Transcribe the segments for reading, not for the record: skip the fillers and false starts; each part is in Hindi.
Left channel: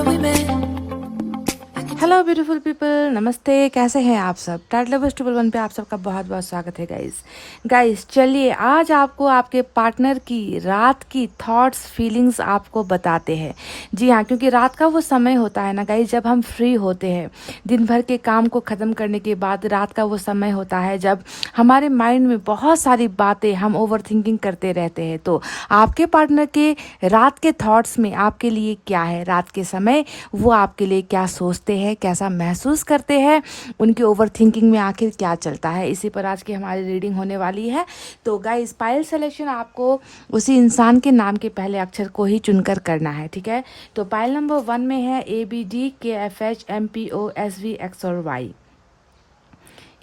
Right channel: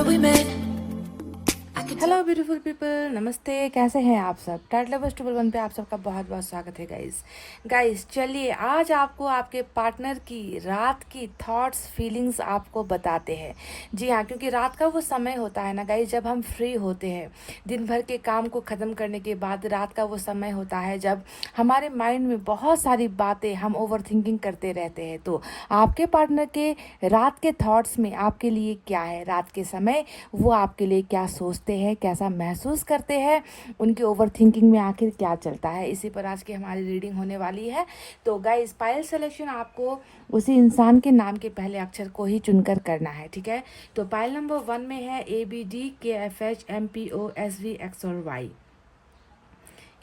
where we met. Hello beautiful people, नमस्ते। कैसे हैं आप सब? टाइटल लवर्स 1 पे आप सबका बहुत बहुत स्वागत है गाइस। चलिए आज आपको आपके पार्टनर की रात की थॉट्स फीलिंग्स आपको बताते हैं। जी हाँ, क्योंकि रात का वो समय होता है ना गाइस, जब हम फ्री होते हैं दिन भर के काम को ख़त्म करने के बाद। रात का वो समय होता है जब हमारे माइंड में बहुत सारी बातें, हम ओवर थिंकिंग करते रहते हैं। तो आपके पार्टनर के रात के थॉट्स में आपके लिए क्या है? रात के समय वो आपके लिए क्या सोचते हैं, कैसा महसूस करते हैं, उनकी ओवर थिंकिंग में आखिर क्या चलता है, इसी पर आज की हमारी रीडिंग होने वाली है। तो गाइस, पायल सिलेक्शन आपको उसी इंसान के नाम के पहले अक्षर को ही चुनकर करना है, ठीक है? तो पायल नंबर 1 में है ABDKFHMPOSV X और Y।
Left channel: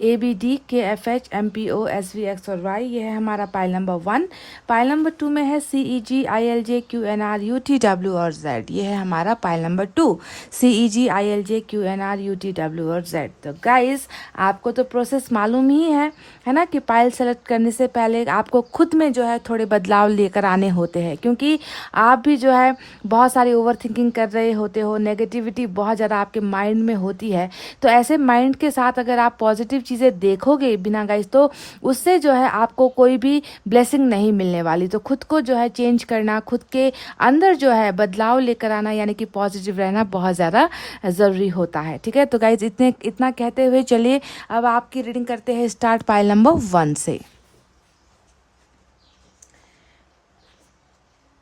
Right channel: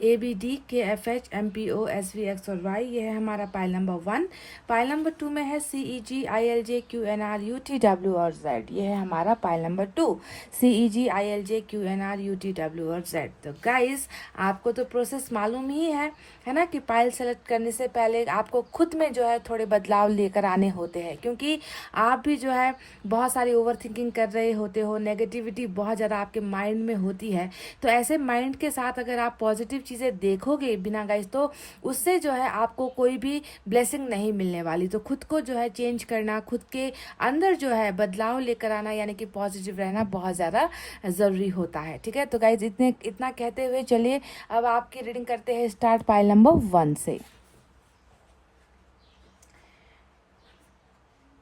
ABDKFHMPOSV X और Y, ये है हमारा पाइल नंबर 1। पाइल नंबर 2 में है CEGILJQNRUTW और Z, ये है हमारा पाइल नंबर 2। CEGILJQNRUTW और Z। तो गाइस, आपको तो प्रोसेस मालूम ही है ना, कि पाइल सेलेक्ट करने से पहले आपको खुद में जो है थोड़े बदलाव लेकर आने होते हैं, क्योंकि आप भी जो है बहुत सारी ओवर थिंकिंग कर रहे होते हो, नेगेटिविटी बहुत ज़्यादा आपके माइंड में होती है। तो ऐसे माइंड के साथ अगर आप पॉजिटिव चीज़ें देखोगे बिना गाइस, तो उससे जो है आपको कोई भी ब्लेसिंग नहीं मिलने वाली। तो खुद को जो है चेंज करना, खुद के अंदर जो है बदलाव लेकर आना, यानी कि पॉजिटिव रहना बहुत ज़्यादा ज़रूरी होता है, ठीक है? तो गाइस, इतना कहते हुए चलिए अब आपकी रीडिंग करते हैं स्टार्ट पाइल नंबर 1 से।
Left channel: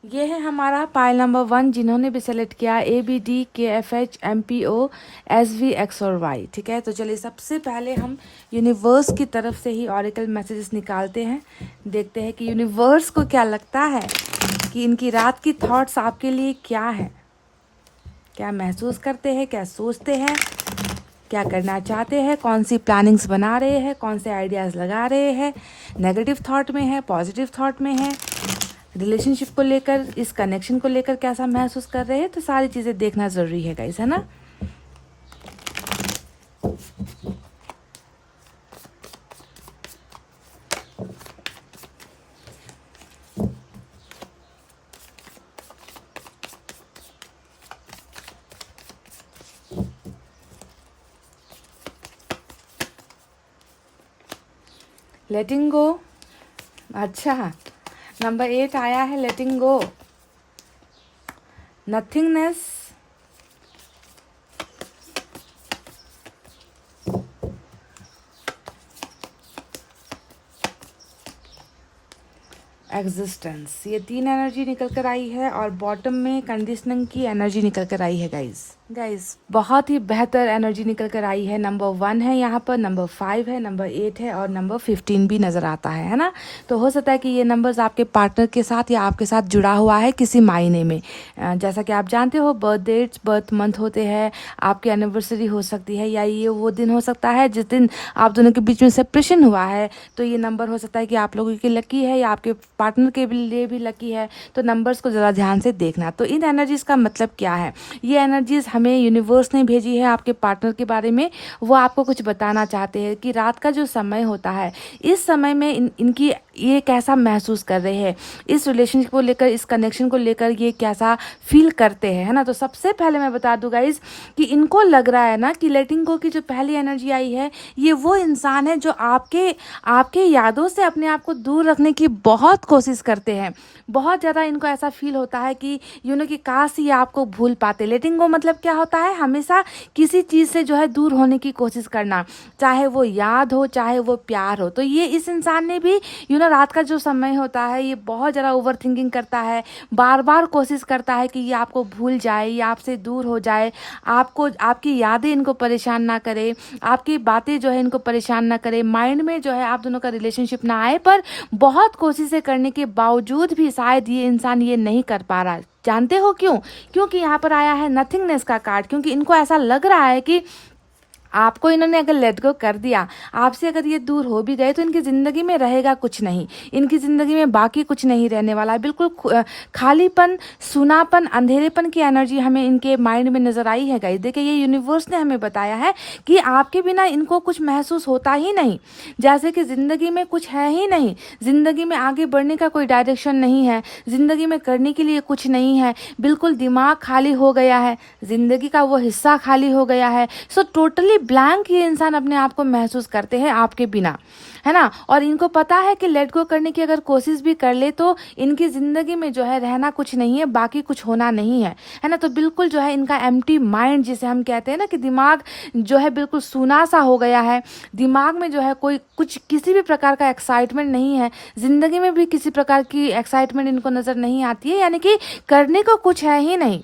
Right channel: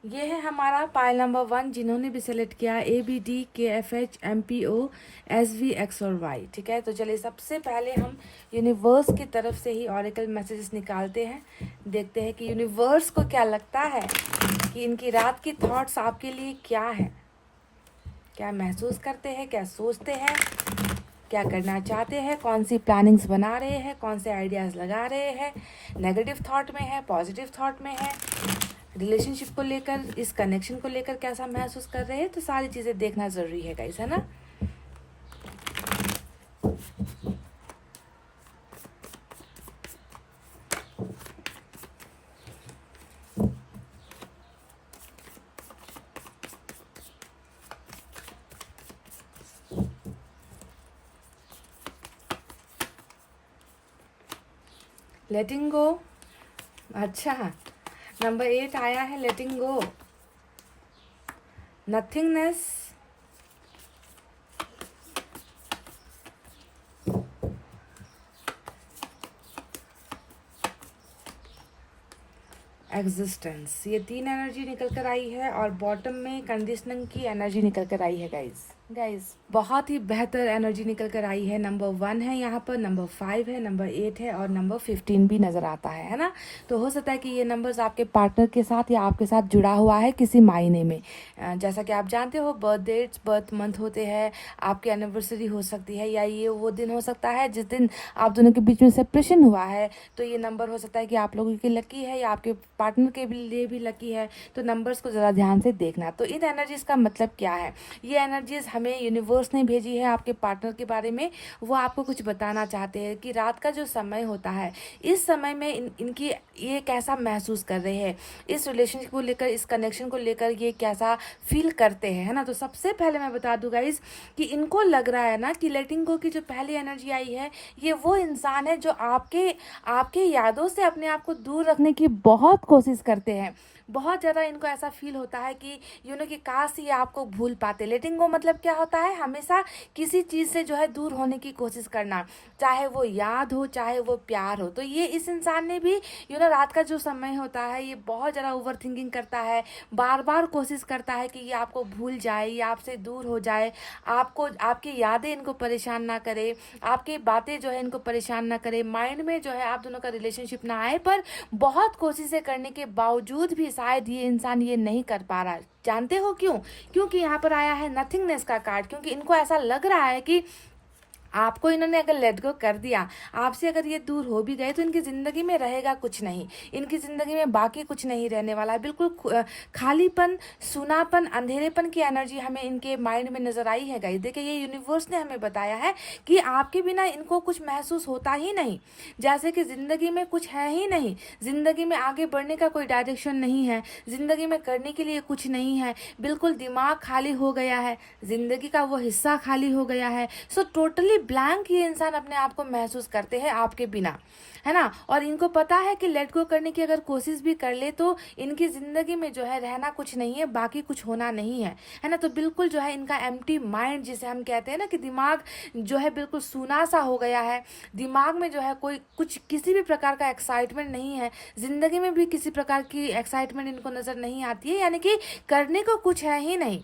ये है हमारा पाइल नंबर 1, जिन्होंने भी सेलेक्ट किया ABDKFHMPOSV X और Y, ठीक है? तो चलिए सबसे पहले हम यूनिवर्स की तरफ से ही ऑरिकल मैसेजेस निकालते हैं। देखते हैं कि यूनिवर्स को क्या लगता है कि इनकी रात की थॉट्स आपके लिए क्या है, क्या महसूस करते हैं, क्या सोचते हैं, क्या करना चाहते हैं, कौन सी प्लानिंग्स बना रहे हैं, कौन से आइडियाज़ लगा रहे हैं, नेगेटिव थॉट में है, पॉजिटिव थॉट में है, रिलेशनशिप को लेकर, इस कनेक्शन को लेकर कैसा महसूस कर रहे हैं। तो सारी चीज़ें देखना ज़रूरी है गाइस, है ना? लेटिंग गो। अच्छा, नंबर 8 आया है, लेटिंग गो, नथिंगनेस, एग्जिस्टेंस। ये 3 एनर्जी निकल कर आई है और बॉटम में कंडीशनिंग की एनर्जी निकल कर आई है गाइस। बहुत ही बेहतर एनर्जी निकल कर आई है। नंबर 1 है यहाँ पर, नंबर 5 है, नंबर 8 है और नंबर 15 भी नज़र आता है ना? तो हो सकता है कि ये नंबर्स आपके पार्टनर के साथ या आपके साथ जुड़ा हुआ है किसी मायने में। जैसा कि आप जानते हो, बर्थ डेट्स, बर्थ मंथ होते हैं, आपकी एनिवर्सरी हो सकती है, या ये वो दिन हो सकता है जिस दिन आप दोनों के बीच में सेपरेशन हुआ है। तो ये नंबर हो सकता है कि आप लोगों के लकी है या आपके पार्टनर के लिए भी लकी है। तो नंबर्स को ज़रा ध्यान से देखना। तो इन एनर्जीज़ का मतलब क्या है? ये एनर्जीज़ हमें यूनिवर्स ने भेजी है आपके पार्टनर के बारे में। वो आपको कुछ बताना चाहते हैं कि रात का जो समय होता है, इस समय में इनकी ये कैसा महसूस कर रहे हैं, इस रिलेशनशिप को लेकर, इस कनेक्शन को लेकर ये कैसा फील करते हैं, है ना? तो सबसे पहले मैं बता दूं गाइज कि इनको लग रहा है ना कि लेटिंग गो की जो पहली एनर्जी आई है, ये वो इंसान है जो आपके यादों से अपने आप को दूर रखने की बहुत कोशिश करते हैं। बहुत ज़्यादा इनको ऐसा फील होता है कि कि काश ये आपको भूल पाते। लेटिंग गो मतलब क्या होता है? हमेशा किसी चीज़ से जो है दूर होने की कोशिश करना, चाहे वो याद हो, चाहे वो प्यार हो। तो ये इस इंसान ने भी रात का जो समय होता है, ये बहुत ज़्यादा ओवर थिंकिंग करता है, बार बार कोशिश करता है कि ये आपको भूल जाए या आपसे दूर हो जाए, आपकी यादें इनको परेशान ना करे, आपकी बातें जो है इनको परेशान ना करे, माइंड में जो है आप दोनों का रिलेशनशिप ना आए। पर बहुत कोशिशें करने के बावजूद भी शायद ये इंसान ये नहीं कर पा रहा। जानते हो क्यों? क्योंकि यहाँ पर आया है नथिंगनेस का कार्ड। क्योंकि इनको ऐसा लग रहा है कि आपको इन्होंने अगर लेट गो कर दिया, आपसे अगर ये दूर हो भी गए, तो इनकी ज़िंदगी में रहेगा कुछ नहीं, इनकी ज़िंदगी में बाकी कुछ नहीं रहने वाला है। बिल्कुल खालीपन, सुनापन, अंधेरेपन की एनर्जी हमें इनके माइंड में नज़र आई है गाइस। देखिए, ये यूनिवर्स ने हमें बताया है कि आपके बिना इनको कुछ महसूस होता ही नहीं, जैसे कि ज़िंदगी में कुछ है ही नहीं, ज़िंदगी में आगे बढ़ने का कोई डायरेक्शन नहीं है, ज़िंदगी में करने के लिए कुछ नहीं है, बिल्कुल दिमाग खाली हो गया है, ज़िंदगी का वो हिस्सा खाली हो गया है। सो टोटली ब्लैंक ये इंसान अपने आप को महसूस करते हैं आपके बिना, है ना। और इनको पता है कि लेट गो करने की अगर कोशिश भी कर ले तो इनकी ज़िंदगी में जो है रहना कुछ नहीं है, बाकी कुछ होना नहीं है ना। तो बिल्कुल जो है इनका एम्प्टी माइंड, जिसे हम कहते हैं ना कि दिमाग जो है बिल्कुल सूना सा हो गया है, दिमाग में जो है कोई कुछ किसी भी प्रकार का एक्साइटमेंट नहीं है, ज़िंदगी में भी किसी प्रकार की एक्साइटमेंट इनको नज़र नहीं आती है, यानी कि करने को कुछ है ही नहीं,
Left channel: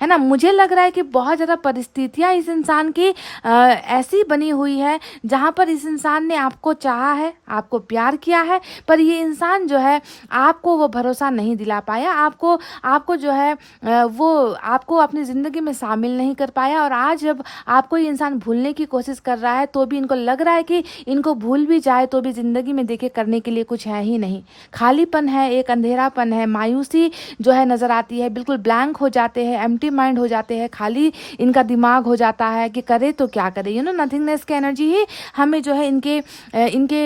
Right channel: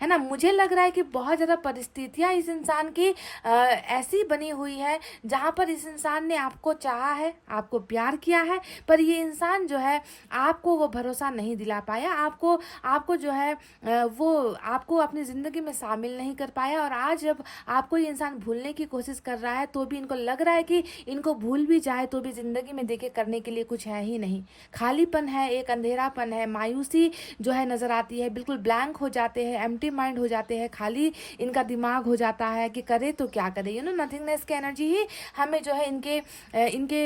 है ना। मुझे लग रहा है कि बहुत ज़्यादा परिस्थितियाँ इस इंसान की ऐसी बनी हुई है जहाँ पर इस इंसान ने आपको चाहा है, आपको प्यार किया है, पर ये इंसान जो है आपको वो भरोसा नहीं दिला पाया, आपको जो है वो आपको अपनी ज़िंदगी में शामिल नहीं कर पाया। और आज जब आपको ये इंसान भूलने की कोशिश कर रहा है, तो भी इनको लग रहा है कि इनको भूल भी जाए तो भी ज़िंदगी में देखिए करने के लिए कुछ है ही नहीं, खालीपन है, एक अंधेरापन है, मायूसी जो है नज़र आती है, बिल्कुल ब्लैंक हो जाते हैं, एम्प्टी माइंड हो जाते हैं, खाली इनका दिमाग हो जाता है कि करे तो क्या करे। नथिंगनेस की एनर्जी ही हमें जो है इनके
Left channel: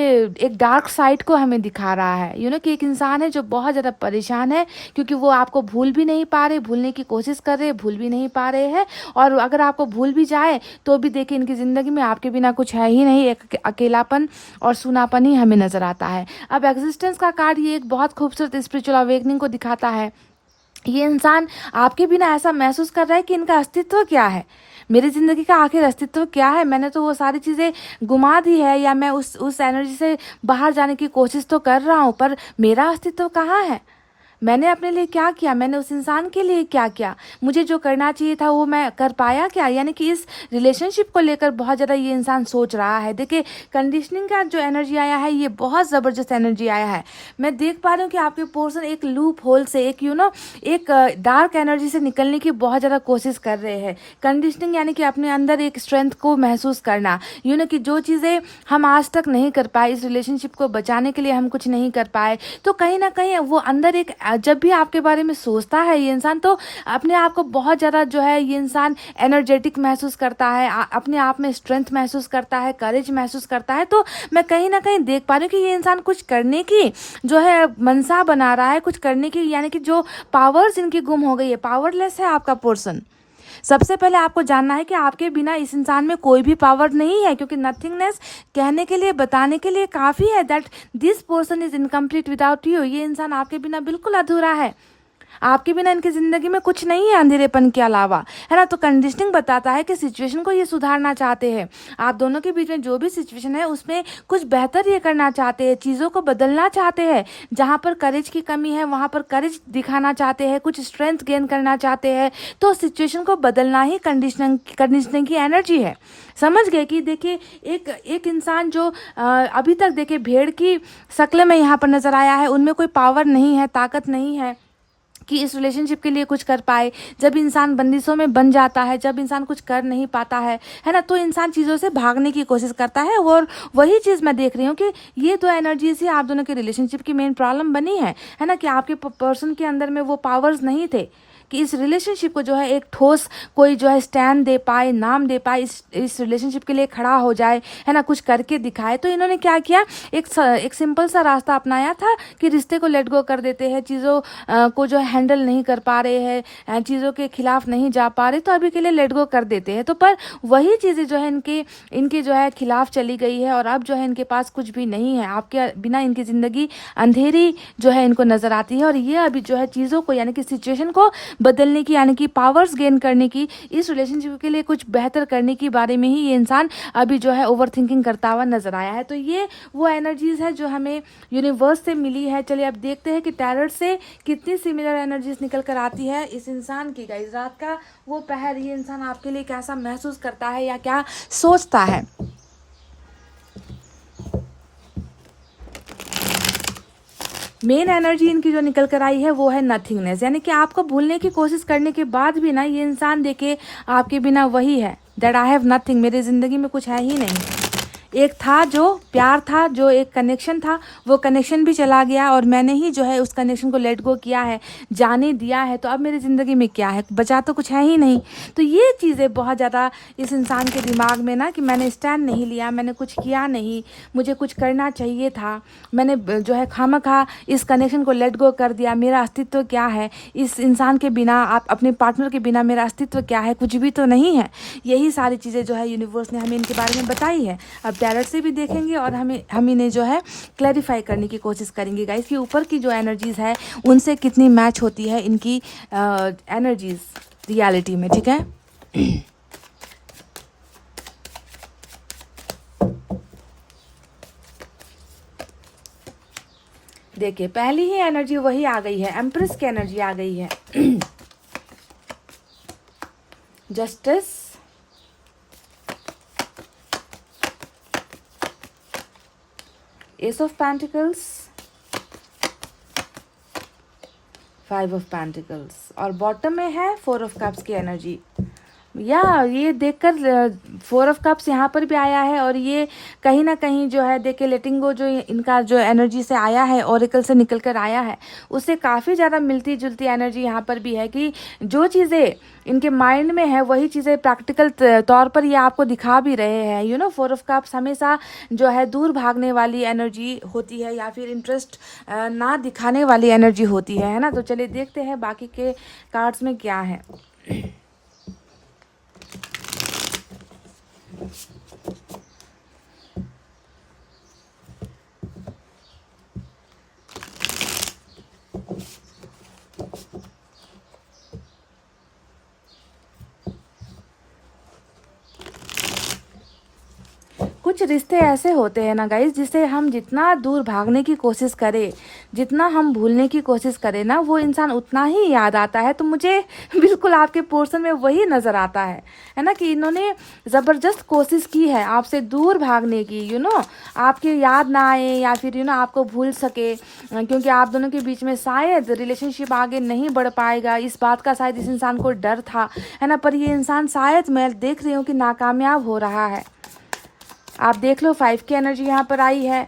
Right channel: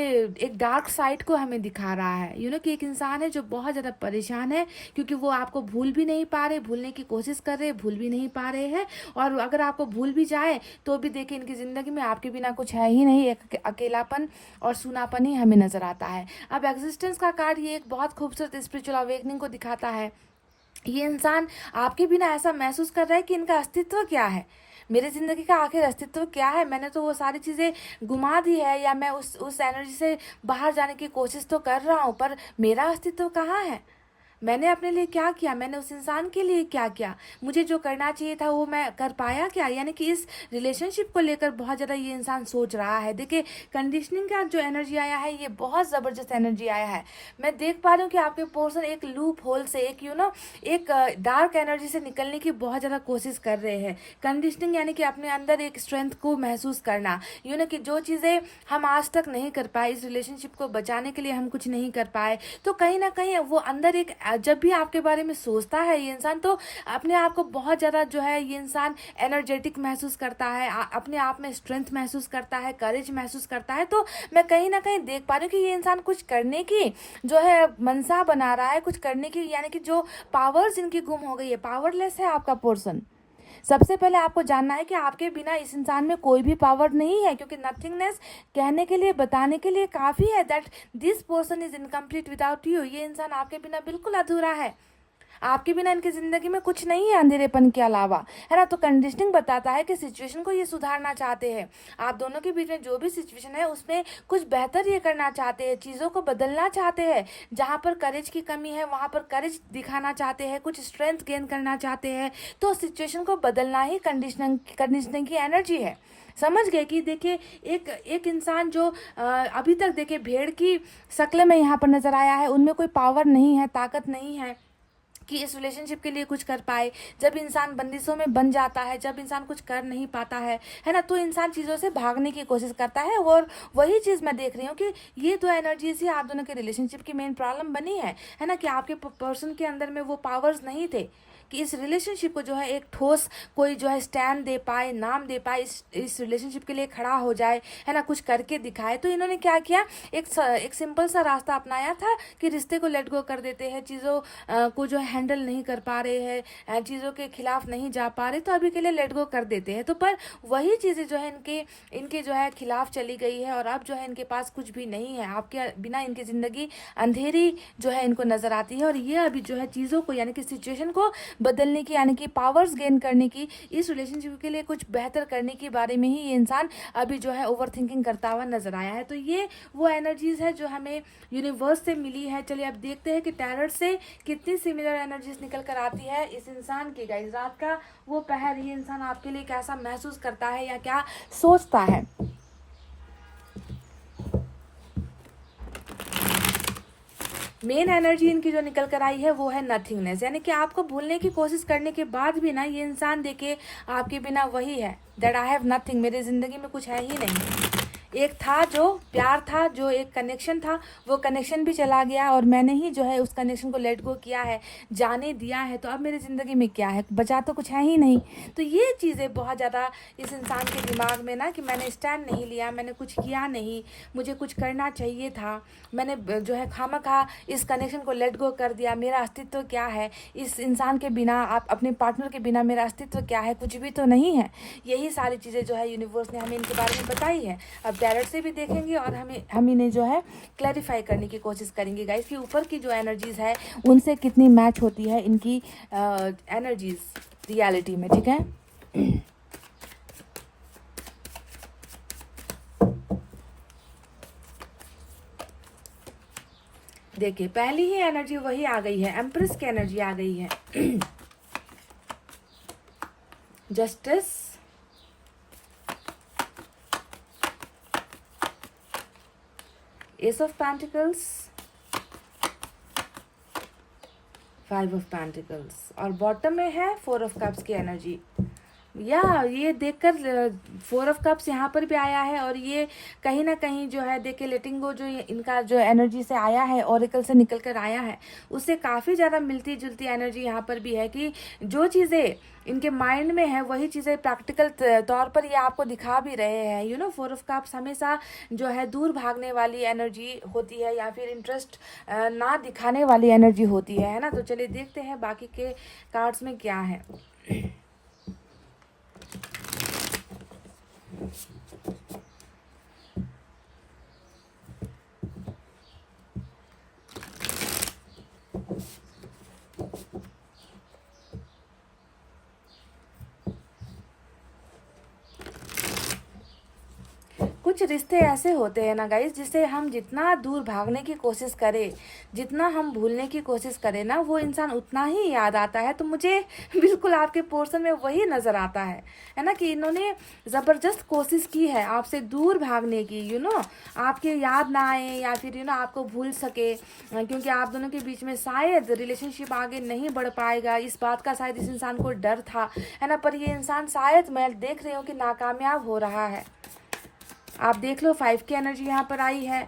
एक डार्क साइड को हमें दिखा रहा है। कि एक इंसान है जो बहुत ज़्यादा परेशान है, क्योंकि वो आपको भूल भी नहीं पा रहे, भूलने की कोशिश कर रहे, भूल भी नहीं पा रहे हैं। और अगर आपको भूल भी जाए तो भी देखिए इनकी ज़िंदगी में आपके बिना कुछ है ही नहीं, एक अकेलापन और सूनापन ही हमें नज़र आता है। अब एग्जिस्टेंस का कार्ड ये एक बहुत खूबसूरत स्पिरिचुअल अवेकनिंग को दिखाता है। ये इंसान आपके बिना ऐसा महसूस कर रहा है कि इनका अस्तित्व क्या है, मेरी ज़िंदगी का आखिर अस्तित्व क्या है, मैंने तो वो सारी चीज़ें घुमा दी है, या मैं उस एनर्जी से बाहर जाने की कोशिश तो कर रहा हूँ, पर मेरा अस्तित्व कहाँ है, मैंने अपने लिए क्या किया, मैंने उस इंसान के लिए क्या किया, मुझे जो करना चाहिए था वो मैं कर पाया क्या। यानी कि इस रिलेशनशिप को लेकर बहुत ज़्यादा ये इंसान सोच रहा है। देखिए, कंडीशनिंग का जो एनर्जी आया है ये बहुत ज़बरदस्त एनर्जी आया है। मैं देख पा रही हूँ कि आपके पर्सन एक लूप होल से, एक डार्क एनर्जी से निकलने की बहुत ज़्यादा कोशिश कर रहे हैं। कंडीशनिंग यानी कि अपने अंदर एक स्ट्रेंथ को महसूस करना, कि जो चीज़ें हम आज तक नहीं कर पाए, इस रिलेशनशिप को बचाने के लिए हम कुछ नहीं कर पाए, तो कहीं ना कहीं वो अंदर एक, जब भी आपके बारे में सोचता है ये इंसान, तो अपने आप को बहुत ज़्यादा जो है ये इंसान एनर्जेटिक महसूस करता है, अपने आप में स्ट्रेंथ महसूस करता है, करेज महसूस करता है। तो मैं कहीं ना कहीं देख पा रही हूँ कि ये इंसान कुछ करने की जो है मनसा बना रहा है, कुछ करने की, यानी कि जो पावर्स इनकी गुम हो गई है, पावरलेस है आपका पर्सन। सबसे पहले आपको जानना है कि आपके बिना इस इंसान में कोई भी पावर नहीं है, क्योंकि नथिंगनेस कहने के लिए, बताने के लिए काफ़ी है that this person is incomplete without you. ये इंसान आपके बिना बिल्कुल अधूरा है, आपके बिना इनकी ज़िंदगी में कुछ नहीं है अंधेरेपन के अलावा, है ना। तो कंडीशनिंग बताता है कि सिचुएशन को ये सुधारना चाहते हैं, आप दोनों के बीच में जो भी सिचुएशन है उसमें कुछ बेहतर ये करना चाहते हैं, चीज़ों को बदलना चाहते हैं, जहाँ पर करेज की कमी है वहाँ पर करेज दिखाना चाहते हैं, कुछ स्ट्रेंथ गेन करना चाहते हैं। तो सिचुएशन को बदलना ही कंडीशनिंग की एनर्जी है। समझ गए कि देखिए एक इंसान जो अभी तक देखिए भेड़ की शक्ल में यहाँ पर नज़र आया है, उनमें कोई पावर नहीं है, ताकत नहीं है कि इस रिलेशनशिप के लिए कुछ कर पाए। जब इंसान बंदिशों में बन जाता है, जब इंसान कुछ कर नहीं पाता है ना, तो इंसान चीज़ों से भागने की कोशिश करता है। और वही चीज़ मैं देख रही हूँ कि ये दो एनर्जीज ही आप दोनों के रिलेशनशिप की मेन प्रॉब्लम बनी है ना, कि आपके पर्सन के अंदर में वो पावर्स नहीं थे कि इस रिलेशनशिप को जो है एक ठोस कोई जो है स्टैंड दे पाए, नाम दे पाए, इस रिलेशनशिप के लिए खड़ा हो जाए, है ना, कुछ करके दिखाए। तो इन्होंने क्या किया, एक सिंपल सा रास्ता अपनाया था कि रिश्ते को लेट गो कर देते हैं, चीज़ों को जो है हैंडल नहीं कर पा रहे हैं, चीज़ों के खिलाफ नहीं जा पा रहे, तो अभी के लिए लेट गो कर देते हैं। तो पर वही चीज़ें जो है इनकी जो है खिलाफ चली गई है, और अब जो है इनके पास कुछ भी नहीं है, आपके बिना इनकी ज़िंदगी अंधेरी जो है इनको नज़र आती है। और ये अभी जो है चीज़ों को, यानी कि सिचुएशन को बदलने की, यानी कि पावर्स गेन करने की, इस रिलेशनशिप के लिए कुछ बेहतर करने की बारे में ही ये इंसान अभी जो है ओवर थिंकिंग करता हुआ नजर आया है। तो ये वो एनर्जीज है जो हमें यूनिवर्स से मिली है। चलिए अब देखते हैं कि टैरोट से कितनी सिमिलर एनर्जीज निकल कर आती है इस इंसान की। गाइस, रात का वो पहर ये इंसान आपके लिए कैसा महसूस करता है या क्या सोचता है। मेन एनर्जी इनकी जो निकल कर आई है वो है नथिंगनेस, यानी कि आपको भूलने की कोशिश करने के बाद भी ना ये इंसान देखे आपके बिना वही है, दैट आई हैव नथिंग, मेरी ज़िंदगी में कुछ है ही नहीं। एक था जो प्यार था, जो एक कनेक्शन था, वो कनेक्शन भी चला गया और मैंने ही जो है उस कनेक्शन को लेट गो किया है, जाने दिया है। तो अब मेरी ज़िंदगी में क्या है, बचा तो कुछ है ही नहीं। तो ये चीज़ें बहुत ज़्यादा इस इंसान के दिमाग में ना, कि मैंने स्टैंड नहीं लिया, मैंने कुछ किया नहीं, मुझे कुछ करना चाहिए था, मैंने जो है खामखा इस कनेक्शन को लेट गो कर दिया, मेरा अस्तित्व क्या है इस इंसान के बिना, आप अपने पार्टनर के बिना मेरा अस्तित्व क्या है, कुछ भी तो नहीं है। यही सारी चीज़ें जो है यूनिवर्स ने हमें इनके बारे में बताई है। अब टैरट से भी देखेंगे और हम इन्हें जो है क्लैरिफाई करने की कोशिश करेंगे गाइस कि ऊपर की जो एनर्जीज़ है उनसे कितनी मैच होती है इनकी एनर्जीज़ रियलिटी में, ठीक है। देखिए पहली ही एनर्जी वही आ गई है, एम्प्रेस की एनर्जी आ गई है। Justice, S of pentacles, 5 of pentacles और बॉटम में है 4 ऑफ कप्स की एनर्जी। या ये देखकर 4 ऑफ कप्स यहाँ पर भी आया है और ये कहीं ना कहीं जो है देखिए लेटिंग गो जो इनका जो एनर्जी से आया है, ओरेकल से निकल कर आया है, उससे काफ़ी ज़्यादा मिलती जुलती एनर्जी यहाँ पर भी है कि जो चीज़ें इनके माइंड में है वही चीज़ें प्रैक्टिकल तौर पर ये आपको दिखा भी रहे हैं। 4 ऑफ कप्स हमेशा जो है दूर भागने वाली एनर्जी होती है या फिर इंटरेस्ट ना दिखाने वाली एनर्जी होती है ना। तो चलिए देखते हैं बाकी के कार्ड्स में क्या है। कुछ रिश्ते ऐसे होते हैं ना गाइस, जिसे हम जितना दूर भागने की कोशिश करें, जितना हम भूलने की कोशिश करें ना, वो इंसान उतना ही याद आता है। तो मुझे बिल्कुल आपके पोर्शन में वही नज़र आता है ना, कि इन्होंने ज़बरदस्त कोशिश की है आपसे दूर भागने की, आपके याद ना आए या फिर आपको भूल सके, क्योंकि आप दोनों के बीच में शायद रिलेशनशिप आगे नहीं बढ़ पाएगा, इस बात का शायद इस इंसान को डर था, है ना। पर ये इंसान शायद मैं देख रही हूँ कि नाकामयाब हो रहा है। आप देख लो 5 की एनर्जी यहाँ पर आई है।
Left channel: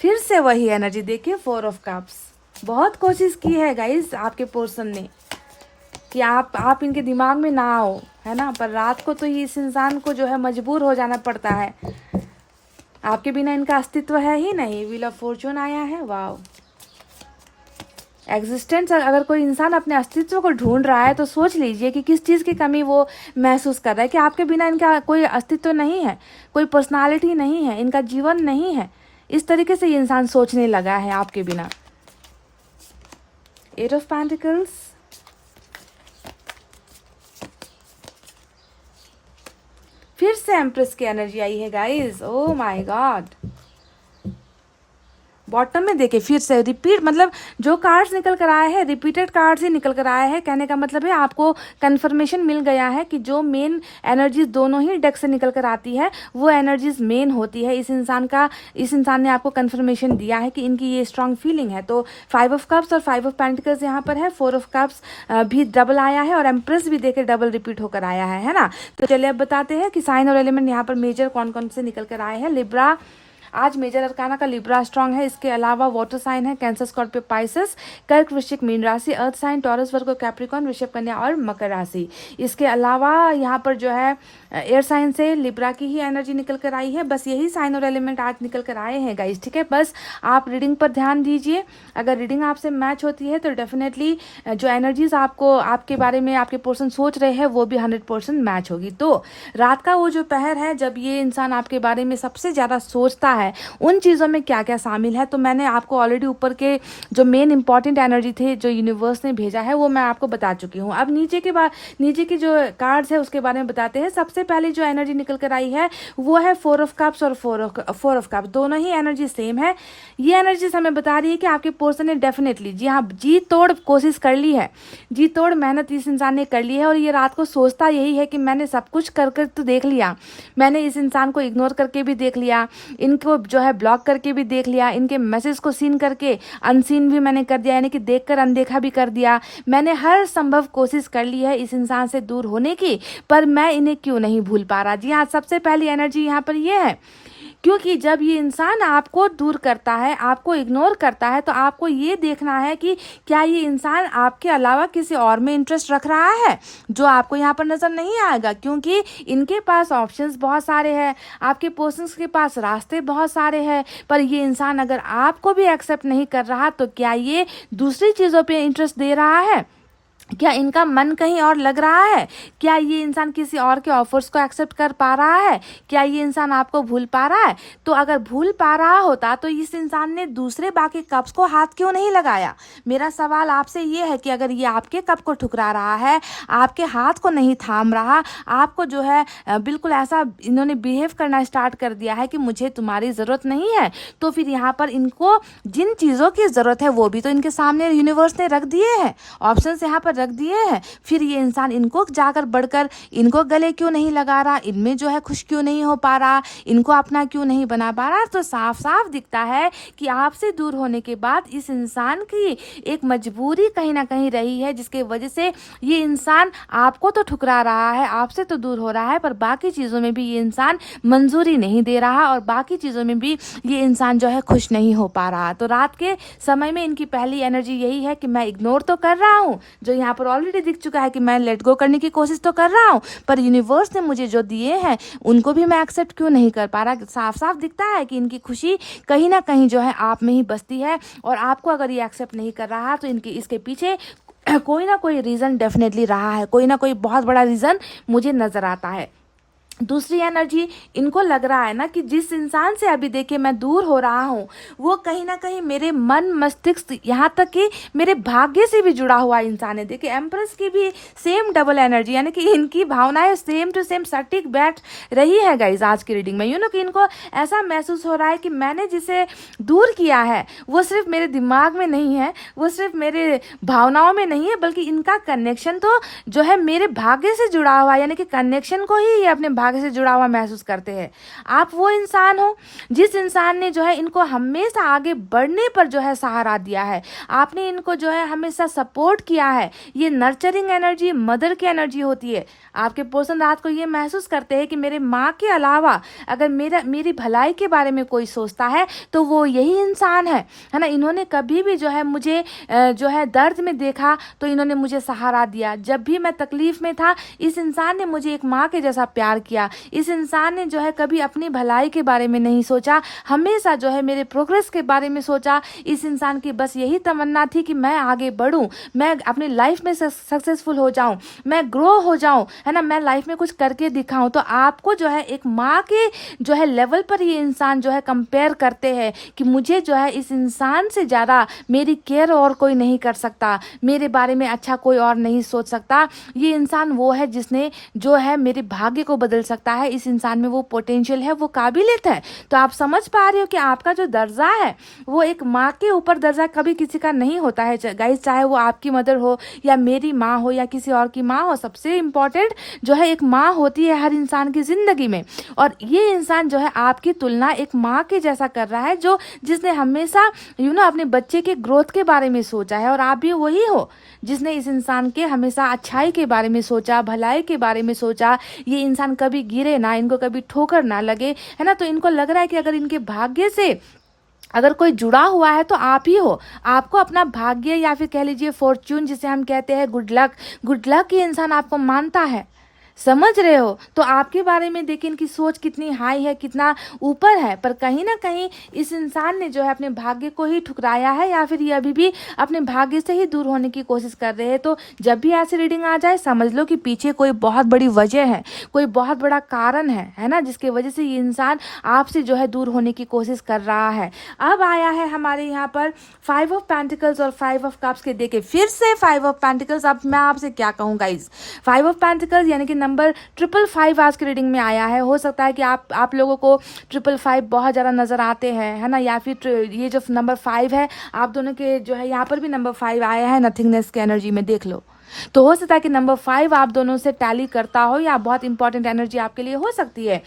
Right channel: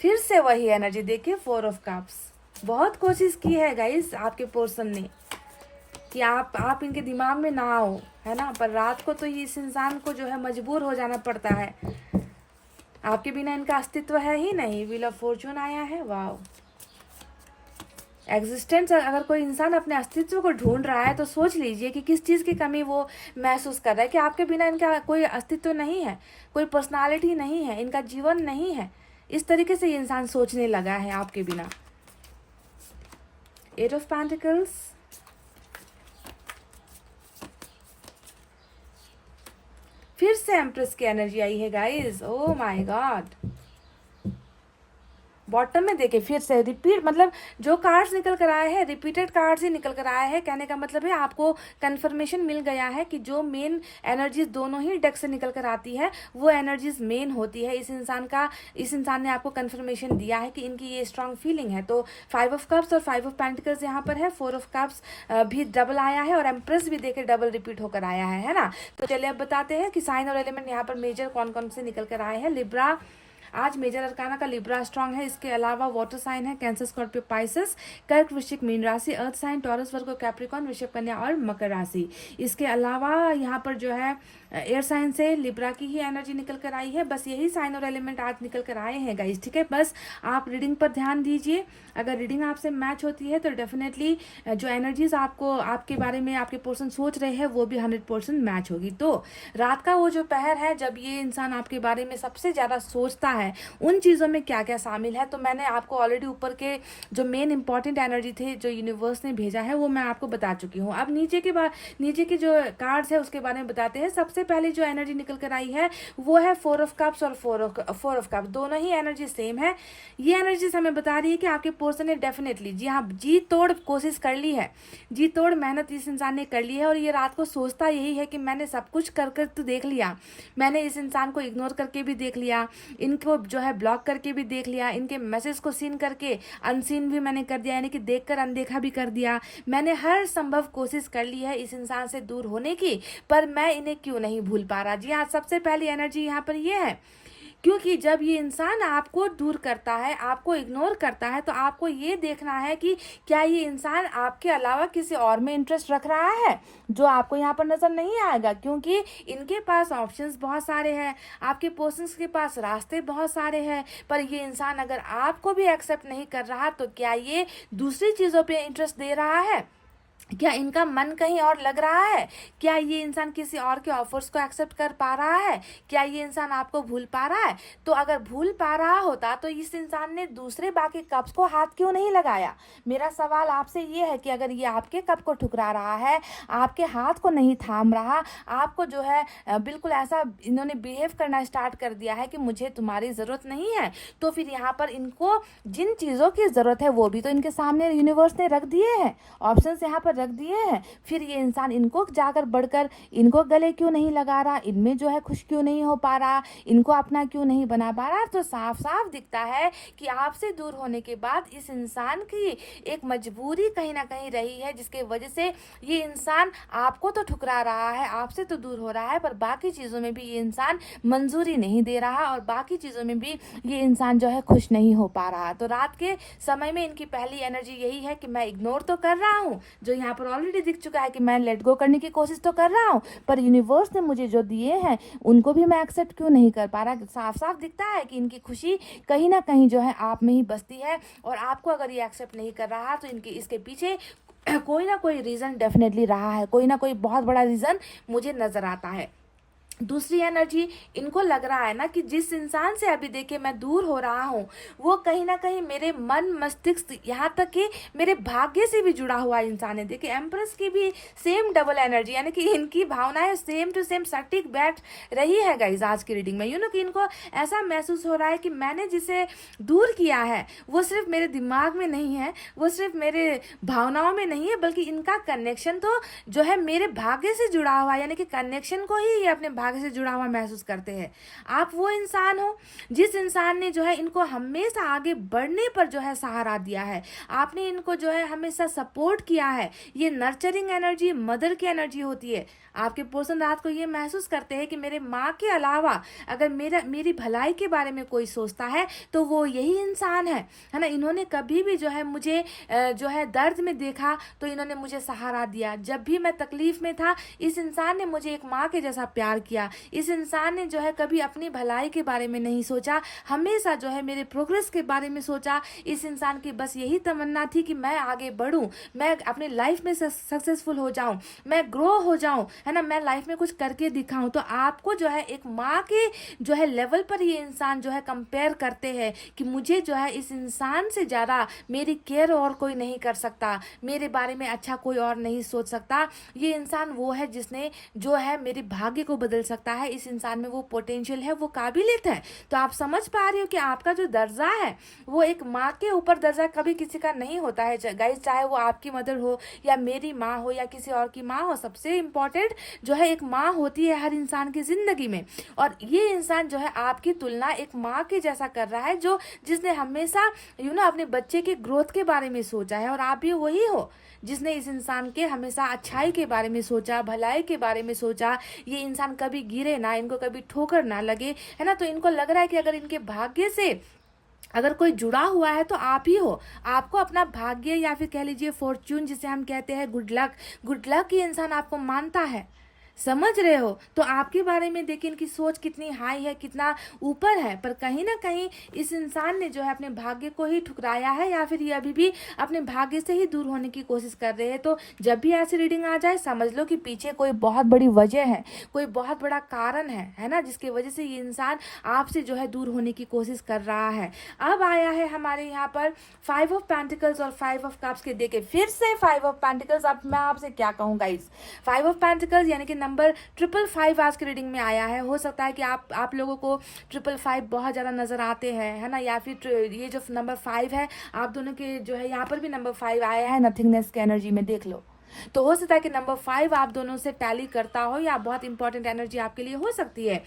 फिर से वही एनर्जी देखिए 4 ऑफ कप्स। बहुत कोशिश की है गाइस आपके पर्सन ने कि आप इनके दिमाग में ना आओ, है ना। पर रात को तो ये इस इंसान को जो है मजबूर हो जाना पड़ता है, आपके बिना इनका अस्तित्व है ही नहीं। व्हील ऑफ फॉर्चून आया है, वाव। एग्जिस्टेंस, अगर कोई इंसान अपने अस्तित्व को ढूंढ रहा है तो सोच लीजिए कि किस चीज़ की कमी वो महसूस कर रहा है, कि आपके बिना इनका कोई अस्तित्व नहीं है, कोई पर्सनालिटी नहीं है, इनका जीवन नहीं है। इस तरीके से ये इंसान सोचने लगा है आपके बिना। 8 ऑफ पेंटिकल्स, फिर से एम्प्रेस की एनर्जी आई है guys. Oh my God. Bottom में देखिए फिर से रिपीट, मतलब जो कार्ड्स निकल कर आए हैं रिपीटेड कार्ड्स ही निकल कर आए हैं। कहने का मतलब है आपको कंफर्मेशन मिल गया है कि जो मेन एनर्जीज दोनों ही डेक से निकल कर आती है वो एनर्जीज मेन होती है। इस इंसान ने आपको कंफर्मेशन दिया है कि इनकी ये स्ट्रांग फीलिंग है। तो 5 ऑफ कप्स और 5 ऑफ पेंटिकल्स यहाँ पर है, 4 ऑफ कप्स भी डबल आया है और एम्प्रेस भी देखे डबल रिपीट होकर आया है ना। तो चलिए अब बताते हैं कि साइन और एलिमेंट यहाँ पर मेजर कौन कौन से निकल कर आए हैं। लिब्रा, आज मेजर अरकाना का लिब्रा स्ट्रांग है। इसके अलावा वाटर साइन है कैंसर, स्कॉर्पियो, पाइसेस, कर्क, वृश्चिक, मीन राशि, अर्थ साइन टॉरस, वर्गो, कैप्रिकॉर्न, वृषभ, कन्या और मकर राशि। इसके अलावा यहाँ पर जो है एयर साइन से लिब्रा की ही एनर्जी निकल कर आई है। बस यही साइन और एलिमेंट आज निकल कर आए हैं गाइस, ठीक है। बस आप रीडिंग पर ध्यान दीजिए, अगर रीडिंग आपसे मैच होती है तो डेफिनेटली जो एनर्जीज आपको आपके बारे में आपके पर्सन सोच रहे हैं वो भी 100% मैच होगी। तो रात का वो जो पहर है जब ये इंसान आपके बारे में सबसे ज़्यादा सोचता है, उन चीज़ों में क्या क्या शामिल है, तो मैंने आपको ऑलरेडी ऊपर के जो मेन इंपॉर्टेंट एनर्जी थे जो यूनिवर्स ने भेजा है वो मैं आपको बता चुकी हूँ। अब नीचे की जो कार्ड्स है उसके बारे में बताते हैं। सबसे पहले जो एनर्जी निकल कर आई है वो है 4 ऑफ कप्स और 4 ऑफ कप्स, दोनों ही एनर्जी सेम है। ये एनर्जी हमें बता रही है कि आपके पर्सन ने डेफिनेटली जी हाँ जी तोड़ कोशिश कर ली है, जी तोड़ मेहनत इस इंसान ने कर ली है। और ये रात को सोचता यही है कि मैंने सब कुछ कर तो देख लिया, मैंने इस इंसान को इग्नोर करके भी देख लिया, को जो है ब्लॉक करके भी देख लिया, इनके मैसेज को सीन करके अनसीन भी मैंने कर दिया, यानी कि देखकर अनदेखा भी कर दिया। मैंने हर संभव कोशिश कर ली है इस इंसान से दूर होने की, पर मैं इन्हें क्यों नहीं भूल पा रहा। जी हाँ, सबसे पहली एनर्जी यहाँ पर ये है, क्योंकि जब ये इंसान आपको दूर करता है, आपको इग्नोर करता है, तो आपको ये देखना है कि क्या ये इंसान आपके अलावा किसी और में इंटरेस्ट रख रहा है, जो आपको यहाँ पर नज़र नहीं आएगा, क्योंकि इनके पास ऑप्शंस बहुत सारे हैं, आपके पर्सन्स के पास रास्ते बहुत सारे हैं। पर ये इंसान अगर आपको भी एक्सेप्ट नहीं कर रहा, तो क्या ये दूसरी चीज़ों पे इंटरेस्ट दे रहा है? क्या इनका मन कहीं और लग रहा है? क्या ये इंसान किसी और के ऑफर्स को एक्सेप्ट कर पा रहा है? क्या ये इंसान आपको भूल पा रहा है? तो अगर भूल पा रहा होता तो इस इंसान ने दूसरे बाकी कप्स को हाथ क्यों नहीं लगाया? मेरा सवाल आपसे ये है कि अगर ये आपके कप को ठुकरा रहा है, आपके हाथ को नहीं थाम रहा, आपको जो है बिल्कुल ऐसा इन्होंने बिहेव करना स्टार्ट कर दिया है कि मुझे तुम्हारी ज़रूरत नहीं है, तो फिर यहाँ पर इनको जिन चीज़ों की ज़रूरत है वो भी तो इनके सामने यूनिवर्स ने रख दिए हैं, ऑप्शन यहाँ पर रख दिए हैं। फिर ये इंसान इनको जाकर बढ़कर इनको गले क्यों नहीं लगा रहा, इनमें जो है खुश क्यों नहीं हो पा रहा, इनको अपना क्यों नहीं बना पा रहा? तो साफ साफ दिखता है कि आपसे दूर होने के बाद इस इंसान की एक मजबूरी कहीं ना कहीं रही है, जिसके वजह से ये इंसान आपको तो ठुकरा रहा है, आपसे तो दूर हो रहा है, पर बाकी चीज़ों में भी ये इंसान मंजूरी नहीं दे रहा और बाकी चीज़ों में भी ये इंसान जो है खुश नहीं हो पा रहा। तो रात के समय में इनकी पहली एनर्जी यही है कि मैं इग्नोर तो कर रहा हूँ, जो यहाँ पर ऑलरेडी दिख चुका है कि मैं लेट गो करने की कोशिश तो कर रहा हूँ, पर यूनिवर्स ने मुझे जो दिए हैं उनको भी मैं एक्सेप्ट क्यों नहीं कर पा रहा। साफ साफ दिखता है कि इनकी खुशी कहीं ना कहीं जो है आप में ही बसती है, और आपको अगर ये एक्सेप्ट नहीं कर रहा तो इनके इसके पीछे कोई ना कोई रीज़न डेफिनेटली रहा है, कोई ना कोई बहुत बड़ा रीज़न मुझे नज़र आता है। दूसरी एनर्जी, इनको लग रहा है ना कि जिस इंसान से अभी देखिए मैं दूर हो रहा हूँ, वो कहीं ना कहीं मेरे मन मस्तिष्क, यहाँ तक कि मेरे भाग्य से भी जुड़ा हुआ इंसान है। देखिए एम्प्रेस की भी सेम डबल एनर्जी, यानी कि इनकी भावनाएं सेम टू सेम सटीक बैठ रही है गाइज आज की रीडिंग में। कि इनको ऐसा महसूस हो रहा है कि मैंने जिसे दूर किया है वो सिर्फ मेरे दिमाग में नहीं है, वो सिर्फ मेरे भावनाओं में नहीं है, बल्कि इनका कनेक्शन तो जो है मेरे भाग्य से जुड़ा हुआ है, यानी कि कनेक्शन को ही ये अपने भाग्य से जुड़ा हुआ महसूस करते हैं। आप वो इंसान हो जिस इंसान ने जो है इनको हमेशा आगे बढ़ने पर जो है सहारा दिया है, आपने इनको जो है हमेशा सपोर्ट किया है। ये नर्चरिंग एनर्जी मदर की एनर्जी होती है। आपके पर्सन रात को ये महसूस करते हैं कि मेरे माँ के अलावा अगर मेरी भलाई के बारे में कोई सोचता है तो वो यही इंसान है ना। इन्होंने कभी भी जो है मुझे जो है दर्द में देखा तो इन्होंने मुझे सहारा दिया। जब भी मैं तकलीफ में था, इस इंसान ने मुझे एक माँ के जैसा प्यार किया। इस इंसान ने जो है कभी अपनी भलाई के बारे में नहीं सोचा, हमेशा जो है मेरे प्रोग्रेस के बारे में सोचा। इस इंसान की बस यही तमन्ना थी कि मैं आगे बढ़ूं, मैं अपनी लाइफ में सक्सेसफुल हो जाऊं, मैं ग्रो हो जाऊं, है ना, मैं लाइफ में कुछ करके दिखाऊं। तो आपको जो है एक माँ के जो है लेवल पर ये इंसान जो है कंपेयर करते हैं कि मुझे जो है इस इंसान से ज़्यादा मेरी केयर और कोई नहीं कर सकता, मेरे बारे में अच्छा कोई और नहीं सोच सकता। ये इंसान वो है जिसने जो है मेरे भाग्य को बदल सकता है। इस इंसान में वो पोटेंशियल है, वो काबिलियत है। तो आप समझ पा रहे हो कि आपका जो दर्जा है वो एक माँ के ऊपर दर्जा कभी किसी का नहीं होता है गाइस, चाहे वो आपकी मदर हो या मेरी माँ हो या किसी और की माँ हो। सबसे इम्पोर्टेंट जो है एक माँ होती है हर इंसान की जिंदगी में, और ये इंसान जो है आपकी तुलना एक माँ के जैसा कर रहा है, जो जिसने हमेशा अपने बच्चे के ग्रोथ के बारे में सोचा है। और आप भी वही हो जिसने इस इंसान के हमेशा अच्छाई के बारे में सोचा, भलाई के बारे में सोचा। ये इंसान कभी गिरे ना, इनको कभी ठोकर ना लगे, है ना। तो इनको लग रहा है कि अगर इनके भाग्य से अगर कोई जुड़ा हुआ है तो आप ही हो। आपको अपना भाग्य या फिर कह लीजिए फॉर्च्यून जिसे हम कहते हैं, गुड लक ये इंसान आपको मानता है। समझ रहे हो? तो आपके बारे में देखिए इनकी सोच कितनी हाई है, कितना ऊपर है। पर कहीं ना कहीं इस इंसान ने जो है अपने भाग्य को ही ठुकराया है, या फिर ये अभी भी अपने भाग्य से ही दूर होने की कोशिश कर रहे हैं। तो जब भी ऐसी रीडिंग आ जाए समझ लो कि पीछे कोई बहुत बड़ी वजह है, कोई बहुत बड़ा कारण है ना, जिसके वजह से ये इंसान आपसे जो है दूर होने की कोशिश कर रहा है। अब आया है हमारे यहाँ पर 5 ऑफ पेंटिकल्स और 5 ऑफ कप्स के। देखिए फिर से 5 ऑफ पेंटिकल्स। अब मैं आपसे क्या कहूँ गाइस, 5 ऑफ पेंटिकल्स यानी कि नंबर 555 आज की रीडिंग में आया है। हो सकता है कि आप लोगों को 555 बहुत ज़्यादा नज़र आते हैं, है ना, या फिर ये जो नंबर 5 है आप दोनों के जो है यहाँ पर भी नंबर 5 आया है नथिंगनेस के एनर्जी में, देख लो। तो हो सकता है कि नंबर 5 आप दोनों से टैली करता हो, या बहुत इंपॉर्टेंट एनर्जी आपके लिए हो सकती है।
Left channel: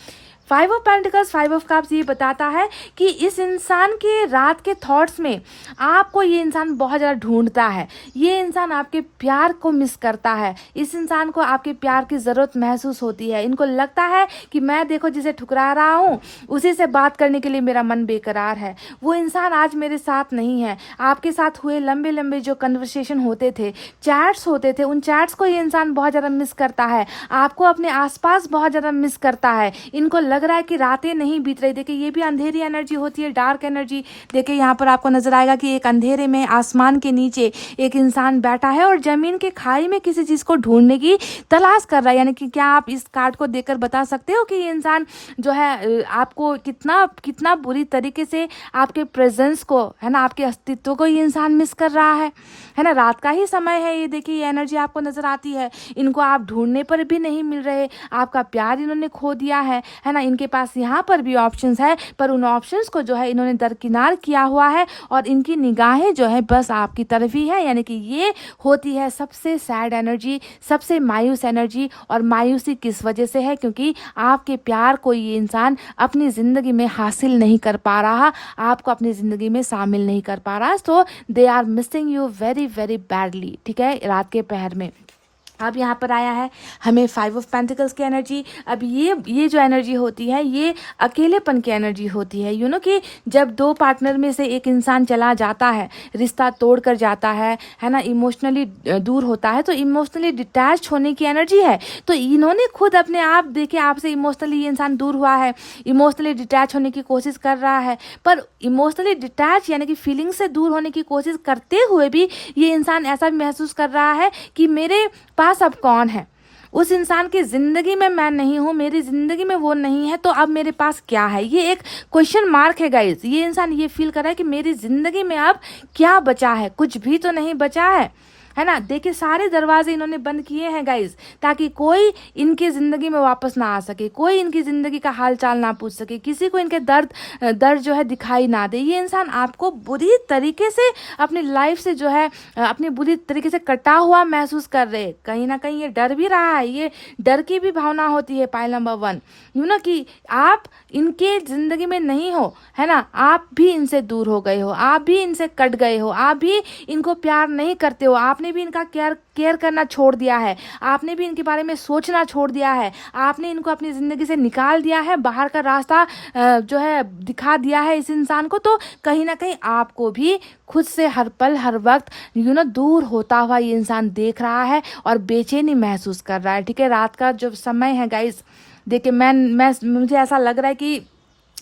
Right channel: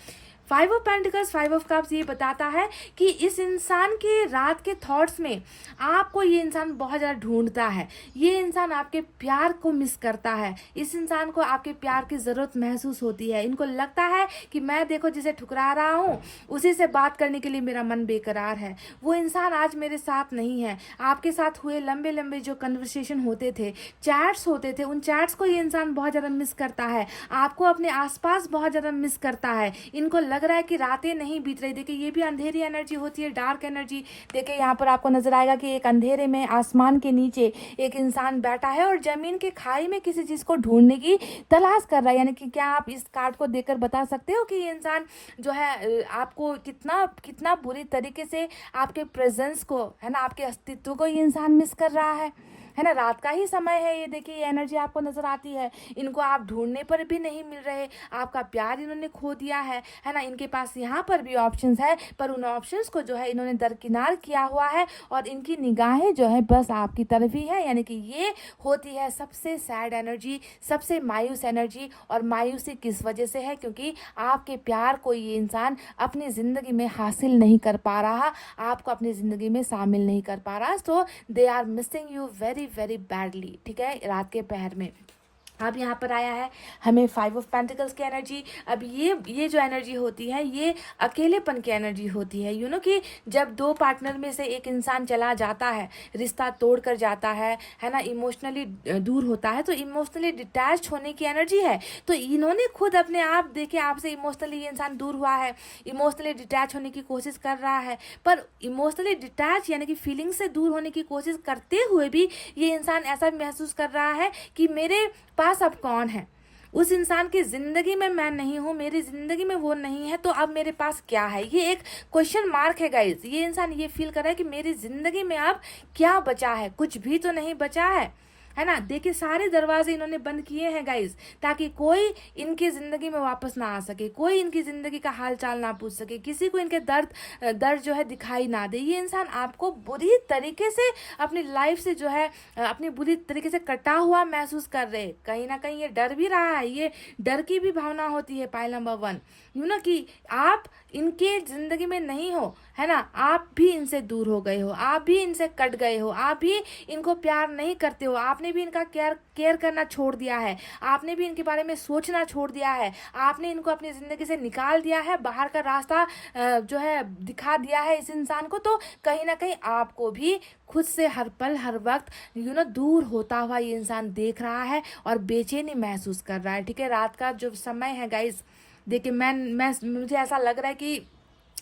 Five of pentacles, five of cups ये बताता है कि इस इंसान के रात के थॉट्स में आपको ये इंसान बहुत ज़्यादा ढूंढता है, ये इंसान आपके प्यार को मिस करता है, इस इंसान को आपके प्यार की ज़रूरत महसूस होती है। इनको लगता है कि मैं देखो जिसे ठुकरा रहा हूँ उसी से बात करने के लिए मेरा मन बेकरार है, वो इंसान आज मेरे साथ नहीं है। आपके साथ हुए लंबे लंबे जो कन्वर्सेशन होते थे, चैट्स होते थे, उन चैट्स को ये इंसान बहुत ज़्यादा मिस करता है, आपको अपने आसपास बहुत ज़्यादा मिस करता है। इनको लग रहा है कि रातें नहीं बीत रही। देखिए ये भी अंधेरी एनर्जी होती है, डार्क एनर्जी। देखिए यहाँ पर आपको नजर आएगा कि एक अंधेरे में आसमान के नीचे एक इंसान बैठा है और जमीन के खाई में किसी चीज़ को ढूंढने की तलाश कर रहा है। यानी कि क्या आप इस कार्ड को देखकर बता सकते हो कि ये इंसान जो है आपको कितना कितना बुरी तरीके से आपके प्रेजेंस को, है ना, आपके अस्तित्व को ये इंसान मिस कर रहा है ना। रात का ही समय है ये, देखिए ये एनर्जी आपको नजर आती है। इनको आप ढूंढने पर भी नहीं मिल रहे, आपका प्यार इन्होंने खो दिया है ना। इनके पास यहाँ पर भी ऑप्शंस है, पर उन ऑप्शंस को जो है इन्होंने दरकिनार किया हुआ है और इनकी निगाहें जो है बस आपकी तरफ ही है। यानी कि ये होती है सबसे सैड एनर्जी, सबसे मायूस एनर्जी। और मायूसी किस वजह से है? क्योंकि आपके प्यार को ये इंसान अपनी ज़िंदगी में हासिल नहीं कर पा रहा, आपको अपनी ज़िंदगी में शामिल नहीं कर पा रहा। So they are missing you very very badly, ठीक है, रात के पहर में। अब यहाँ पर आया है हमें फाइव ऑफ पेंटिकल्स की एनर्जी। अब ये जो एनर्जी होती है ये अकेलेपन की एनर्जी होती है। यू नो कि जब दो पार्टनर में से एक इंसान चला जाता है, रिश्ता तोड़ कर जाता है ना, इमोशनली दूर होता है, तो इमोशनली डिटैच होने की एनर्जी है। तो इन्होंने खुद अपने आप देखे, आपसे इमोशनली ये इंसान दूर हुआ है, इमोशनली डिटैच होने की कोशिश कर रहा है, पर इमोशनली डिटैच यानी कि फीलिंग से दूर होने की कोशिश करते हुए भी ये इंसान ऐसा महसूस कर रहा है कि मेरे पास अब कौन है, उस इंसान की जिंदगी में मैं नहीं हूं, मेरी जिंदगी में वो नहीं है, तो अब मेरे पास क्या है? ये एक क्वेश्चन मार्क है गाइज। ये इंसान ये फील कर रहा है कि मेरी जिंदगी में अब क्या बचा है? कुछ भी तो नहीं बचा है ना। देखिए सारे दरवाजे इन्होंने बंद किए हैं गाइज, ताकि कोई इनके ज़िंदगी में वापस ना आ सके, कोई इनकी ज़िंदगी का हाल चाल ना पूछ सके, किसी को इनके दर्द जो है दिखाई ना दे। ये इंसान आपको बुरी तरीके से अपनी लाइफ से जो है अपनी बुरी तरीके से कटा हुआ महसूस कर रहे। कहीं ना कहीं ये डर भी रहा है, ये डर की भी भावना होती है पाइल नंबर 1, यू नो कि आप इनके ज़िंदगी में नहीं हो, है ना, आप भी इनसे दूर हो गए हो, आप भी इनसे कट गए हो, आप भी इनको प्यार नहीं करते हो, आपने भी इनका केयर करना छोड़ दिया है, आपने भी इनके बारे में सोचना छोड़ दिया है, आपने इनको अपनी ज़िंदगी से निकाल दिया है, बाहर का रास्ता जो है दिखा दिया है इस इंसान को। तो कहीं ना कहीं आपको भी खुद से हर पल हर वक्त दूर होता हुआ ये इंसान देख रहा है और बेचैनी महसूस कर रहा है, ठीक है। रात का जो समय है गाइज, देखिए मैं मुझे ऐसा लग रहा है कि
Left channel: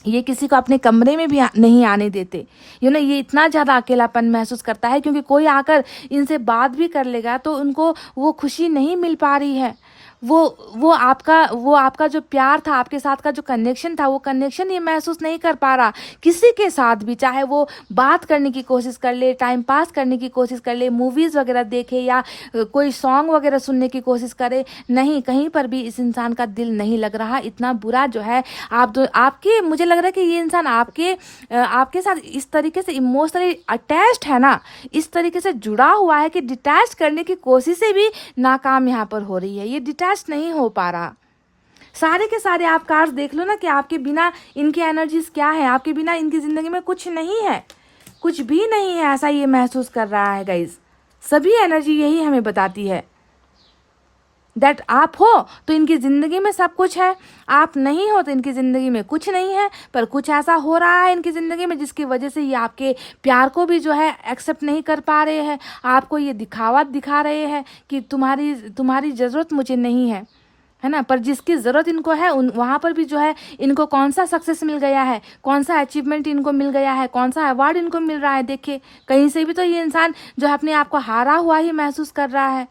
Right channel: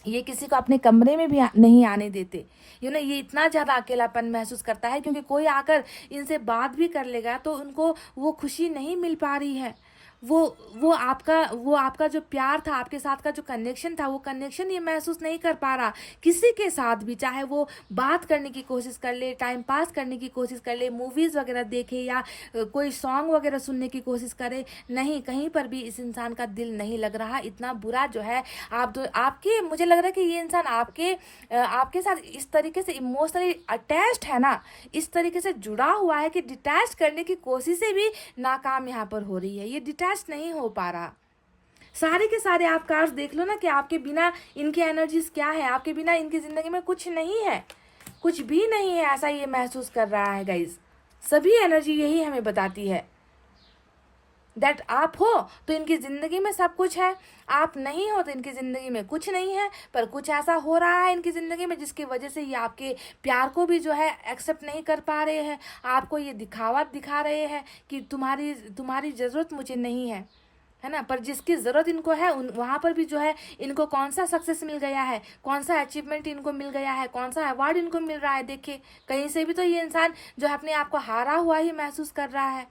ये किसी को अपने कमरे में भी नहीं आने देते। ये इतना ज़्यादा अकेलापन महसूस करता है, क्योंकि कोई आकर इनसे बात भी कर लेगा तो उनको वो खुशी नहीं मिल पा रही है। वो आपका जो प्यार था, आपके साथ का जो कनेक्शन था, वो कनेक्शन ये महसूस नहीं कर पा रहा किसी के साथ भी। चाहे वो बात करने की कोशिश कर ले, टाइम पास करने की कोशिश कर ले, मूवीज़ वगैरह देखे या कोई सॉन्ग वगैरह सुनने की कोशिश करे, नहीं, कहीं पर भी इस इंसान का दिल नहीं लग रहा। इतना बुरा जो है आपके मुझे लग रहा है कि ये इंसान आपके साथ इस तरीके से इमोशनली अटैच्ड है ना, इस तरीके से जुड़ा हुआ है कि डिटैच करने की कोशिशें भी नाकाम यहाँ पर हो रही है, ये डिटैच नहीं हो पा रहा। सारे के सारे आप कार्ड्स देख लो ना कि आपके बिना इनकी एनर्जीज क्या है, आपके बिना इनकी जिंदगी में कुछ नहीं है, कुछ भी नहीं है, ऐसा ये महसूस कर रहा है गाइज। सभी एनर्जी यही हमें बताती है दैट आप हो तो इनकी ज़िंदगी में सब कुछ है, आप नहीं हो तो इनकी ज़िंदगी में कुछ नहीं है। पर कुछ ऐसा हो रहा है इनकी ज़िंदगी में जिसकी वजह से ये आपके प्यार को भी जो है एक्सेप्ट नहीं कर पा रहे हैं, आपको ये दिखावा दिखा रहे हैं कि तुम्हारी ज़रूरत मुझे नहीं है ना। पर जिसकी ज़रूरत इनको है वहाँ पर भी जो है इनको कौन सा सक्सेस मिल गया है, कौन सा अचीवमेंट इनको मिल गया है, कौन सा अवार्ड इनको मिल रहा है। देखिए कहीं से भी तो ये इंसान जो है अपने आप को हारा हुआ ही महसूस कर रहा है।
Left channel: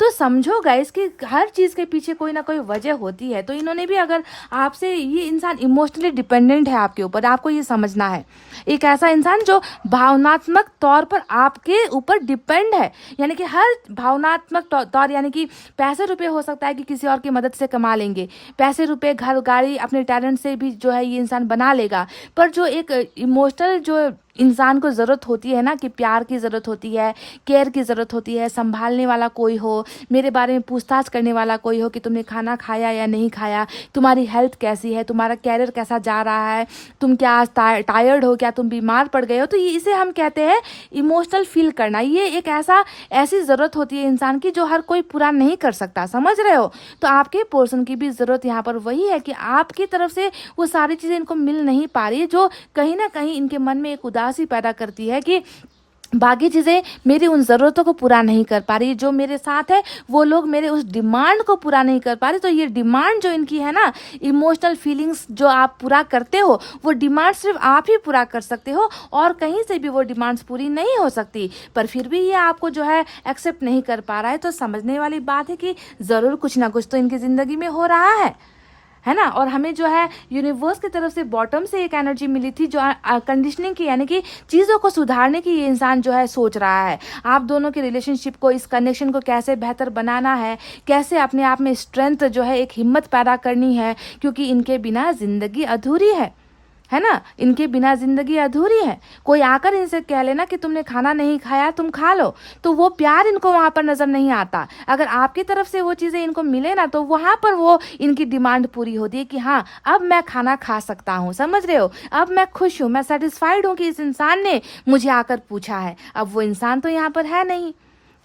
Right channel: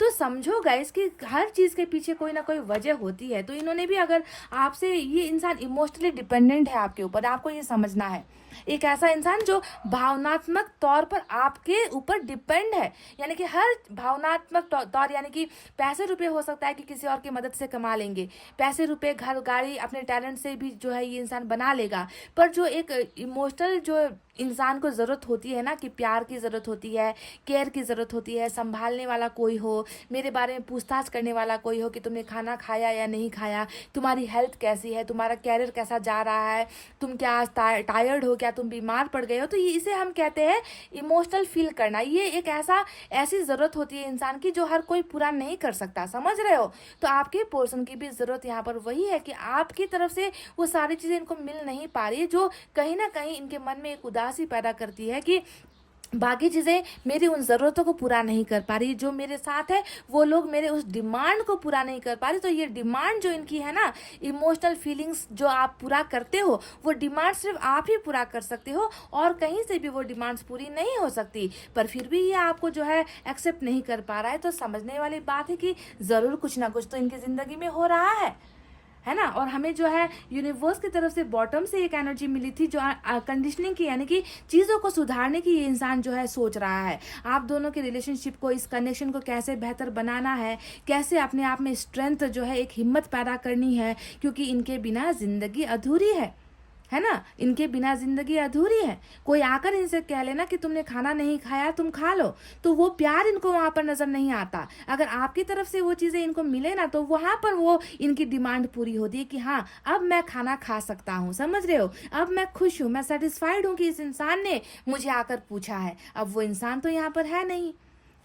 तो समझो गाइस कि हर चीज़ के पीछे कोई ना कोई वजह होती है। तो इन्होंने भी अगर आपसे, ये इंसान इमोशनली डिपेंडेंट है आपके ऊपर, आपको ये समझना है। एक ऐसा इंसान जो भावनात्मक तौर पर आपके ऊपर डिपेंड है, यानी कि हर भावनात्मक तौर, यानी कि पैसे रुपए हो सकता है कि किसी और की मदद से कमा लेंगे, पैसे रुपए घर गाड़ी अपने टैलेंट से भी जो है ये इंसान बना लेगा, पर जो एक इमोशनल जो इंसान को ज़रूरत होती है ना कि प्यार की ज़रूरत होती है, केयर की ज़रूरत होती है, संभालने वाला कोई हो, मेरे बारे में पूछताछ करने वाला कोई हो कि तुमने खाना खाया या नहीं खाया, तुम्हारी हेल्थ कैसी है, तुम्हारा कैरियर कैसा जा रहा है, तुम क्या आज टायर्ड हो, क्या तुम बीमार पड़ गए हो। तो ये इसे हम कहते हैं इमोशनल फील करना। ये एक ऐसी ज़रूरत होती है इंसान की जो हर कोई पूरा नहीं कर सकता, समझ रहे हो। तो आपके पर्सन की भी ज़रूरत यहाँ पर वही है कि आपकी तरफ से वो सारी चीज़ें इनको मिल नहीं पा रही है, जो कहीं ना कहीं इनके मन में एक उदासी पैदा करती है कि बाकी चीज़ें मेरी उन ज़रूरतों को पूरा नहीं कर पा रही, जो मेरे साथ है वो लोग मेरे उस डिमांड को पूरा नहीं कर पा रहे। तो ये डिमांड जो इनकी है ना, इमोशनल फीलिंग्स जो आप पूरा करते हो, वो डिमांड सिर्फ आप ही पूरा कर सकते हो और कहीं से भी वो डिमांड्स पूरी नहीं हो सकती। पर फिर भी ये आपको जो है एक्सेप्ट नहीं कर पा रहा है। तो समझने वाली बात है कि ज़रूर कुछ ना कुछ तो इनकी ज़िंदगी में हो रहा है ना। और हमें जो है यूनिवर्स की तरफ से बॉटम से एक एनर्जी मिली थी जो कंडीशनिंग की, यानी कि चीज़ों को सुधारने की ये इंसान जो है सोच रहा है। आप दोनों के रिलेशनशिप को, इस कनेक्शन को कैसे बेहतर बनाना है, कैसे अपने आप में स्ट्रेंथ जो है, एक हिम्मत पैदा करनी है, क्योंकि इनके बिना ज़िंदगी अधूरी है ना। इनके बिना ज़िंदगी अधूरी है। कोई आकर इनसे कह लेना कि तुमने खाना नहीं खाया, तुम खा लो, तो वो प्यार इनको वहाँ पर नज़र नहीं आता। अगर आपकी तरफ से वो चीज़ें इनको मिले ना, तो वहाँ पर वो इनकी डिमांड पूरी होती है कि हाँ अब मैं खाना खा सकता हूँ, समझ रहे हो, अब मैं खुश हूँ, मैं सेटिस्फाइड हूँ कि इस इंसान ने मुझे आकर पूछा है। अब वो इंसान तो यहाँ पर है नहीं,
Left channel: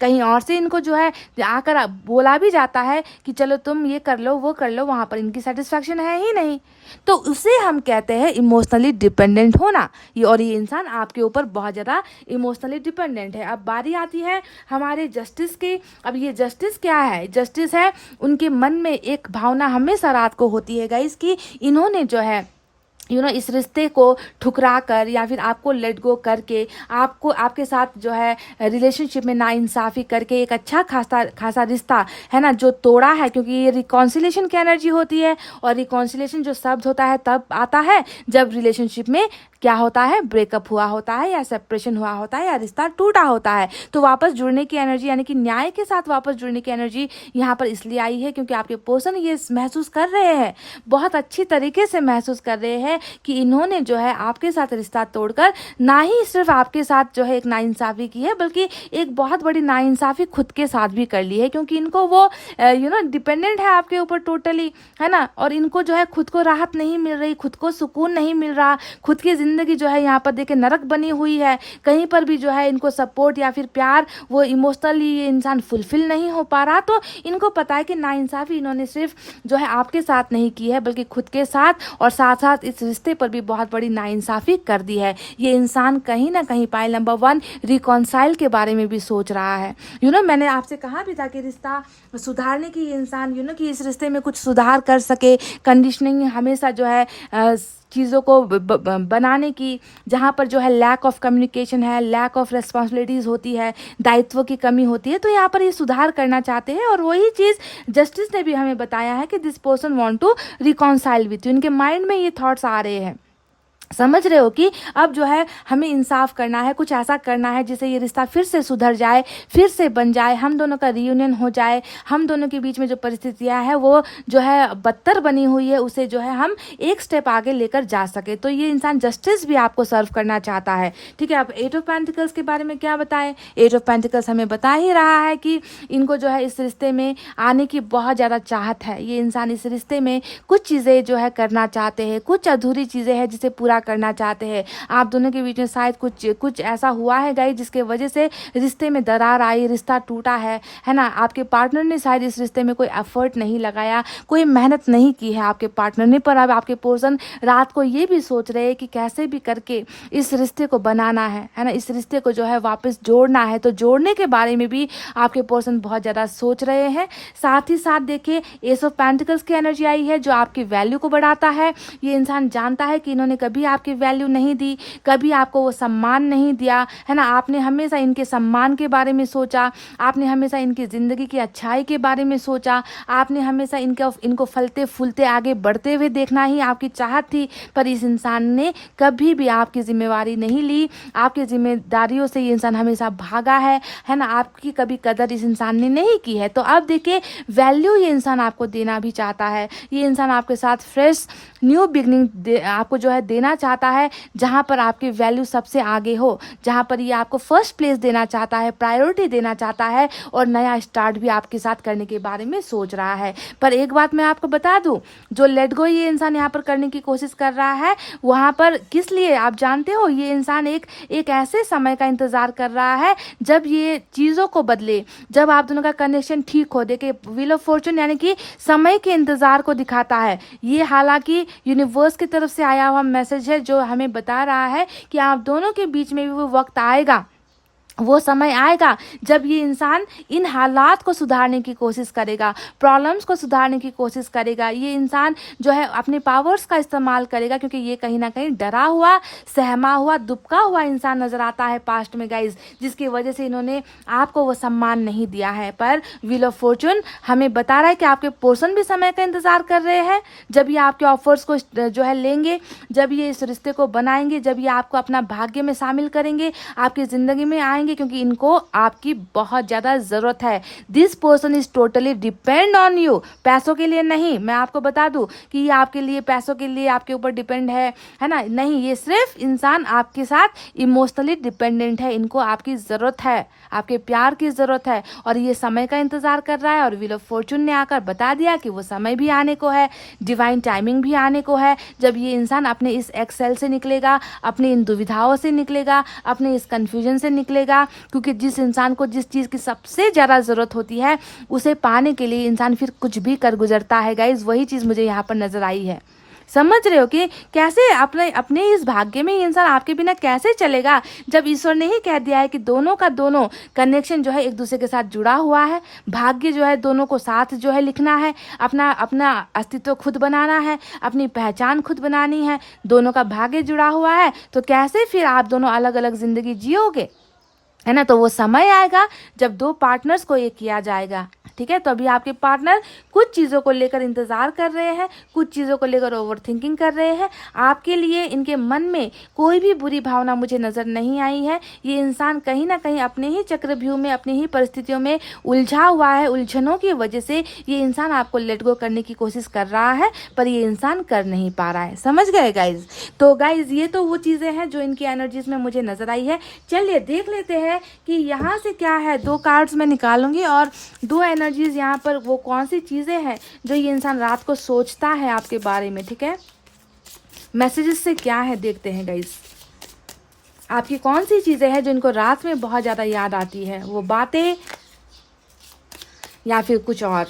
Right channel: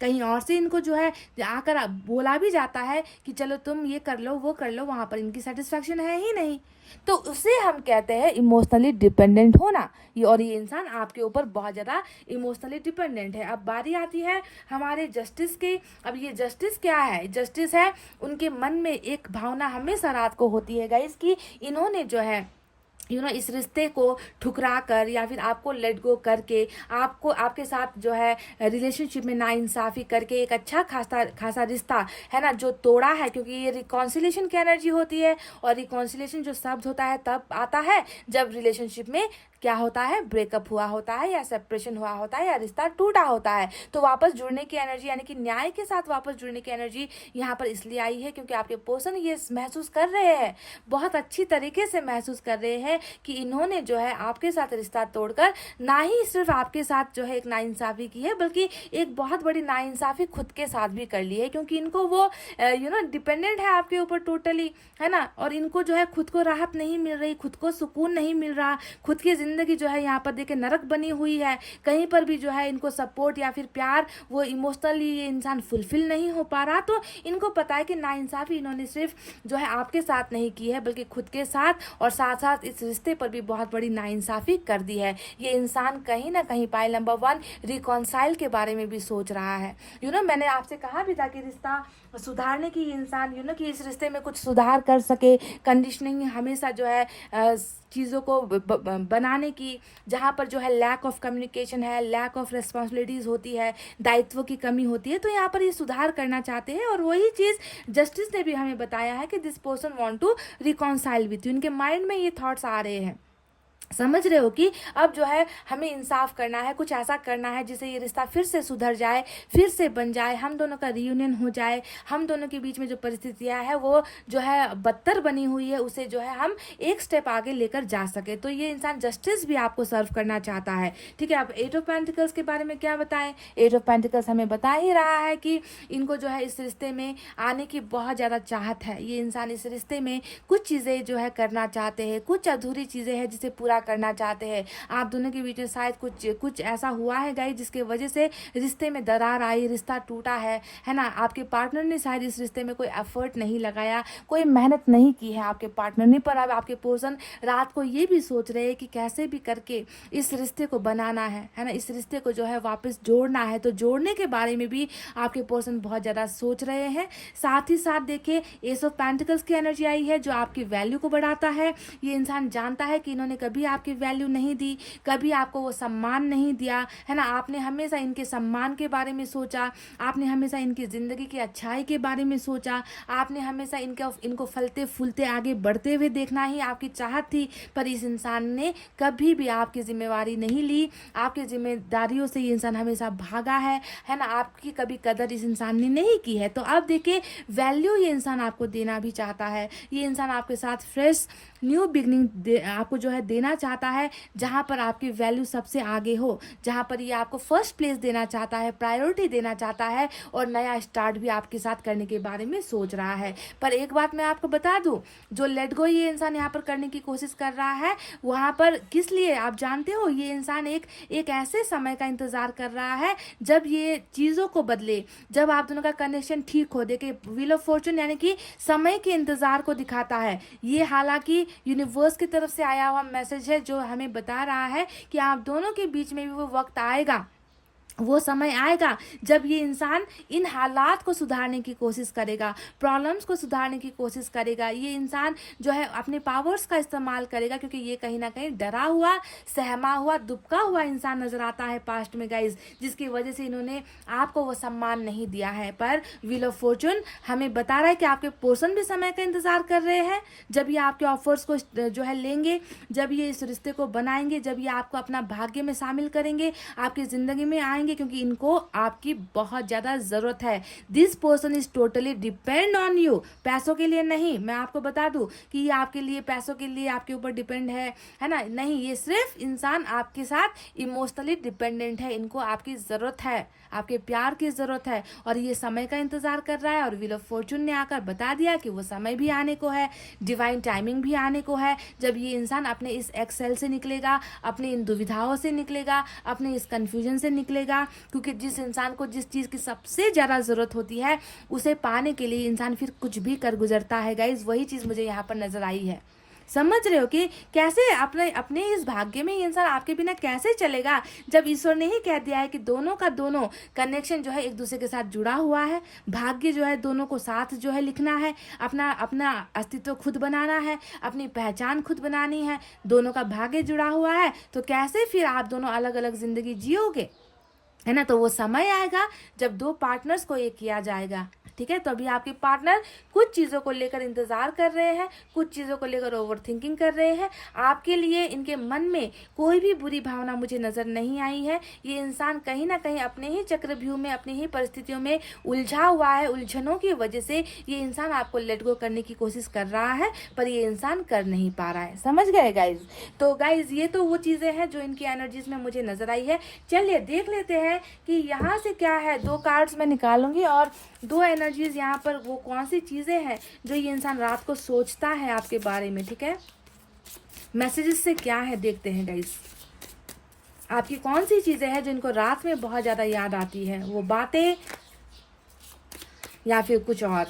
कहीं और से इनको जो है आकर बोला भी जाता है कि चलो तुम ये कर लो, वो कर लो, वहाँ पर इनकी सेटिस्फैक्शन है ही नहीं। तो उसे हम कहते हैं इमोशनली डिपेंडेंट होना। और ये इंसान आपके ऊपर बहुत ज़्यादा इमोशनली डिपेंडेंट है। अब बारी आती है हमारे जस्टिस की। अब ये जस्टिस क्या है? जस्टिस है उनके मन में एक भावना हमेशा रात को होती है गाइस कि इन्होंने जो है इस रिश्ते को ठुकरा कर या फिर आपको लेट गो करके, आपको आपके साथ जो है रिलेशनशिप में नाइंसाफ़ी करके एक अच्छा खासा रिश्ता है ना जो तोड़ा है। क्योंकि ये रिकॉन्सिलेशन की एनर्जी होती है, और रिकॉन्सिलेशन जो शब्द होता है तब आता है जब रिलेशनशिप में क्या होता है, ब्रेकअप हुआ होता है या सेपरेशन हुआ होता है या रिश्ता टूटा होता है। तो वापस जुड़ने की एनर्जी, यानी कि न्याय के साथ वापस जुड़ने की एनर्जी यहाँ पर इसलिए आई है क्योंकि आपके पर्सन ये महसूस कर रहे हैं, बहुत अच्छी तरीके से महसूस कर रहे हैं कि इन्होंने जो है आपके साथ रिश्ता तोड़कर ना ही सिर्फ आपके साथ जो है एक नाइंसाफ़ी की है, बल्कि एक बहुत बड़ी नाइंसाफ़ी खुद के साथ भी कर ली है। क्योंकि इनको वो डिपेंडेंट है आपके ऊपर टोटली, है ना। और इनको जो है खुद को राहत नहीं मिल रही, खुद को सुकून नहीं मिल रहा, खुद की ज़िंदगी जो है यहाँ पर देखिए नरक बनी हुई है। कहीं पर भी जो है इनको सपोर्ट या फिर प्यार, वो इमोशनली ये इंसान फुलफिल नहीं हो पा रहा। तो इनको पता है कि नाइंसाफ़ी इन्होंने सिर्फ जो है आपके साथ नहीं की है, बल्कि खुद के साथ और साथ साथ इस रिश्ते पर भी बहुत बड़ी नाइंसाफ़ी कर दी है। ये इंसान कहीं ना कहीं पाइल नंबर 1 रिकॉन्साइल के बारे में भी सोच रहा है। मैंने आपसे कहा भी था कि रिश्ता सुधारने की इंसान कि इस रिश्ते में कुछ सुधार कर सके, कंडीशनिंग हमेशा जो है चीज़ों को बनाने की, जहाँ पर जो है लैक ऑफ कम्युनिकेशन है, लैक ऑफ रिस्पॉन्सिबिलिटीज़ होती है, दायित्व की कमी होती है, तो यहाँ पर ये सुधार करना चाहते हैं। और वही चीज़ जस्टिस ने भी हमें बताया है कि this person want to reconcile with you. इनके माइंड में ये थॉट्स आ रहे हैं, समझ रहे हो कि अब जो है हमें इंसाफ करना है, कुछ ऐसा करना है जिससे ये रिश्ता फिर से सुधर जाए, फिर से बन जाए, हम दोनों का रियूनियन हो जाए, हम दोनों के बीच में जो परिस्थितियां हैं वो जो है बदतर बनी हुई है, उसे जो है हम एक स्टेप आगे लेकर जा सके। तो ये इंसान जस्टिस भी आपको सर्व करना चाहता है, ठीक है। अब 8 ऑफ पेंटिकल्स के बारे में क्या बताएं? 8 ऑफ पेंटिकल्स हमें बता ही रहा है कि इनको जो है इस रिश्ते में आने की बहुत ज़्यादा चाहत है। ये इंसान इस रिश्ते में कुछ चीज़ें जो है करना चाहते हैं, कुछ अधूरी चीज़ें हैं जिसे पूरा करना चाहते हैं। आप दोनों के बीच में शायद कुछ ऐसा हुआ है गाइस जिसके वजह से रिश्ते में दरार आई, रिश्ता टूटा है ना। आपके पार्टनर ने शायद इस रिश्ते में कोई एफर्ट नहीं लगाया, कोई मेहनत नहीं की है आपके पार्टनर ने। पर अब आपके पर्सन रात को ये भी सोच रहे हैं कि कैसे भी करके इस रिश्ते को बनाना है ना, इस रिश्ते को जो है वापस जोड़ना है। तो जोड़ने के बारे में भी आपके पर्सन बहुत ज़्यादा सोच रहे हैं। साथ ही साथ देखिए एस ऑफ पेंटिकल्स की एनर्जी आई है जो आपकी वैल्यू को बढ़ाता है। ये इंसान जानता है कि इन्होंने कभी आपकी वैल्यू नहीं दी, कभी आपको वो सम्मान नहीं दिया, है ना। आपने हमेशा इनके सम्मान के बारे में सोचा, आपने हमेशा इनकी ज़िंदगी की अच्छाई के बारे में सोचा, आपने हमेशा इनको फलते फूलते आगे बढ़ते हुए देखना ही आपकी चाहत थी। पर इस इंसान ने कभी भी आपकी जिम्मेवारी नहीं ली, आपकी जिम्मेदारियों से ये इंसान हमेशा भागा है ना। आपकी कभी कदर इस इंसान ने नहीं की है। तो अब देखिए वैल्यू ये इंसान आपको देना भी चाहता है। ये इंसान आपके साथ फ्रेश न्यू बिगनिंग आपको जो है देना चाहता है, जहाँ पर आपकी वैल्यू सबसे आगे हो, जहाँ पर ये आपको फर्स्ट प्लेस देना चाहता है, प्रायोरिटी देना चाहता है और नया स्टार्ट भी आपके साथ करने के बारे में सोच रहा है। पर एक बात मैं आपको बता दूं, जो लेट गो ये इंसान यहाँ पर करने की कोशिश कर रहा है, वहाँ पर किस लिए आप जानते हो? ये इंसान एक ऐसे समय का इंतजार कर रहा है जब ये चीज़ों को बदले, जब आप दोनों का कनेक्शन ठीक हो। देखिए, व्हील ऑफ फॉर्चून यानी कि समय के इंतजार को दिखाता है। ये हालांकि यूनिवर्स की तरफ से आया हुआ मैसेज है जो हमें बता रहा है कि आप दोनों के बीच में भी वो वक्त आएगा, वो समय आएगा जब ये इंसान इन हालात को सुधारने की कोशिश करेगा, प्रॉब्लम्स को सुधारने की कोशिश करेगा। ये इंसान जो है अपने पावर्स का इस्तेमाल करेगा, क्योंकि ये कहीं ना कहीं डरा हुआ, सहमा हुआ, दुबका हुआ इंसान नजर आता है पास्ट में गाइज, जिसकी वजह से इन्होंने आपको वो सम्मान नहीं दिया है। पर व्हील ऑफ फॉर्चून हमें बता रहा है कि आपके पर्सन भी समय का इंतजार कर रहे हैं, जब ये आपके ऑफर्स को जो है लेंगे, जब ये इस रिश्ते को बनाएंगे, जब ये आपको अपना भाग्य में शामिल करेंगे, आपकी ज़िंदगी में आएंगे, क्योंकि इनको आपकी बहुत ज़्यादा ज़रूरत है। This person is totally depend on you, पैसों के लिए नहीं। मैं आपको बता दूं कि ये आपके लिए पैसों के लिए आपके ऊपर डिपेंड है ना, नहीं, ये सिर्फ इंसान आपके साथ इमोशनली डिपेंडेंट है। इनको आपकी ज़रूरत है, आपके प्यार की ज़रूरत है और ये समय का इंतज़ार कर रहा है। और व्हील ऑफ फॉर्चून ने आकर बता दिया कि वो समय भी आने को है, डिवाइन टाइमिंग भी आने को है, जब ये इंसान अपने इस एक्सेल से निकलेगा, अपनी इन दुविधाओं से निकलेगा, अपने इस कन्फ्यूजन से निकलेगा। क्योंकि जिस इंसान को जिस चीज़ की सबसे ज़्यादा ज़रूरत होती है, उसे पाने के लिए इंसान फिर कुछ भी कर गुजरता है गाइज। वही चीज़ मुझे यहाँ पर नजर आई है। समझ रहे हो कि कैसे अपने अपने इस भाग्य में ये इंसान आपके बिना कैसे चलेगा, जब ईश्वर ने ही कह दिया है कि दोनों का दोनों कनेक्शन जो है एक दूसरे के साथ जुड़ा हुआ है। भाग्य जो है दोनों को साथ जो है लिखना है, अपना अपना अस्तित्व खुद बनाना है, अपनी पहचान खुद बनानी है, दोनों का भाग्य जुड़ा हुआ है। तो कैसे फिर आप दोनों अलग अलग जिंदगी जियोगे, है ना? तो वो समय आएगा जब दो पार्टनर्स को एक किया जाएगा, ठीक है? तो अभी आपके पार्टनर कुछ चीज़ों को लेकर इंतज़ार कर रहे हैं, कुछ चीज़ों को लेकर ओवर थिंकिंग कर रहे हैं। आपके लिए इनके मन में कोई भी बुरी भावना मुझे नज़र नहीं आई है। ये इंसान कहीं ना कहीं अपने ही चक्रव्यूह में, अपनी ही परिस्थितियों में उलझा हुआ है। उलझनों की वजह से ये इंसान आपको लेट गो करने की कोशिश कर रहा है, पर ये इंसान कर नहीं पा रहा है। समझ गए गाइज? तो गाइज ये तो वो चीज़ें हैं जो इनकी एनर्जीज में मुझे नज़र आई है। चलिए देख लेते हैं कि यहाँ से क्या है। दो कार्ड्स मैं निकालूंगी और दो एनर्जीज यहाँ पर वो कौन सी चीज़ें हैं जो ये इंसान रात को सोचता है आपके बारे में, ठीक है? मैसेजेस से क्या है देखते हैं गाइस। आपकी कौन सी चीज़ें हैं जो इनको रात में बहुत ज़्यादा याद आती है, वो बातें या फिर कुछ और।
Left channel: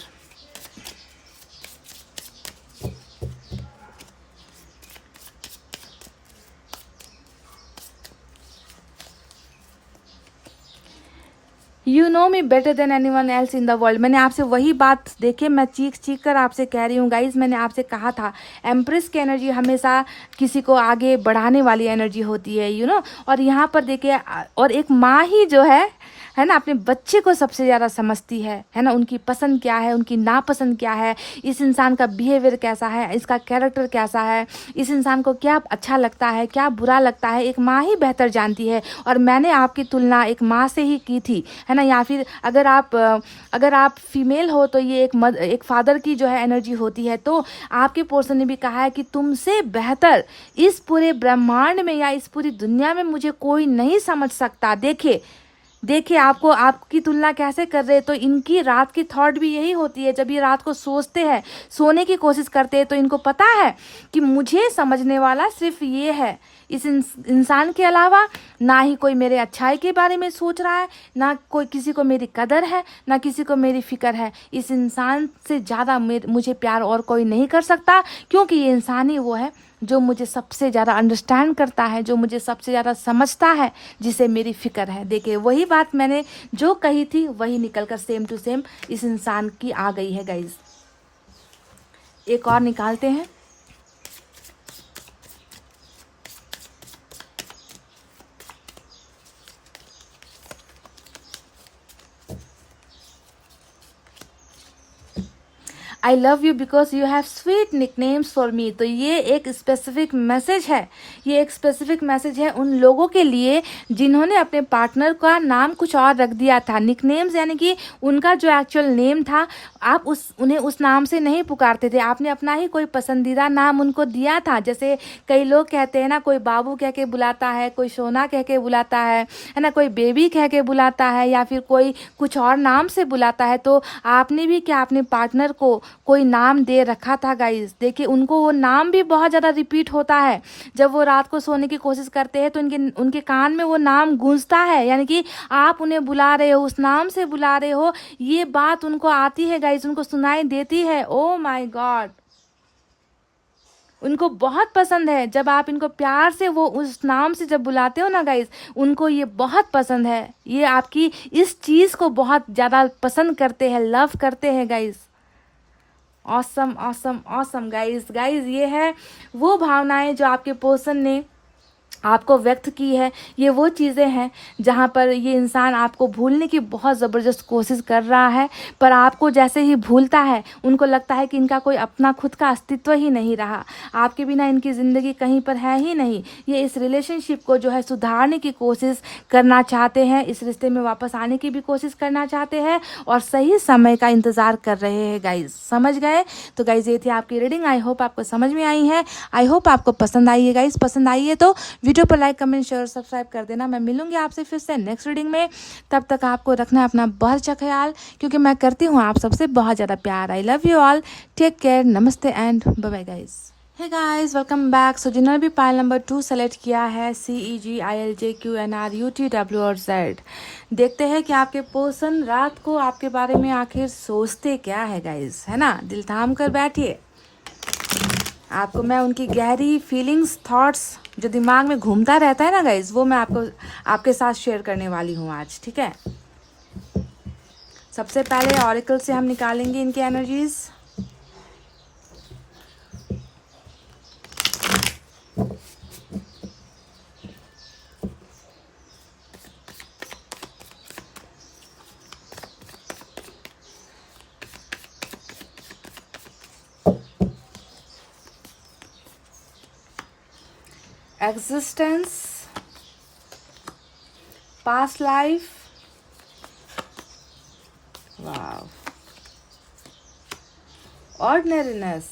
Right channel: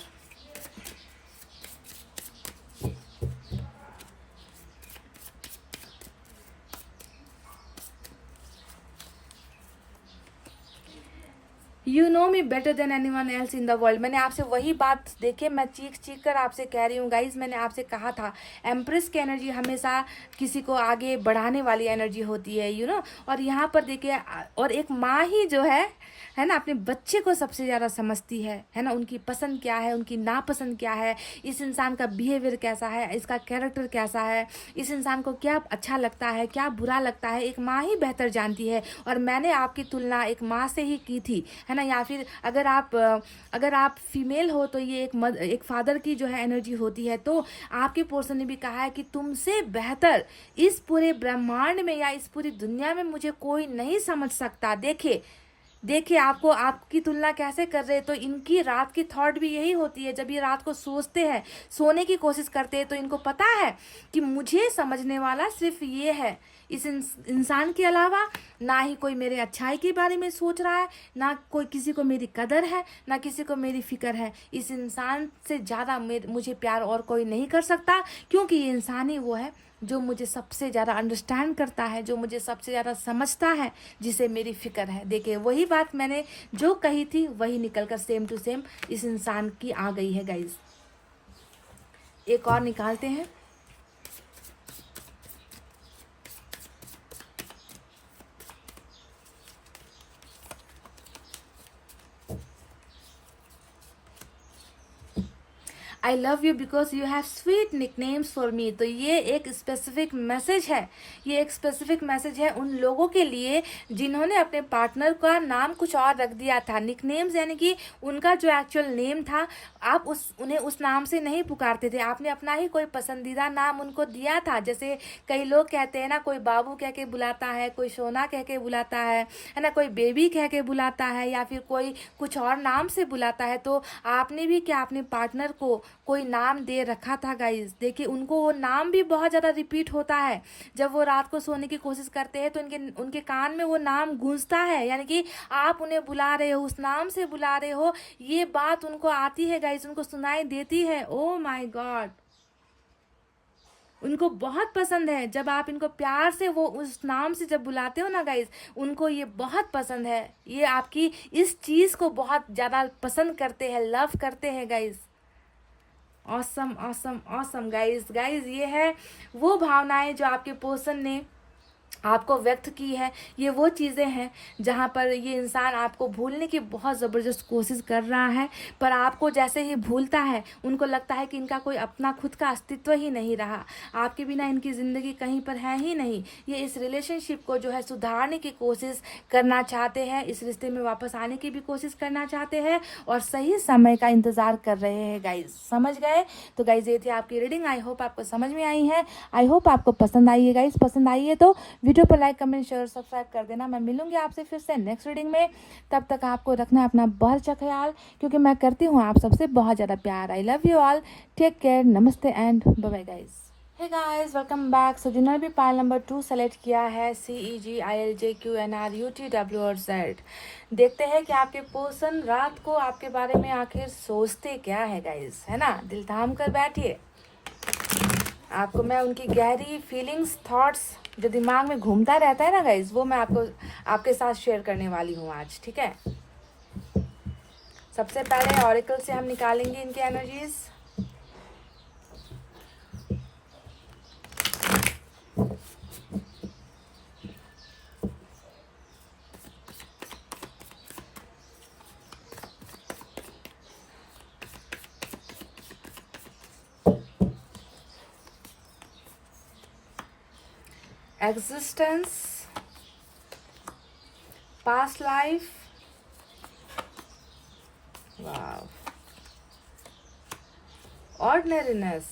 You know me better than any one else in the world. मैंने आपसे वही बात, देखिए मैं चीख चीख कर आपसे कह रही हूँ गाइज। मैंने आपसे कहा था एम्प्रेस की एनर्जी हमेशा किसी को आगे बढ़ाने वाली एनर्जी होती है, यू नो। और यहाँ पर देखिए, और एक माँ ही जो है ना, अपने बच्चे को सबसे ज़्यादा समझती है ना, उनकी पसंद क्या है, उनकी नापसंद क्या है, इस इंसान का बिहेवियर कैसा है, इसका कैरेक्टर कैसा है, इस इंसान को क्या अच्छा लगता है, क्या बुरा लगता है, एक माँ ही बेहतर जानती है। और मैंने आपकी तुलना एक माँ से ही की थी, है ना। या फिर अगर आप फीमेल हो तो ये एक फादर की जो है एनर्जी होती है। तो आपके पर्सन ने भी कहा है कि तुमसे बेहतर इस पूरे ब्रह्मांड में या इस पूरी दुनिया में मुझे कोई नहीं समझ सकता। देखिए आपको आपकी तुलना कैसे कर रहे हैं। तो इनकी रात की थॉट भी यही होती है, जब ये रात को सोचते हैं, सोने की कोशिश करते हैं, तो इनको पता है कि मुझे समझने वाला सिर्फ ये है, इस इंसान के अलावा ना ही कोई मेरे अच्छाई के बारे में सोच रहा है, ना कोई किसी को मेरी कदर है, ना किसी को मेरी फिक्र है। इस इंसान से ज़्यादा मुझे प्यार और कोई नहीं कर सकता, क्योंकि ये इंसान ही वो है जो मुझे सबसे ज़्यादा अंडरस्टैंड करता है, जो मुझे सबसे ज़्यादा समझता है, जिसे मेरी फिक्र है। देखिए वही बात मैंने जो कही थी वही निकलकर सेम टू सेम इस इंसान की आ गई है गाइज। एक और निकालते हैं। आई love you because you have sweet nicknames for me. तो ये एक स्पेसिफिक मैसेज है, ये एक स्पेसिफिक मैसेज है उन लोगों के लिए जिन्होंने अपने पार्टनर का नाम कुछ और रख दिया था। निकनेम्स यानी कि उनका जो एक्चुअल नेम था, आप उन्हें उस नाम से नहीं पुकारते थे, आपने अपना ही कोई पसंदीदा नाम उनको दिया था। जैसे कई लोग कहते हैं ना, कोई बाबू कह के बुलाता है, कोई सोना कह के बुलाता है ना, कोई बेबी कह के बुलाता है, या फिर कोई कुछ और नाम से बुलाता है। तो आपने भी क्या अपने पार्टनर को कोई नाम दे रखा था गाइस। देखिए उनको वो नाम भी बहुत ज़्यादा रिपीट होता है। जब वो रात को सोने की कोशिश करते हैं तो उनके कान में वो नाम गूंजता है, यानी कि आप उन्हें बुला रहे हो, उस नाम से बुला रहे हो, ये बात उनको आती है गाइस, उनको सुनाई देती है। ओ माय गॉड, उनको बहुत पसंद है जब आप इनको प्यार से वो उस नाम से जब बुलाते हो ना गाइस, उनको ये बहुत पसंद है। ये आपकी इस चीज़ को बहुत ज़्यादा पसंद करते हैं, लव करते हैं guys. Awesome awesome awesome guys. Guys ये है वो भावनाएं जो आपके पर्सन ने आपको व्यक्त की है। ये वो चीज़ें हैं जहाँ पर ये इंसान आपको भूलने की बहुत ज़बरदस्त कोशिश कर रहा है, पर आपको जैसे ही भूलता है उनको लगता है कि इनका कोई अपना खुद का अस्तित्व ही नहीं रहा, आपके बिना इनकी ज़िंदगी कहीं पर है ही नहीं। ये इस रिलेशनशिप को जो है सुधारने की कोशिश करना चाहते हैं, इस रिश्ते में वापस आने की भी कोशिश करना चाहते हैं और सही समय का इंतज़ार कर रहे हैं गाइज। समझ गए? तो गाइज ये थी आपकी रीडिंग। आई होप आपको समझ में आई है, आई होप आपको पसंद आई है गाइज। पसंद आई है तो वीडियो पर लाइक कमेंट शेयर सब्सक्राइब कर देना। मैं मिलूंगी आपसे फिर से नेक्स्ट रीडिंग में। तब तक आपको रखना है अपना बहुत अच्छा ख्याल, क्योंकि मैं करती हूँ आप सबसे बहुत ज़्यादा प्यार। I love you all, take care, नमस्ते and bye bye guys. Hey guys, welcome back. So जिन्होंने भी पाइल नंबर 2 सेलेक्ट किया है, CEGILJQNRUTW और Z, देखते हैं कि आपके पर्सन रात को आपके बारे में आखिर सोचते क्या है गाइस, है ना। दिल थाम कर बैठिए, आपको मैं उनकी गहरी फीलिंग्स, थॉट्स जो दिमाग में घूमता रहता है ना गाइज, वो मैं आपको आपके साथ शेयर करने वाली हूँ आज, ठीक है। सबसे पहले ऑरिकल से हम निकालेंगे इनके energies. Existence, past life, ordinariness,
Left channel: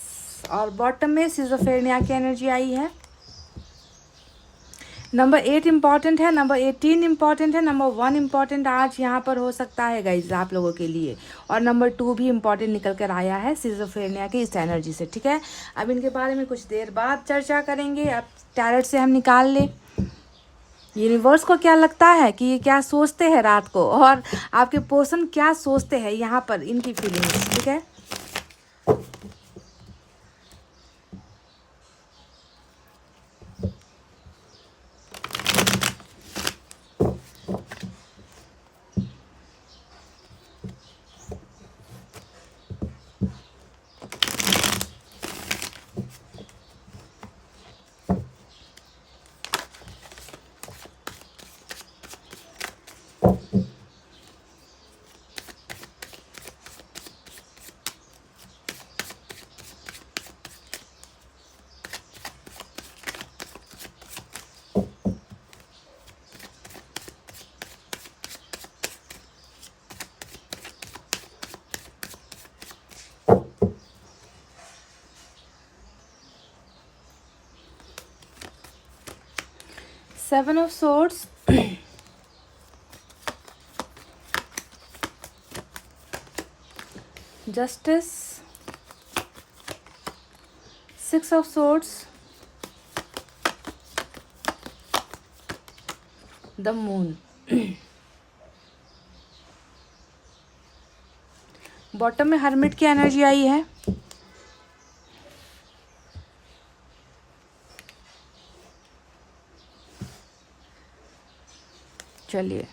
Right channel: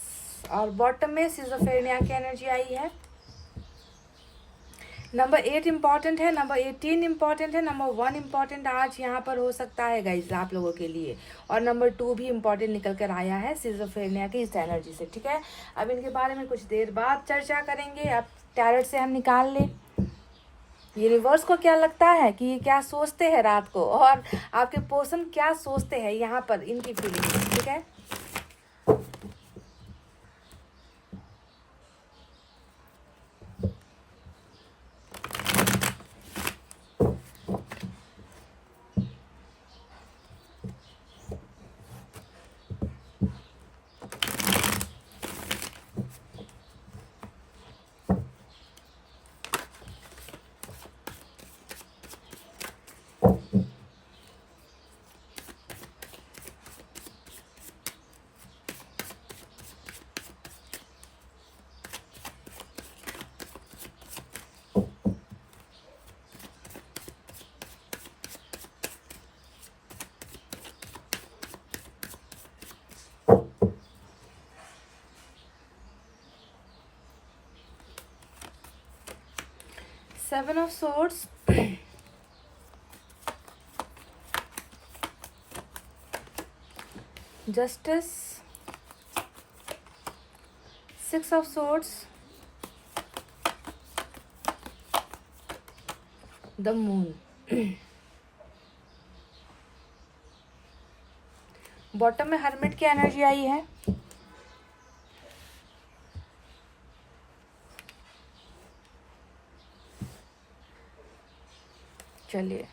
और बॉटम में सिजोफ्रेनिया की एनर्जी आई है। नंबर 8 इम्पॉर्टेंट है, नंबर 18 इम्पॉर्टेंट है, नंबर 1 इम्पॉर्टेंट आज यहाँ पर हो सकता है गाइज आप लोगों के लिए, और नंबर 2 भी इम्पॉर्टेंट निकल कर आया है सिजोफ्रेनिया की इस एनर्जी से, ठीक है। अब इनके बारे में कुछ देर बाद चर्चा करेंगे। अब टैरोट से हम निकाल लें यूनिवर्स को क्या लगता है कि ये क्या सोचते हैं रात को, और आपके पर्सन क्या सोचते हैं यहाँ पर, इनकी फीलिंग्स, ठीक है। Seven of Swords, Justice, Six of Swords, the Moon. Bottom में हर्मिट की एनर्जी आई है। चलिए,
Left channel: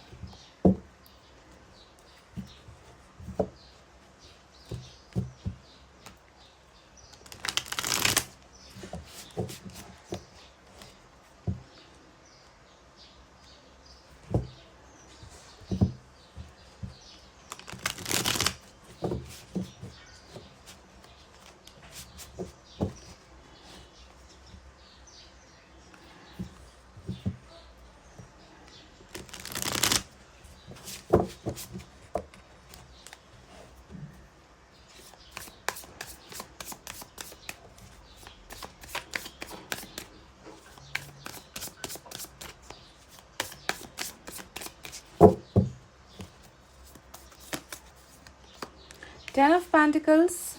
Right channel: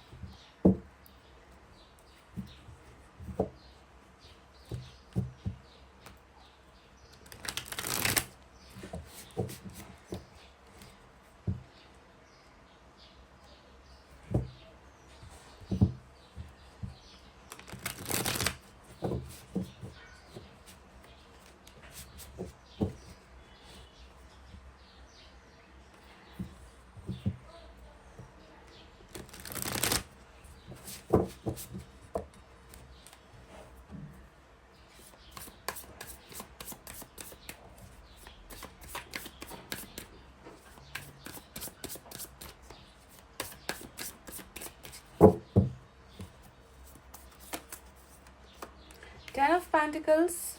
Pentacles,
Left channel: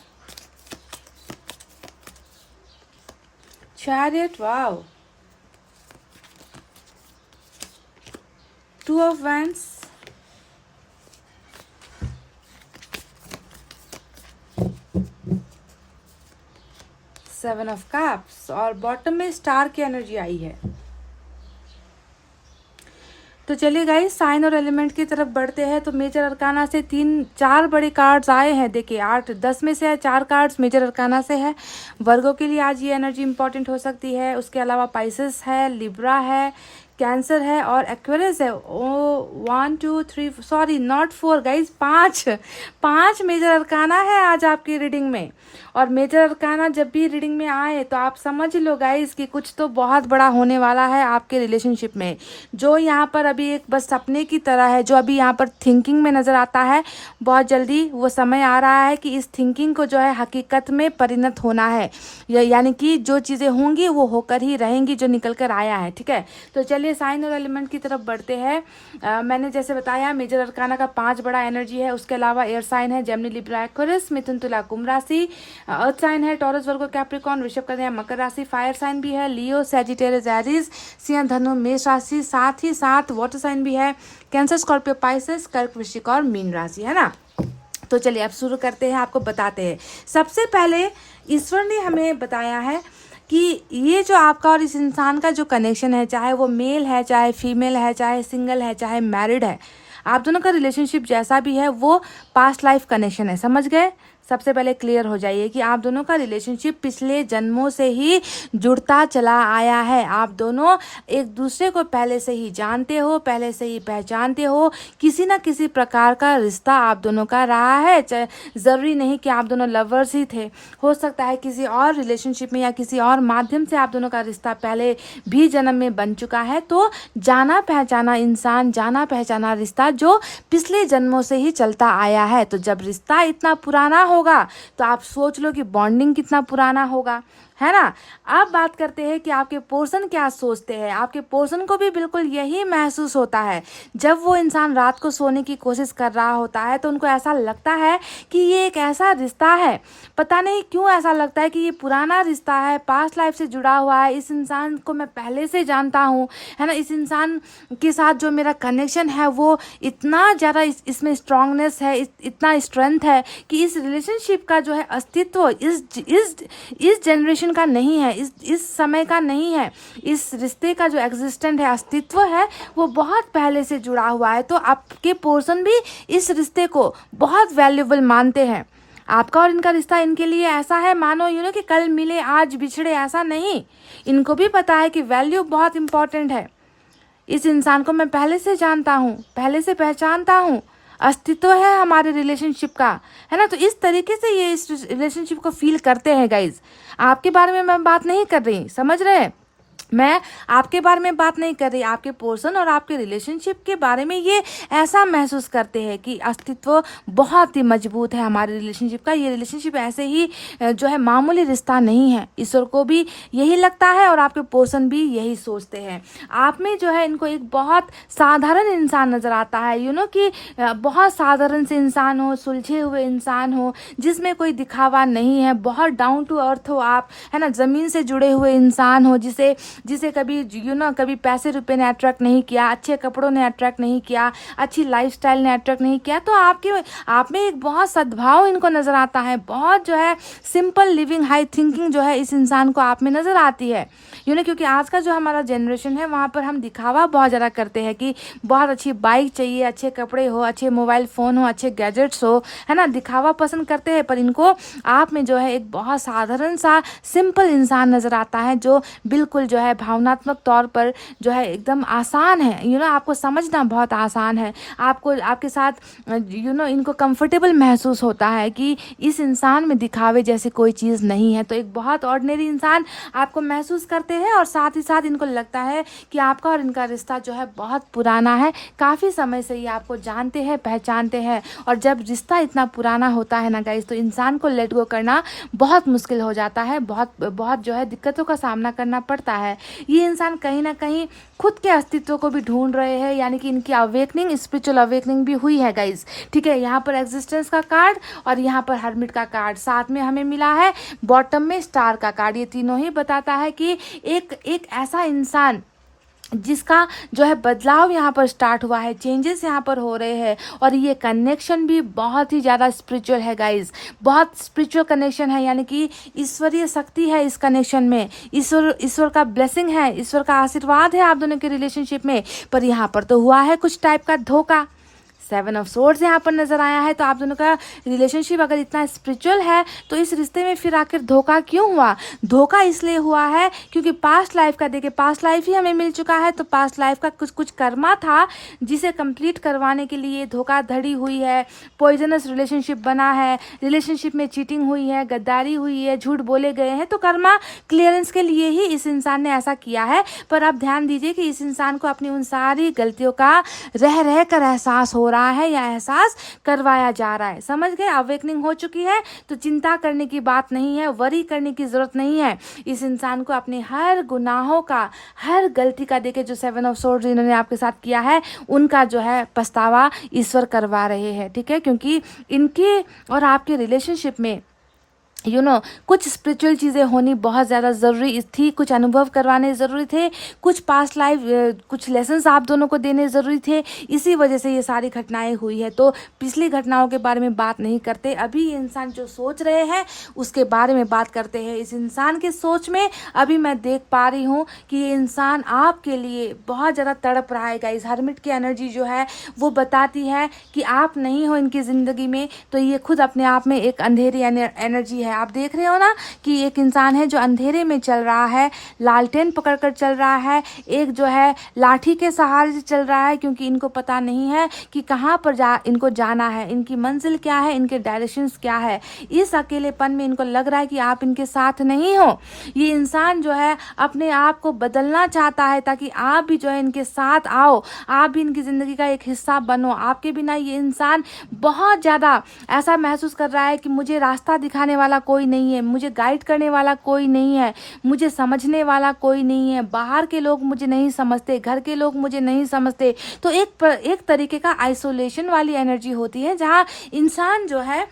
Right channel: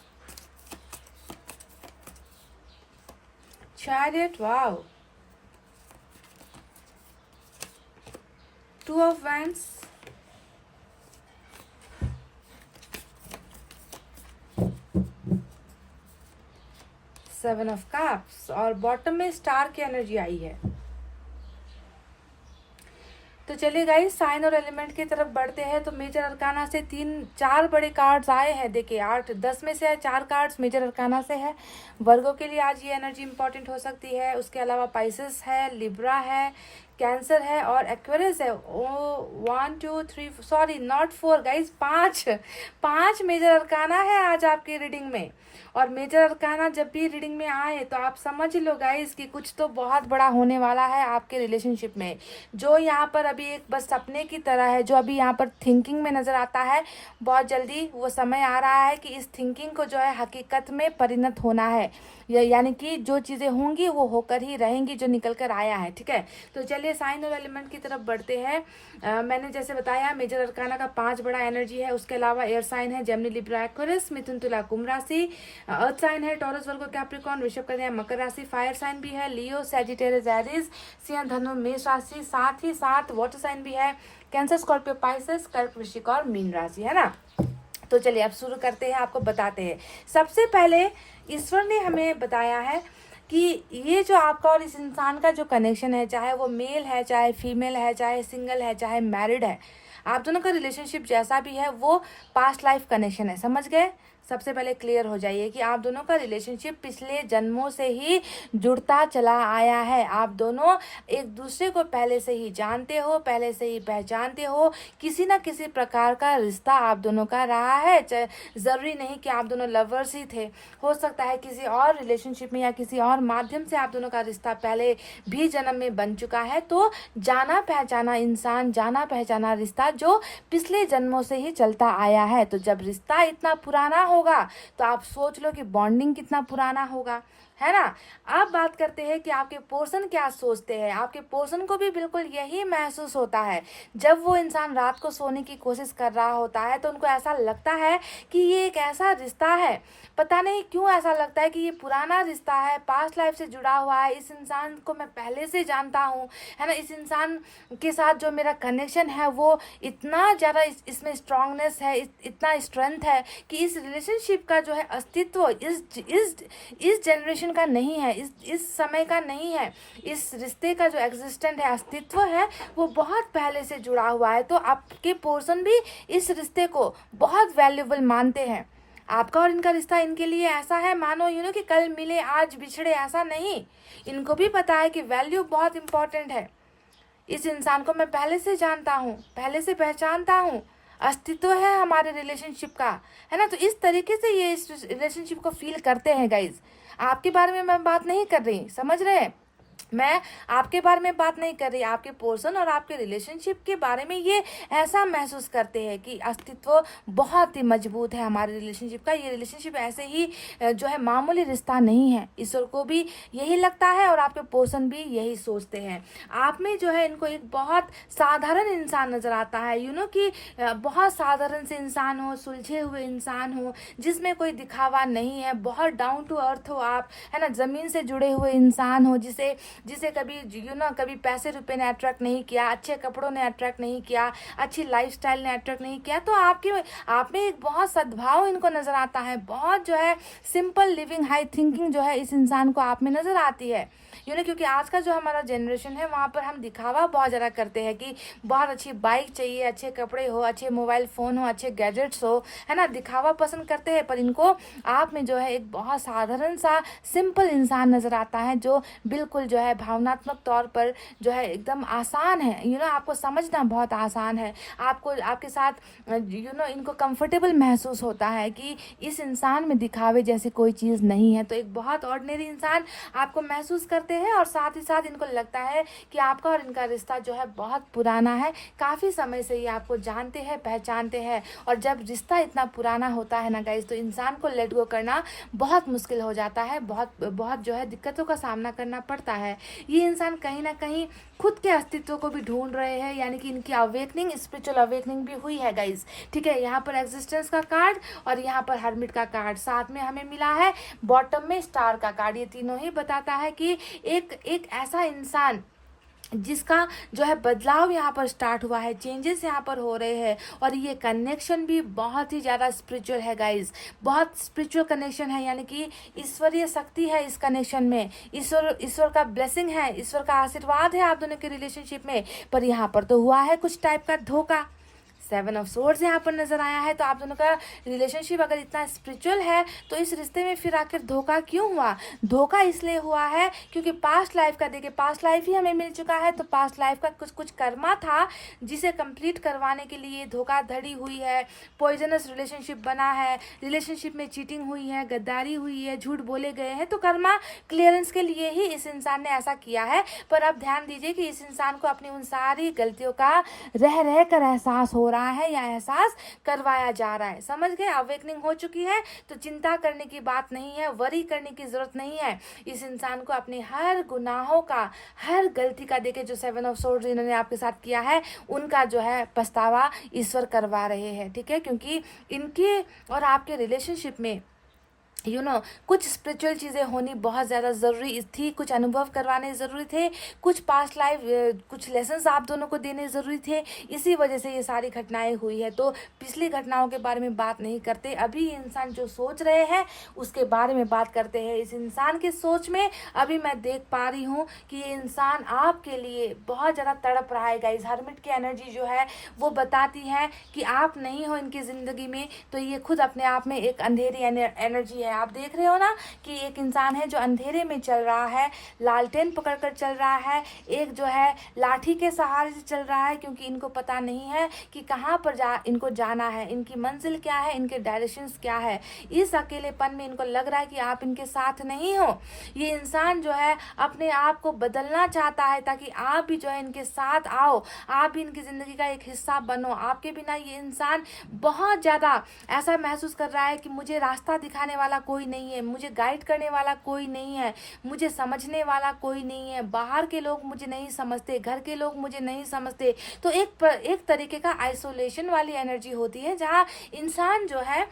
Chariot, wow, Two of Wands, Seven of Cups, और बॉटम में स्टार की एनर्जी आई है। तो चलिए गाइस, साइन और एलिमेंट की तरफ बढ़ते हैं। तो मेजर अरकाना से 3-4 बड़े कार्ड्स आए हैं। देखिए 8-10 में से 4 कार्ड्स मेजर अरकाना से है। वर्गो के लिए आज ये एनर्जी इंपॉर्टेंट हो सकती है। उसके अलावा पाइसेस है, लिब्रा है, कैंसर है और एक्वेरियस है। Oh 1 2 3 sorry not 4 guys, 5 major arcana है आज आपकी रीडिंग में। और मेजर अरकाना जब भी रीडिंग में आए तो आप समझ लो गाइज कि कुछ तो बहुत बड़ा होने वाला है आपके रिलेशनशिप में। जो यहाँ पर अभी एक बस सपने की तरह है, जो अभी यहाँ पर थिंकिंग में नजर आता है, बहुत जल्दी वो समय आ रहा है कि इस थिंकिंग को जो है हकीकत में परिणत होना है। यानी कि जो चीज़ें होंगी वो होकर ही रहेंगी, जो निकल कर आया है। ठीक है, तो चलिए साइन और एलिमेंट की तरफ बढ़ते हैं। मैंने जैसे बताया मेजर अरकाना का 5 बड़ा एनर्जी है। उसके अलावा एयर साइन है जेमिनी, लिब्रा, एक्वेरियस, मिथुन, तुला, कुंभ राशि। अर्थ साइन है टॉरस, वर्गो, कैप्रिकॉर्न, वृषभ, कन्या, मकर राशि। फायर साइन भी है लियो, सैजिटेरियस, एरीज, सिंह, धनु, मेष राशि। साथ ही साथ वाटर साइन भी है कैंसर, स्कॉर्पियो, पाइसेस, कर्क, वृश्चिक और मीन राशि, है ना। तो चलिए अब शुरू करते हैं, आपको बताते हैं। सबसे पहले ईश्वर ने हमें बताया है कि ये जो आपका और इस इंसान का जो कनेक्शन है, चाहे वो मेल है, चाहे फीमेल है, चाहे सिंगल है, चाहे मैरिड है, आप दोनों का रिलेशनशिप जैसा भी है वो पास्ट लाइफ कनेक्शन है। समझ गए? सबसे पहले क्लियर हो जाइए कि आप दोनों का रिलेशनशिप पिछले जन्मों से ही जुड़ता चला आया है। आप दोनों एक दूसरे को पहले से ही जानते हो, पहले से ही पहचानते हो। किसी ना किसी प्रकार का रिश्ता आप दोनों का रहा है। ज़रूरी नहीं कि आप दोनों लवर्स ही थे, हो सकता है किसी और रिलेशनशिप में या किसी और माध्यम से आप दोनों का रिश्ता पहले भी जन्म में बन चुका है। तो जाना पहचाना इंसान, जाना पहचाना रिश्ता जो पिछले जन्मों से ही चलता आया है। तो जब रिश्ता इतना पुराना होगा तो आप सोच लो कि बॉन्डिंग कितना पुराना होगा, है ना। अब बात करते हैं कि आपके पर्सन क्या सोचते हैं। आपके पर्सन को भी बिल्कुल यही महसूस होता है। जब वो इंसान रात को सोने की कोशिश कर रहा होता है तो उनको ऐसा लगता है कि ये एक ऐसा रिश्ता है, पता नहीं क्यों ऐसा लगता है कि ये पुराना रिश्ता है, पास्ट लाइफ से जुड़ा हुआ है, इस इंसान को मैं पहले से जानता हूँ, है ना। इस इंसान के साथ जो मेरा कनेक्शन है वो इतना ज़्यादा इसमें स्ट्रांगनेस है, इतना स्ट्रेंथ है कि इस रिलेशनशिप का जो है अस्तित्व इस जनरेशन का नहीं है, इस समय का नहीं है। इस रिश्ते का जो एग्जिस्टेंट है, अस्तित्व है, वो बहुत पहले से जुड़ा हुआ है। तो आपके पर्सन भी इस रिश्ते को बहुत वैल्यूएबल मानते हैं। आपका और इनका रिश्ता इनके लिए ऐसा है मानो कि कल मिले आज बिछड़े, ऐसा नहीं। इनको भी पता है कि वैल्यू बहुत इंपॉर्टेंट है। इस इंसान को मैं पहले से जानता हूँ, पहले से पहचानता हूँ, अस्तित्व है हमारे रिलेशनशिप का, है ना। तो इस तरीके से ये इस रिलेशनशिप को फील करते हैं गाइज। आपके बारे में मैं बात नहीं कर रही, समझ रहे हैं, मैं आपके बारे में बात नहीं कर रही। आपके पर्सन और आपके रिलेशनशिप के बारे में ये ऐसा महसूस करते हैं कि अस्तित्व बहुत ही मजबूत है हमारे रिलेशनशिप का। ये रिलेशनशिप ऐसे ही जो है मामूली रिश्ता नहीं है। ईश्वर को भी यही लगता है और आपके पर्सन भी यही सोचते हैं। आप में जो है इनको एक बहुत साधारण इंसान नजर आता है, कि बहुत साधारण से इंसान हो, सुलझे हुए इंसान हो, जिसमें कोई दिखावा नहीं है, बहुत डाउन टू अर्थ हो आप, है ना, जमीन से जुड़े हुए इंसान हो, जिसे कभी कभी पैसे रुपए ने अट्रैक्ट नहीं किया, अच्छे कपड़ों ने अट्रैक्ट नहीं किया, अच्छी लाइफस्टाइल ने अट्रैक्ट नहीं किया। तो आप में एक बहुत सद्भाव इनको नजर आता है, बहुत जो है सिंपल लिविंग, हाई थिंकिंग जो है इस इंसान को आप में नजर आती है। क्योंकि आज का जो हमारा जनरेशन है वहाँ पर हम दिखावा बहुत ज़्यादा करते हैं कि बहुत अच्छी बाइक चाहिए, अच्छे कपड़े हो, अच्छे मोबाइल फ़ोन हो, अच्छे गैजेट्स हो, है ना, दिखावा पसंद करते हैं। पर इनको आप में जो है एक बहुत साधारण सा सिंपल इंसान नज़र आता है, जो बिल्कुल जो है भावनात्मक तौर पर जो है एकदम आसान है। आपको समझना बहुत आसान है। आपको आपके साथ इनको कंफर्टेबल महसूस होता है कि इस इंसान में दिखावे जैसी कोई चीज़ नहीं है। तो एक बहुत ऑर्डिनरी इंसान आपको महसूस करते हैं और साथ ही साथ इनको लगता है कि आपका और इनका रिश्ता जो है बहुत पुराना है, काफ़ी समय से ये आपको जानते हैं, पहचानते हैं। और जब रिश्ता इतना पुराना होता है ना गाइस, तो इंसान को लेट गो करना बहुत मुश्किल हो जाता है, बहुत जो है दिक्कतों का सामना करना पड़ता है। है। ये इंसान कहीं ना कहीं खुद के अस्तित्व को भी ढूंढ रहे हैं, यानी कि इनकी अवेकनिंग, स्पिरिचुअल अवेकनिंग भी हुई है गाइज। ठीक है, यहाँ पर एग्जिस्टेंस का कार्ड और यहाँ पर हर्मिट का कार्ड, साथ में हमें मिला है बॉटम में स्टार का कार्ड। ये तीनों ही बताता है कि एक ऐसा इंसान जिसका जो है बदलाव यहाँ पर स्टार्ट हुआ है, चेंजेस यहाँ पर हो रहे हैं, और ये कनेक्शन भी बहुत ही ज़्यादा स्पिरिचुअल है गाइज, बहुत स्पिरिचुअल कनेक्शन है, यानी कि ईश्वरीय शक्ति है इस कनेक्शन में, ईश्वर का ब्लेसिंग है, ईश्वर का आशीर्वाद है आप दोनों के रिलेशनशिप में। पर यहाँ पर तो हुआ है कुछ टाइप का धोखा। 7 ऑफ सोर्ड्स यहाँ पर नजर आया है। तो आप दोनों का रिलेशनशिप अगर इतना स्पिरिचुअल है तो इस रिश्ते में फिर आखिर धोखा क्यों हुआ? धोखा इसलिए हुआ है क्योंकि पास्ट लाइफ का, देखिए पास्ट लाइफ ही हमें मिल चुका है, तो पास्ट लाइफ का कुछ कर्मा था जिसे कंप्लीट करवाने के लिए धोखाधड़ी हुई है, पॉइजनस रिलेशनशिप बना है, रिलेशनशिप में चीटिंग हुई है, गद्दारी हुई है, झूठ बोले गए हैं, तो कर्मा क्लियरेंस के लिए ही इस इंसान ने ऐसा किया है। पर आप ध्यान दीजिए कि इस इंसान को अपनी उन सारी गलतियों का रह कर एहसास हो रहा है या एहसास करवाया जा रहा है। समझ गए? अवेकनिंग हो चुकी है तो चिंता करने की बात नहीं है, वरी करने की जरूरत नहीं है। इस इंसान को अपने हर गुनाहों का, हर गलती का, देखिए जो 7 ऑफ सोर्ड्स इन्होंने आपके साथ किया है उनका जो है पछतावा ईश्वर करवा रहे हैं। ठीक है, क्योंकि इनके और आपके रिलेशनशिप में कुछ स्पिरिचुअल चीज़ें होनी बहुत ज़्यादा ज़रूरी थी, कुछ अनुभव करवाने ज़रूरी थे, कुछ पास्ट लाइफ कुछ लेसन्स आप दोनों को देने ज़रूरी थे, इसी वजह से ये सारी घटनाएं हुई है। तो पिछली घटनाओं के बारे में बात नहीं करते, अभी ये इंसान जो सोच रहे हैं उसके बारे में बात करते हैं। इस इंसान के सोच में अभी मैं देख पा रही हूँ कि ये इंसान आपके लिए बहुत ज़्यादा तड़प रहा है गाइस। हर्मिट की एनर्जी जो है वो बताती है कि आप नहीं हो इनकी ज़िंदगी में, तो ये खुद अपने आप में एक अंधेरी एनर्जी है। आप देख रहे हो ना कि एक इंसान है जो अंधेरे में चल रहा है, लालटेन पकड़कर चल रहा है, एक जो है लाठी के सहारे से चल रहा है, क्योंकि इनको पता नहीं है कि कहाँ पर इनको जाना है, इनकी मंजिल क्या है, इनके डायरेक्शंस क्या है। इस अकेलेपन में इनको लग रहा है कि आप इनके साथ नहीं हो। ये इंसान जो है अपने आप को बदलना चाहता है ताकि आप भी जो है इनके साथ आओ, आप भी इनकी ज़िंदगी का एक हिस्सा बनो। आपके बिना ये इंसान बहुत ज़्यादा ऐसा महसूस कर रहा है कि मुझे रास्ता दिखाने वाला कोई नहीं है, मुझे गाइड करने वाला कोई नहीं है, मुझे समझने वाला कोई नहीं है, बाहर के लोग मुझे नहीं समझते, घर के लोग मुझे नहीं समझते। तो एक तरीके का आइसोलेशन वाली एनर्जी होती है जहाँ इंसान जो है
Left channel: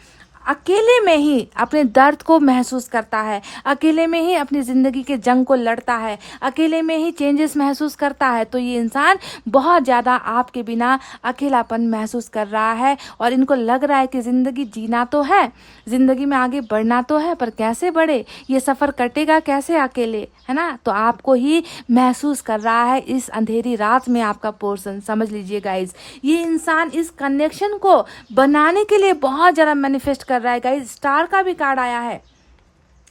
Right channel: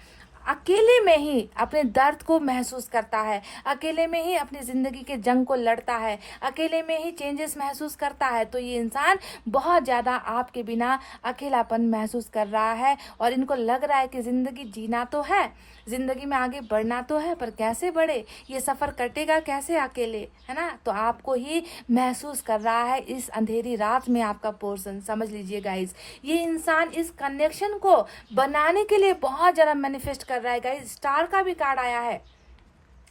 अकेले में ही अपने दर्द को महसूस करता है, अकेले में ही अपनी ज़िंदगी के जंग को लड़ता है, अकेले में ही चेंजेस महसूस करता है। तो ये इंसान बहुत ज़्यादा आपके बिना अकेलापन महसूस कर रहा है और इनको लग रहा है कि ज़िंदगी जीना तो है, ज़िंदगी में आगे बढ़ना तो है, पर कैसे बढ़े, ये सफ़र कटेगा कैसे अकेले, है ना? तो आपको ही महसूस कर रहा है इस अंधेरी रात में आपका पोर्शन। समझ लीजिए गाइज, ये इंसान इस कनेक्शन को बनाने के लिए बहुत ज़्यादा मैनिफेस्ट कर रहा है गाइज। स्टार का भी कार्ड आया है।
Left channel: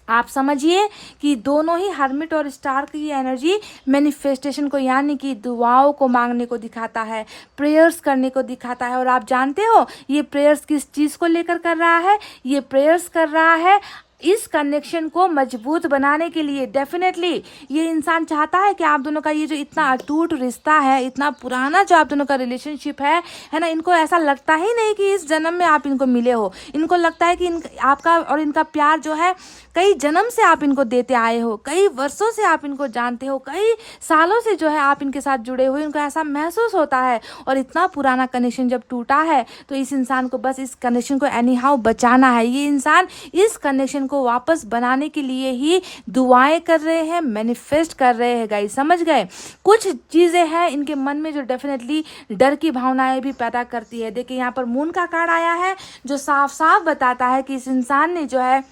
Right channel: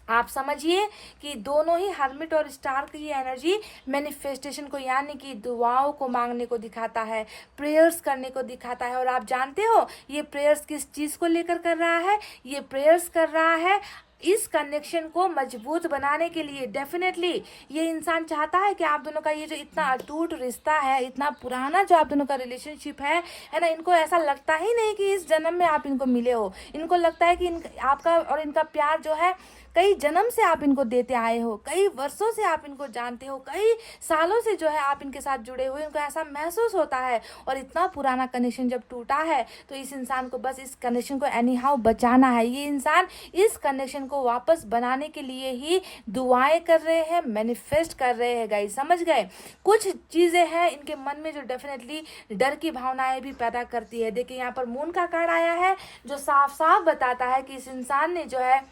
आप समझिए कि दोनों ही हर्मिट और स्टार की एनर्जी मैनिफेस्टेशन को, यानी कि दुआओं को मांगने को दिखाता है, प्रेयर्स करने को दिखाता है। और आप जानते हो ये प्रेयर्स किस चीज़ को लेकर कर रहा है? ये प्रेयर्स कर रहा है इस कनेक्शन को मजबूत बनाने के लिए। डेफिनेटली ये इंसान चाहता है कि आप दोनों का ये जो इतना अटूट रिश्ता है, इतना पुराना जो आप दोनों का रिलेशनशिप है ना, इनको ऐसा लगता ही नहीं कि इस जन्म में आप इनको मिले हो। इनको लगता है कि आपका और इनका प्यार जो है कई जन्म से आप इनको देते आए हो, कई वर्षों से आप इनको जानते हो, कई सालों से जो है आप इनके साथ जुड़े हुए, इनको ऐसा महसूस होता है। और इतना पुराना कनेक्शन जब टूटा है तो इस इंसान को बस इस कनेक्शन को एनी हाउ बचाना है। ये इंसान इस कनेक्शन को वापस बनाने के लिए ही दुआएं कर रहे हैं, मैनिफेस्ट कर रहे हैं गाइस। समझ गए? कुछ चीजें हैं इनके मन में जो डेफिनेटली डर की भावनाएं भी पैदा करती है। देखिए यहाँ पर मून का कार्ड आया है जो साफ साफ बताता है कि इस इंसान ने जो है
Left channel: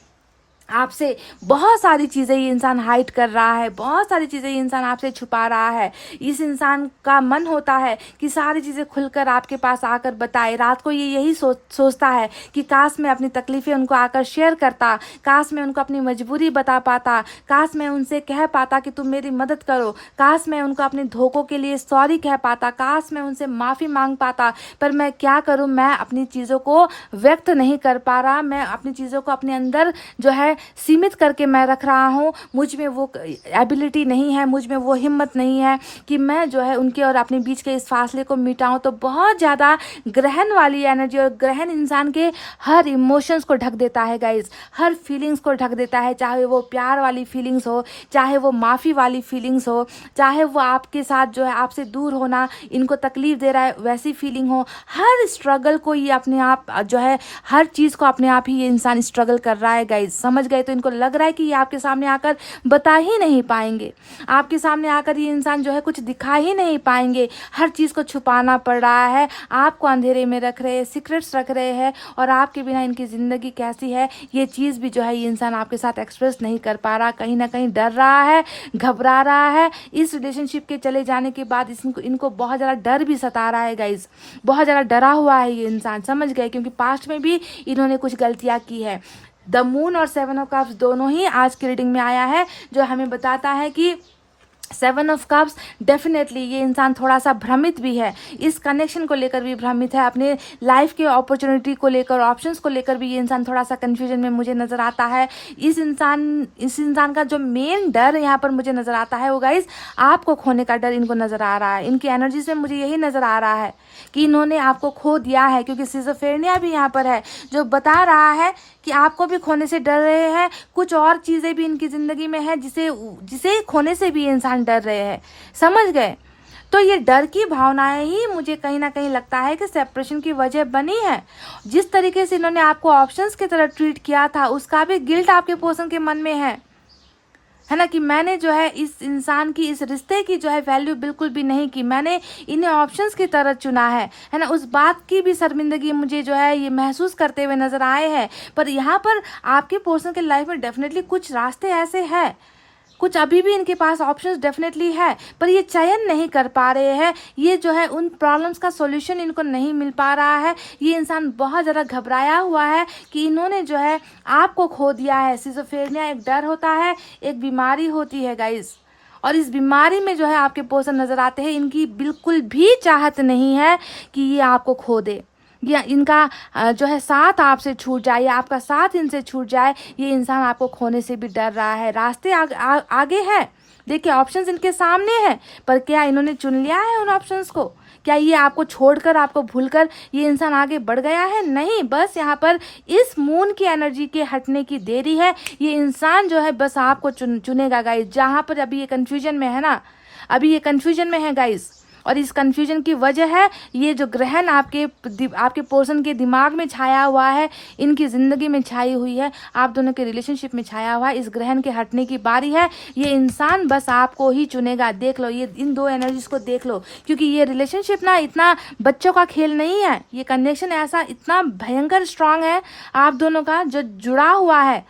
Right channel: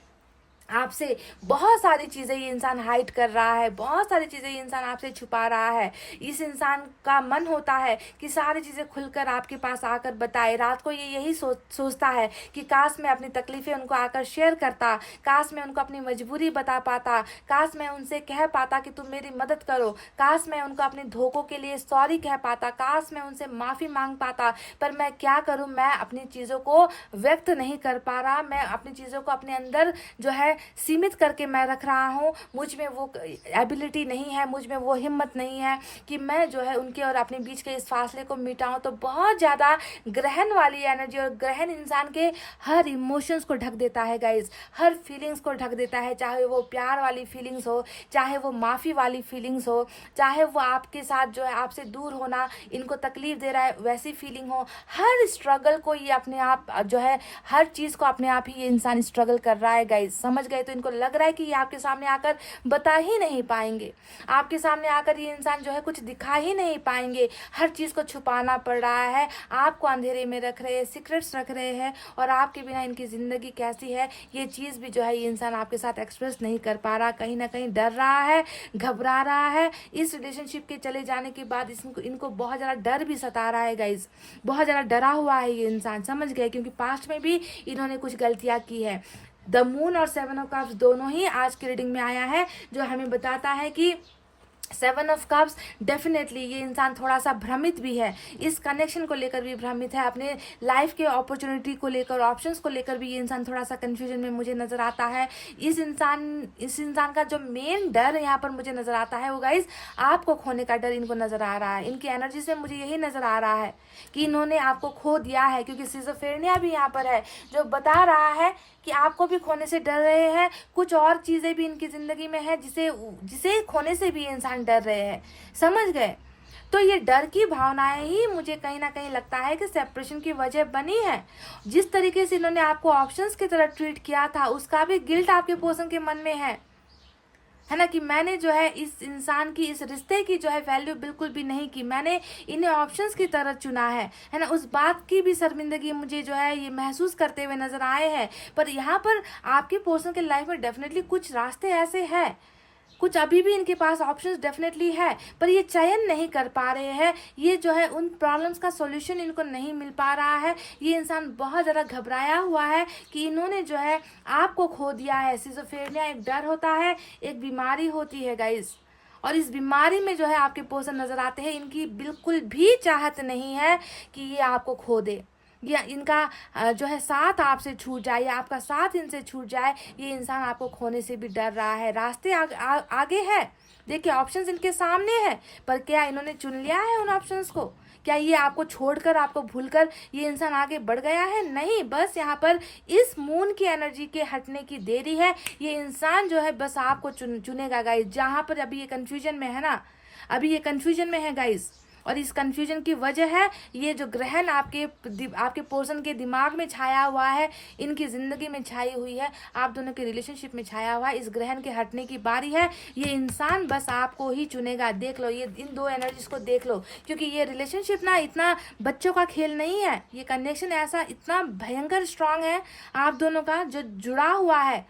आपसे बहुत सारी चीज़ें ये इंसान हाइड कर रहा है, बहुत सारी चीज़ें ये इंसान आपसे छुपा रहा है। इस इंसान का मन होता है कि सारी चीज़ें खुलकर आपके पास आकर बताए। रात को ये यही सोचता है कि काश मैं अपनी तकलीफ़ें उनको आकर शेयर करता, काश मैं उनको अपनी मजबूरी बता पाता, काश मैं उनसे कह पाता कि तुम मेरी मदद करो, काश मैं उनको अपने धोखों के लिए सॉरी कह पाता, काश मैं उनसे माफ़ी मांग पाता। पर मैं क्या करूँ, मैं अपनी चीज़ों को व्यक्त नहीं कर पा रहा, मैं अपनी चीज़ों को अपने अंदर जो है सीमित करके मैं रख रहा हूँ, मुझ में वो एबिलिटी नहीं है, मुझ में वो हिम्मत नहीं है कि मैं जो है उनके और अपने बीच के इस फासले को मिटाऊं। तो बहुत ज़्यादा ग्रहण वाली एनर्जी, और ग्रहण इंसान के हर इमोशंस को ढक देता है गाइज, हर फीलिंग्स को ढक देता है, चाहे वो प्यार वाली फीलिंग्स हो, चाहे वो माफ़ी वाली फीलिंग्स हो, चाहे वो आपके साथ जो है आपसे दूर होना इनको तकलीफ दे रहा है वैसी फीलिंग हो। हर स्ट्रगल को ये अपने आप जो है, हर चीज़ को अपने आप ही ये इंसान स्ट्रगल कर रहा है गाइज। समझ गए? तो इनको लग रहा है कि ये आपके सामने आकर बता ही नहीं पाएंगे, आपके सामने आकर ये इंसान जो है कुछ दिखा ही नहीं पाएंगे, हर चीज़ को छुपाना पड़ रहा है, आपको अंधेरे में रख रहे हैं, सीक्रेट्स रख रहे हैं, और आपके बिना इनकी ज़िंदगी कैसी है ये चीज़ भी जो है ये इंसान आपके साथ एक्सप्रेस नहीं कर पा रहा, कहीं ना कहीं डर रहा है, घबरा रहा है। इस रिलेशनशिप के चले जाने के बाद इनको बहुत ज़्यादा डर भी सता रहा है गाइज, बहुत ज़्यादा डरा हुआ है ये इंसान। समझ गए? क्योंकि पास्ट में भी इन्होंने कुछ गलतियाँ की है। द मून और 7 ऑफ कप्स दोनों ही आज की रीडिंग में आया है, जो हमें बताता है कि 7 ऑफ कप्स डेफिनेटली ये इंसान थोड़ा सा भ्रमित भी है, इस कनेक्शन को लेकर भी भ्रमित है, अपने लाइफ के अपॉर्चुनिटी को लेकर, ऑप्शंस को लेकर भी ये इंसान थोड़ा सा कंफ्यूजन में मुझे नज़र आता है। इस इंसान का जो मेन डर यहाँ पर मुझे नज़र आता है वो गाइज आपको खोने का डर इनको नज़र आ रहा है। इनकी एनर्जीज में मुझे यही नज़र आ रहा है कि इन्होंने आपको खो दिया है, क्योंकि सिजोफ्रेनिया भी यहाँ पर है जो बता रहा है कि आपको भी खोने से डर रहे हैं। कुछ और चीज़ें भी इनकी ज़िंदगी में है जिसे खोने से भी ये इंसान डर रहे हैं। समझ गए? तो ये डर की भावनाएं ही मुझे कहीं ना कहीं लगता है कि सेपरेशन की वजह बनी है। जिस तरीके से इन्होंने आपको ऑप्शंस की तरह ट्रीट किया था उसका भी गिल्ट आपके पर्सन के मन में है ना, कि मैंने जो है इस इंसान की, इस रिश्ते की जो है वैल्यू बिल्कुल भी नहीं की, मैंने इन्हें ऑप्शंस की तरह चुना है ना। उस बात की भी शर्मिंदगी मुझे जो है ये महसूस करते हुए नजर आए हैं। पर यहाँ पर आपके पर्सन के लाइफ में डेफिनेटली कुछ रास्ते ऐसे हैं, कुछ अभी भी इनके पास ऑप्शंस डेफिनेटली है, पर ये चयन नहीं कर पा रहे हैं। ये जो है उन प्रॉब्लम्स का सॉल्यूशन इनको नहीं मिल पा रहा है। ये इंसान बहुत ज़्यादा घबराया हुआ है कि इन्होंने जो है आपको खो दिया है। सिजोफ्रेनिया एक डर होता है, एक बीमारी होती है गाइस, और इस बीमारी में जो है आपके पर्सन नज़र आते हैं, इनकी बिल्कुल भी चाहत नहीं है कि ये आपको खो दे, या इनका जो है साथ आपसे छूट जाए, या आपका साथ इनसे छूट जाए। ये इंसान आपको खोने से भी डर रहा है। रास्ते आगे है, देखिए ऑप्शंस इनके सामने हैं, पर क्या इन्होंने चुन लिया है उन ऑप्शंस को? क्या ये आपको छोड़कर, आपको भूलकर ये इंसान आगे बढ़ गया है? नहीं, बस यहाँ पर इस मून की एनर्जी के हटने की देरी है। ये इंसान जो है बस आपको चुनेगा गाइस। जहाँ पर अभी ये कन्फ्यूजन में है ना, अभी ये कन्फ्यूजन में है गाइस, और इस कन्फ्यूजन की वजह है ये जो ग्रहण आपके पर्सन के दिमाग में छाया हुआ है, इनकी ज़िंदगी में छाई हुई है, आप दोनों के रिलेशनशिप में छाया हुआ है। इस ग्रहण के हटने की बारी है। ये इंसान बस आपको ही चुनेगा। देख लो, ये इन दो एनर्जीज को देख लो, क्योंकि ये रिलेशनशिप ना इतना बच्चों का खेल नहीं है। ये कनेक्शन ऐसा इतना भयंकर स्ट्रांग है आप दोनों का, जो जुड़ा हुआ है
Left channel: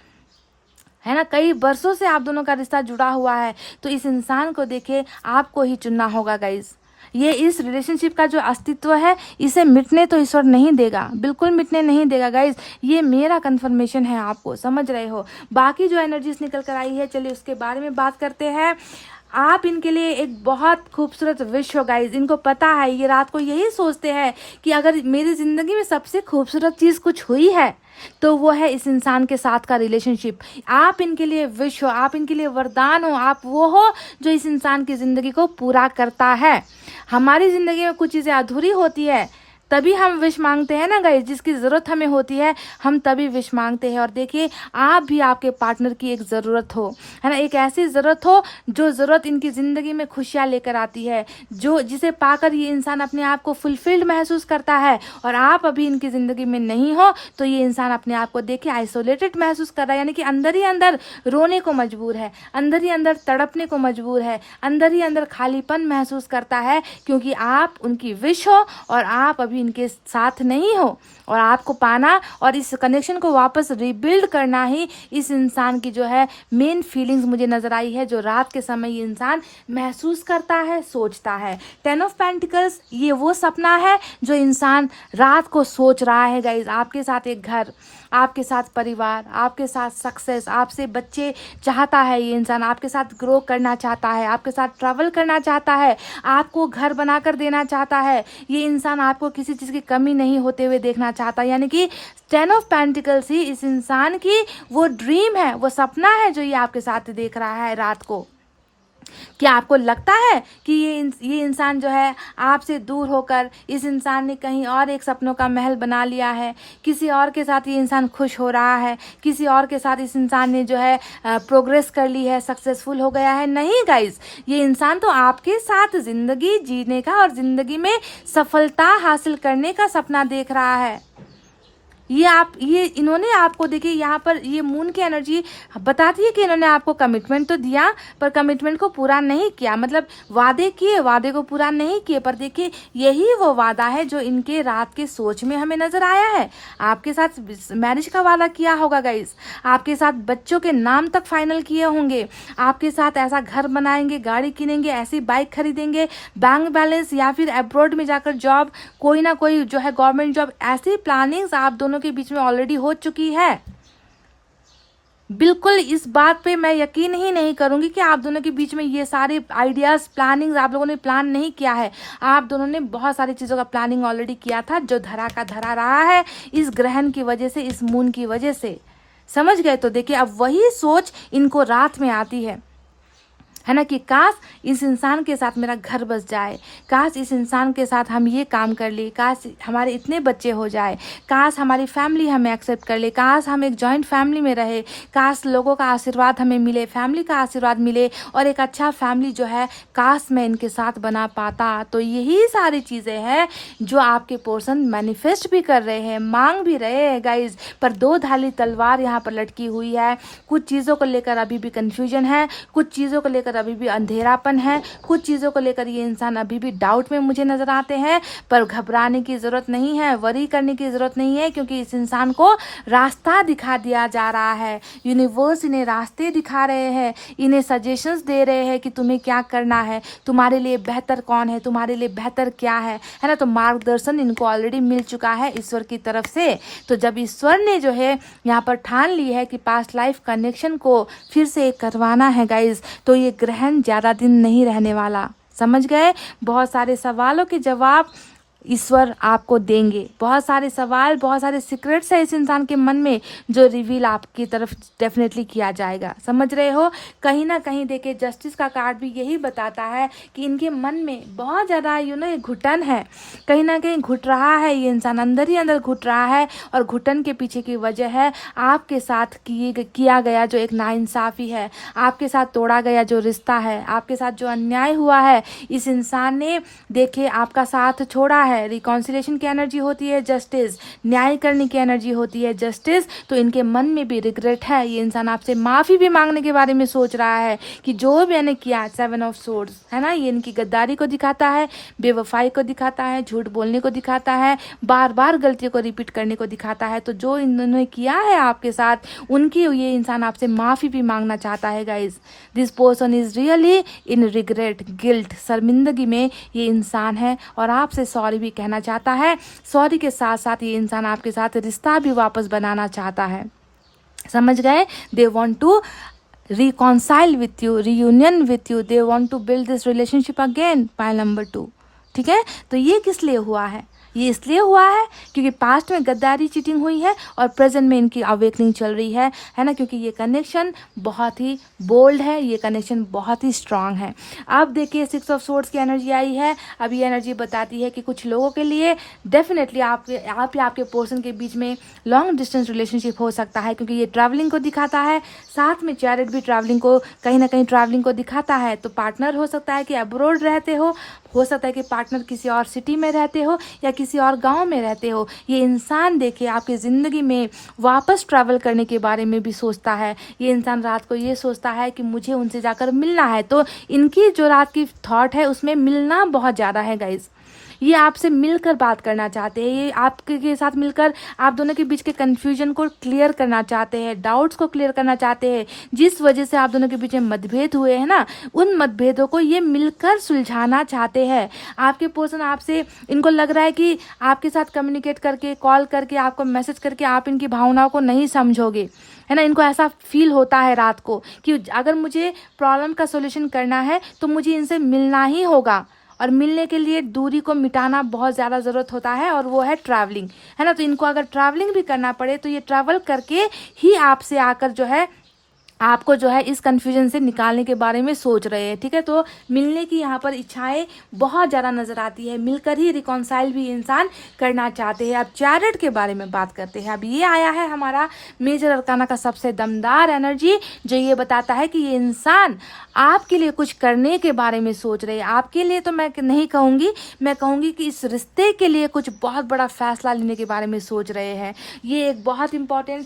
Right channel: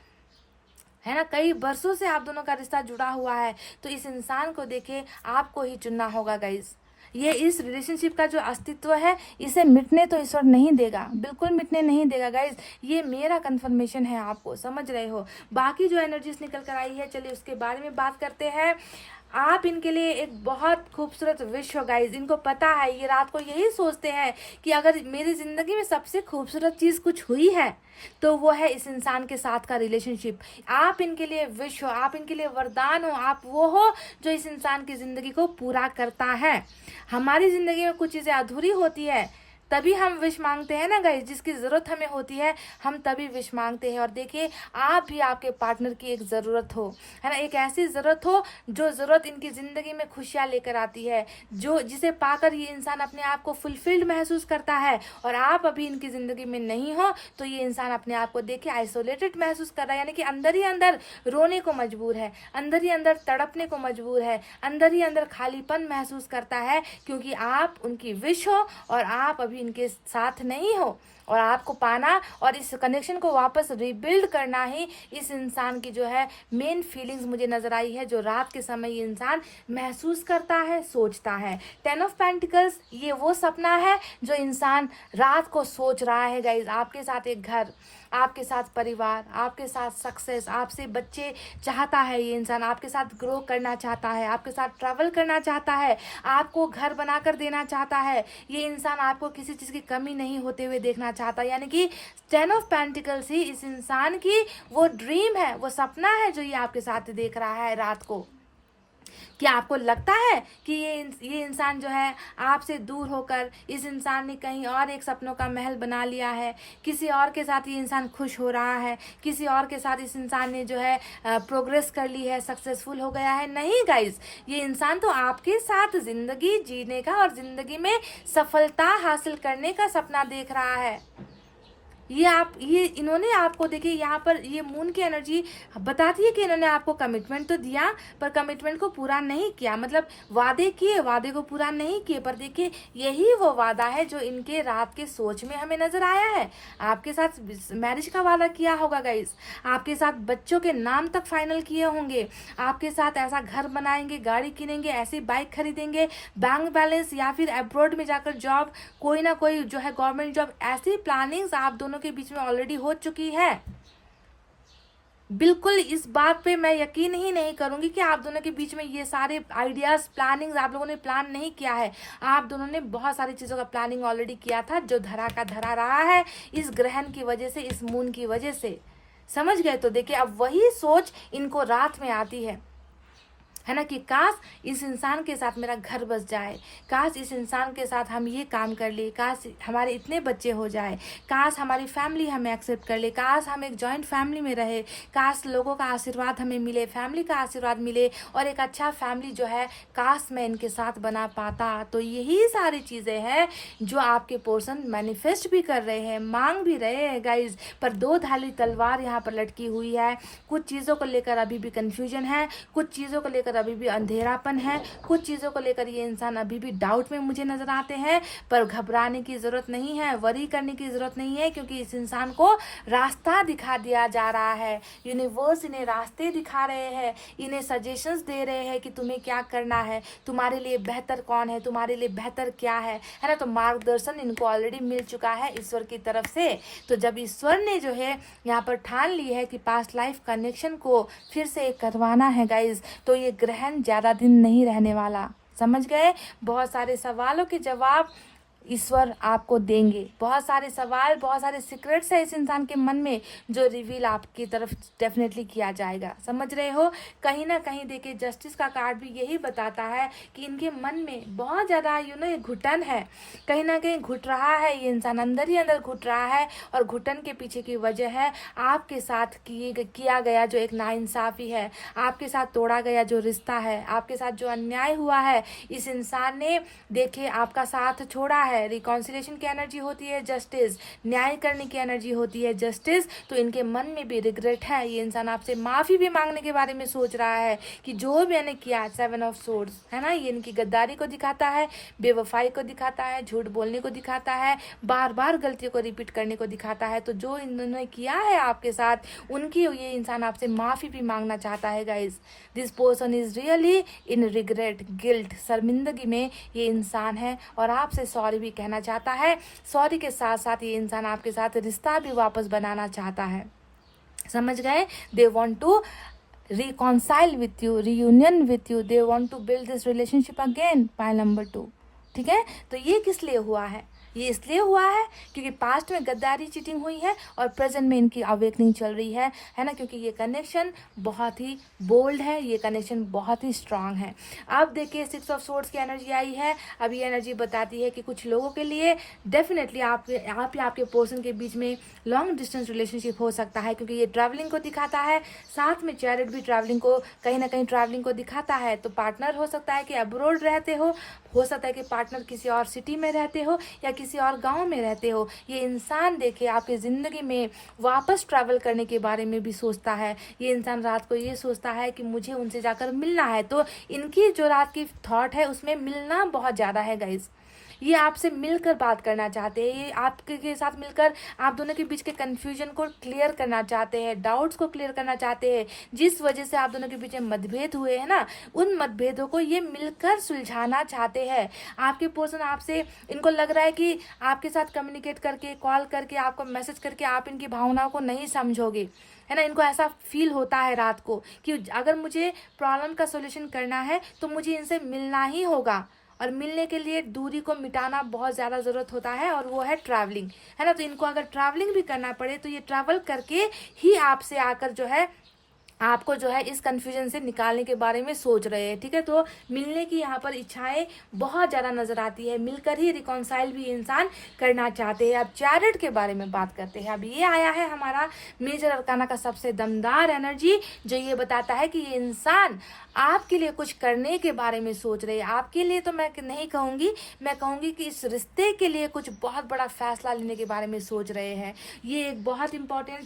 ना, कई वर्षों से आप दोनों का रिश्ता जुड़ा हुआ है। तो इस इंसान को देखे आपको ही चुनना होगा गाइज। ये इस रिलेशनशिप का जो अस्तित्व है इसे मिटने तो ईश्वर नहीं देगा, बिल्कुल मिटने नहीं देगा गाइज। ये मेरा कंफर्मेशन है आपको, समझ रहे हो? बाकी जो एनर्जीज निकल कर आई है, चलिए उसके बारे में बात करते हैं। आप इनके लिए एक बहुत खूबसूरत विश हो गाइज। इनको पता है, ये रात को यही सोचते हैं कि अगर मेरी ज़िंदगी में सबसे खूबसूरत चीज़ कुछ हुई है तो वो है इस इंसान के साथ का रिलेशनशिप। आप इनके लिए विश हो, आप इनके लिए वरदान हो, आप वो हो जो इस इंसान की ज़िंदगी को पूरा करता है। हमारी ज़िंदगी में कुछ चीज़ें अधूरी होती है, तभी हम विश मांगते हैं ना गाइस, जिसकी ज़रूरत हमें होती है हम तभी विश मांगते हैं। और देखिए, आप भी आपके पार्टनर की एक ज़रूरत हो, है ना, एक ऐसी ज़रूरत हो जो ज़रूरत इनकी ज़िंदगी में खुशियाँ लेकर आती है, जो जिसे पाकर ये इंसान अपने आप को फुलफिल्ड महसूस करता है। और आप अभी इनकी ज़िंदगी में नहीं हो तो ये इंसान अपने आप को देखिए आइसोलेटेड महसूस कर रहा है, यानी कि अंदर ही अंदर रोने को मजबूर है, अंदर ही अंदर तड़पने को मजबूर है, अंदर ही अंदर खालीपन महसूस करता है, क्योंकि आप उनकी विश हो और आप अभी इनके साथ नहीं हो। और आपको पाना और इस कनेक्शन को वापस रिबिल्ड करना ही इस इंसान की जो है मेन फीलिंग्स मुझे नजर आई है, जो रात के समय ये इंसान महसूस करता है, सोचता है। 10 ऑफ पेंटिकल्स, ये वो सपना है जो इंसान रात को सोच रहा है गाइज। आपके साथ एक घर, आपके साथ परिवार, आपके साथ सक्सेस, आपसे बच्चे चाहता है ये इंसान, आपके साथ ग्रो करना चाहता है, आपके साथ ट्रैवल करना चाहता है, आपको घर बनाकर देना चाहता है। ये इंसान आपको किसी किसी चीज़ की कमी नहीं होते हुए देखना चाहता। यानी कि 10 ऑफ पेंटिकल्स ही इस इंसान की वो ड्रीम है, वो सपना है जो ये आपके साथ देख रहा है रात को। क्या आपको लगता है कि ये इंसान जो है आपसे दूर होकर, इस इंसान ने कहीं और एक सपनों का महल बना लिया है, किसी और के साथ ये इंसान खुश हो रहा है, किसी और के साथ इस इंसान ने जो है प्रोग्रेस कर ली है, सक्सेसफुल हो गया है? नहीं गाइज, ये इंसान तो आपके साथ जिंदगी जीने का और जिंदगी में सफलता हासिल करने का सपना देख रहा है। ये इन्होंने आपको, देखिए यहाँ पर ये मून की एनर्जी बताती है कि इन्होंने आपको कमिटमेंट तो दिया पर कमिटमेंट को पूरा नहीं किया, मतलब वादे किए, वादे को पूरा नहीं किए। पर देखिए यही वो वादा है जो इनके रात के सोच में हमें नजर आया है। आपके साथ मैरिज का वादा किया होगा गाइस, आपके साथ बच्चों के नाम तक फाइनल किए होंगे, आपके साथ ऐसा घर बनाएंगे, गाड़ी किनेंगे, ऐसी बाइक खरीदेंगे, बैंक बैलेंस या फिर अब्रॉड में जाकर जॉब, कोई ना कोई जो है गवर्नमेंट जॉब, ऐसी प्लानिंग्स आप दोनों के बीच में ऑलरेडी हो चुकी है। बिल्कुल इस बात पे मैं यकीन ही नहीं करूंगी कि आप दोनों के बीच में ये सारे आइडियाज, प्लानिंग्स आप लोगों ने प्लान नहीं किया है। आप दोनों ने बहुत सारी चीजों का प्लानिंग ऑलरेडी किया था जो धरा का धरा रहा है इस ग्रहण की वजह से, इस मून की वजह से। समझ गए? तो देखिए अब वही सोच इनको रात में आती है ना, कि काश इस इंसान के साथ मेरा घर बस जाए, काश इस इंसान के साथ हम ये काम कर लिए, काश हमारे इतने बच्चे हो जाए, काश हमारी फैमिली हमें एक्सेप्ट कर ले, काश हम एक जॉइंट फैमिली में रहे, काश लोगों का आशीर्वाद हमें मिले, फैमिली का आशीर्वाद मिले और एक अच्छा फैमिली जो है काश मैं इनके साथ बना पाता। तो यही सारी चीज़ें हैं जो आपके पोर्सन मैनिफेस्ट भी कर रहे हैं, मांग भी रहे हैं गाइज। पर दो धारी तलवार यहाँ पर लटकी हुई है। कुछ चीज़ों को लेकर अभी भी कन्फ्यूजन है, कुछ चीज़ों को लेकर अभी भी अंधेरापन है, कुछ चीज़ों को लेकर ये इंसान अभी भी डाउट में मुझे नजर आते हैं। पर घबराने की ज़रूरत नहीं है, वरी करने की ज़रूरत नहीं है, क्योंकि इस इंसान को रास्ता दिखा दिया जा रहा है। यूनिवर्स इन्हें रास्ते दिखा रहे हैं, इन्हें सजेशंस दे रहे हैं कि तुम्हें क्या करना है, तुम्हारे लिए बेहतर कौन है, तुम्हारे लिए बेहतर क्या है ना। तो मार्गदर्शन इनको ऑलरेडी मिल चुका है ईश्वर की तरफ से। तो जब ईश्वर ने जो है यहाँ पर ठान ली है कि पास्ट लाइफ कनेक्शन को फिर से करवाना है गाइज, तो ये ग्रहण ज़्यादा दिन नहीं रहने वाला। समझ गए? बहुत सारे सवालों के जवाब ईश्वर आपको देंगे। बहुत सारे सवाल, बहुत सारे सीक्रेट्स है इस इंसान के मन में जो रिवील आपकी तरफ डेफिनेटली किया जाएगा। समझ रहे हो? कहीं ना कहीं देखिए जस्टिस का कार्ड भी यही बताता है कि इनके मन में बहुत ज़्यादा ये घुटन है, कहीं ना कहीं घुट रहा है ये इंसान, अंदर ही अंदर घुट रहा है। और घुटन के पीछे की वजह है आपके साथ किया गया जो एक नाइंसाफ़ी है, आपके साथ तोड़ा गया जो रिश्ता है, आपके साथ जो अन्याय हुआ है। इस इंसान ने देखिए आपका साथ छोड़ा है। रिकॉन्सिलेशन की एनर्जी होती है जस्टिस, न्याय करने की एनर्जी होती है जस्टिस। तो इनके मन में भी रिग्रेट है, ये इंसान आपसे माफ़ी भी मांगने के बारे में सोच रहा है कि जो भी मैंने किया। 7 ऑफ सोर्ड्स है ना, ये इनकी गद्दारी को दिखाता है, बेवफाई को दिखाता है, झूठ बोलने को दिखाता है, बार बार गलतियों को रिपीट करने को दिखाता है। तो जो इन्होंने किया है आपके साथ, उनकी ये इंसान आपसे माफ़ी भी मांगना चाहता है guys. This person is really in regret, guilt, शर्मिंदगी में ये इंसान है और आपसे सॉरी भी कहना चाहता है। सॉरी के साथ साथ ये इंसान आपके साथ रिश्ता भी वापस बनाना चाहता है। समझ गए? They want to reconcile with you, reunion with you, they want to build this relationship again, pile number 2। ठीक है? तो ये किस लिए हुआ है? ये इसलिए हुआ है क्योंकि पास्ट में गद्दारी, चीटिंग हुई है और प्रेजेंट में इनकी अवेकनिंग चल रही है ना, क्योंकि ये कनेक्शन बहुत ही बोल्ड है, ये कनेक्शन बहुत ही स्ट्रांग है। अब देखिए 6 ऑफ सोर्ड्स की एनर्जी आई है। अब ये एनर्जी बताती है कि कुछ लोगों के लिए डेफिनेटली आप या आपके पर्सन के बीच में लॉन्ग डिस्टेंस रिलेशनशिप हो सकता है, क्योंकि ये ट्रैवलिंग को दिखाता है, साथ में चैरिट भी ट्रैवलिंग को कहीं ना कहीं ट्रैवलिंग को दिखाता है। तो पार्टनर हो सकता है कि अब्रॉड रहते हो सकता है कि पार्टनर किसी और सिटी में रहते हो या किसी और गांव में रहते हो। ये इंसान देखिए आपकी ज़िंदगी में वापस ट्रैवल करने के बारे में भी सोचता है। ये इंसान रात को ये सोचता है कि मुझे उनसे जाकर मिलना है। तो इनकी जो रात की थॉट है उसमें मिलना बहुत ज़्यादा है गाइज। ये आपसे मिलकर बात करना चाहते हैं, ये आपके साथ मिलकर आप दोनों के बीच के कन्फ्यूजन को क्लियर करना चाहते हैं, डाउट्स को क्लियर करना चाहते हैं। जिस वजह से आप दोनों के बीच में मतभेद हुए हैं ना, उन मतभेदों को ये मिलकर सुलझाना चाहते हैं। आपके पर्सन आपसे, इनको लग रहा है कि आपके साथ कम्युनिकेट करके, कॉल करके, आपको मैसेज करके आप इनकी भावनाओं को नहीं समझोगे, है ना। इनको ऐसा फील होता है रात को कि अगर मुझे प्रॉब्लम का सोल्यूशन करना है तो मुझे इनसे मिलना ही होगा और मिलने के लिए दूरी को मिटाना बहुत ज़्यादा ज़रूरत होता है, और वो है ट्रैवलिंग, है ना। तो इनको अगर ट्रैवलिंग भी करना पड़े तो ये ट्रैवल करके ही आपसे आकर जो है आपको जो है इस कन्फ्यूजन से निकालने के बारे में सोच रहे हैं, ठीक है। तो मिलने की यहाँ पर इच्छाएं बहुत ज़्यादा नजर आती है, मिलकर ही रिकॉन्साइल भी इंसान करना चाहते हैं। अब चैरियट के बारे में बात करते हैं। अब ये आया है हमारा मेजर अरकाना का सबसे दमदार एनर्जी, जो ये बताता है कि ये इंसान आपके लिए कुछ करने के बारे में सोच रहे हैं। आपके लिए तो मैं नहीं कहूँगी, मैं कहूँगी कि इस रिश्ते के लिए कुछ बहुत बड़ा फैसला लेने के बारे में सोच रहे हैं। ये एक बहुत इंपॉर्टेंट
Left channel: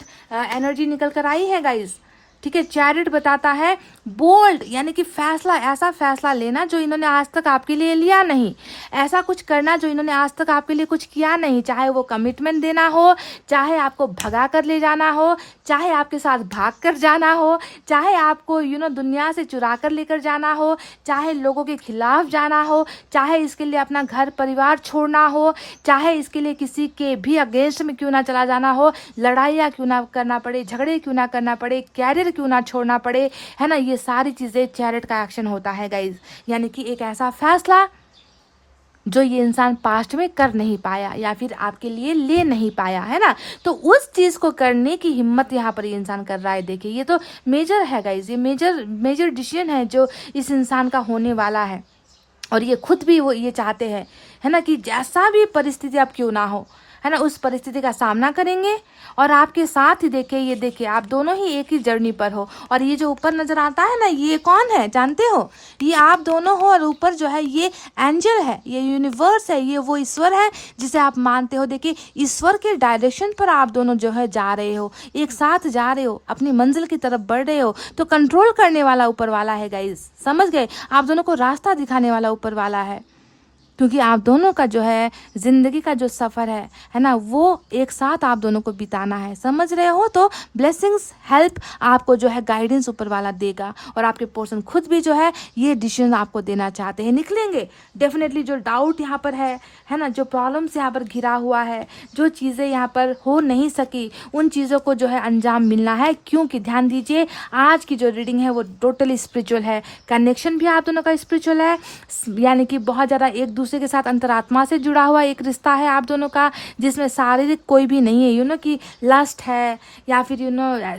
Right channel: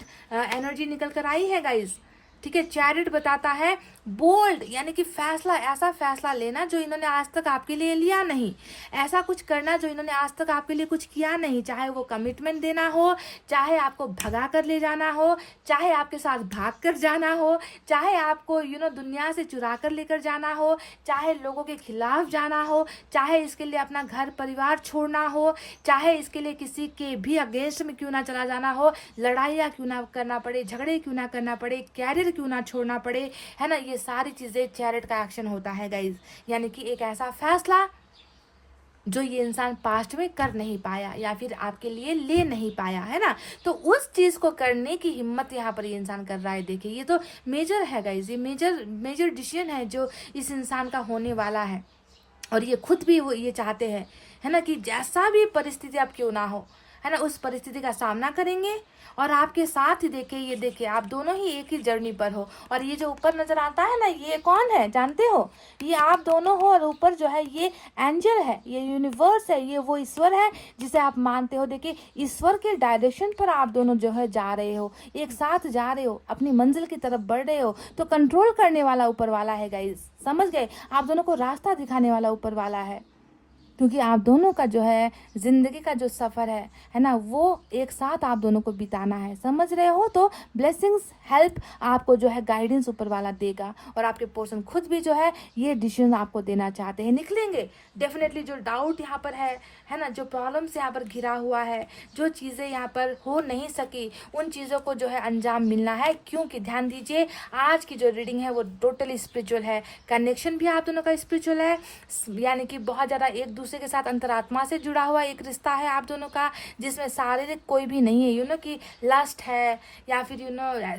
एनर्जी निकल कर आई है गाइज, ठीक है। चैरिट बताता है बोल्ड, यानी कि फैसला, ऐसा फैसला लेना जो इन्होंने आज तक आपके लिए लिया नहीं, ऐसा कुछ करना जो इन्होंने आज तक आपके लिए कुछ किया नहीं, चाहे वो कमिटमेंट देना हो, चाहे आपको भगा कर ले जाना हो, चाहे आपके साथ भाग कर जाना हो, चाहे आपको दुनिया से चुरा कर लेकर जाना हो, चाहे लोगों के खिलाफ जाना हो, चाहे इसके लिए अपना घर परिवार छोड़ना हो, चाहे इसके लिए किसी के भी अगेंस्ट में क्यों ना चला जाना हो, लड़ाइयाँ क्यों ना करना पड़े, झगड़े क्यों ना करना पड़े, कैरियर क्यों ना छोड़ना पड़े, है ना। ये सारी चीजें चैरिट का एक्शन होता है गाइज, यानी कि एक ऐसा फैसला जो ये इंसान पास्ट में कर नहीं पाया या फिर आपके लिए ले नहीं पाया, है ना। तो उस चीज को करने की हिम्मत यहाँ पर ये इंसान कर रहा है। देखिए ये तो मेजर है गाइज, ये मेजर डिसीजन है जो इस इंसान का होने वाला है, और ये खुद भी वो ये चाहते हैं, है ना, कि जैसा भी परिस्थिति अब क्यों ना हो, है ना, उस परिस्थिति का सामना करेंगे और आपके साथ ही ये देखिए आप दोनों ही एक ही जर्नी पर हो। और ये जो ऊपर नजर आता है ना, ये कौन है जानते हो? ये आप दोनों हो, और ऊपर जो है ये एंजल है, ये यूनिवर्स है, ये वो ईश्वर है जिसे आप मानते हो। देखिए ईश्वर के डायरेक्शन पर आप दोनों जो है जा रहे हो, एक साथ जा रहे हो, अपनी मंजिल की तरफ बढ़ रहे हो। तो कंट्रोल करने वाला ऊपर वाला है गाइस, समझ गए? आप दोनों को रास्ता दिखाने वाला ऊपर वाला है, क्योंकि आप दोनों का जो है जिंदगी का जो सफ़र है ना, वो एक साथ आप दोनों को बिताना है, समझ रहे हो? तो ब्लेसिंग्स, हेल्प आपको जो है गाइडेंस ऊपर वाला देगा, और आपके पर्सन खुद भी जो है ये डिसीजन आपको देना चाहते हैं, निकलेंगे डेफिनेटली। जो डाउट यहाँ पर है ना, जो प्रॉब्लम्स यहाँ पर घिरा हुआ है, जो चीज़ें यहाँ पर हो नहीं सकी, उन चीज़ों को जो है अंजाम मिलना है। क्योंकि ध्यान दीजिए आज की जो रीडिंग है वो टोटली स्पिरिचुअल है, कनेक्शन भी आप दोनों का स्पिरिचुअल है, यानी कि बहुत ज़्यादा एक दूसरे के साथ अंतरात्मा से जुड़ा हुआ एक रिश्ता है आप दोनों का, जिसमें शारीरिक कोई भी नहीं है, कि लस्ट है या फिर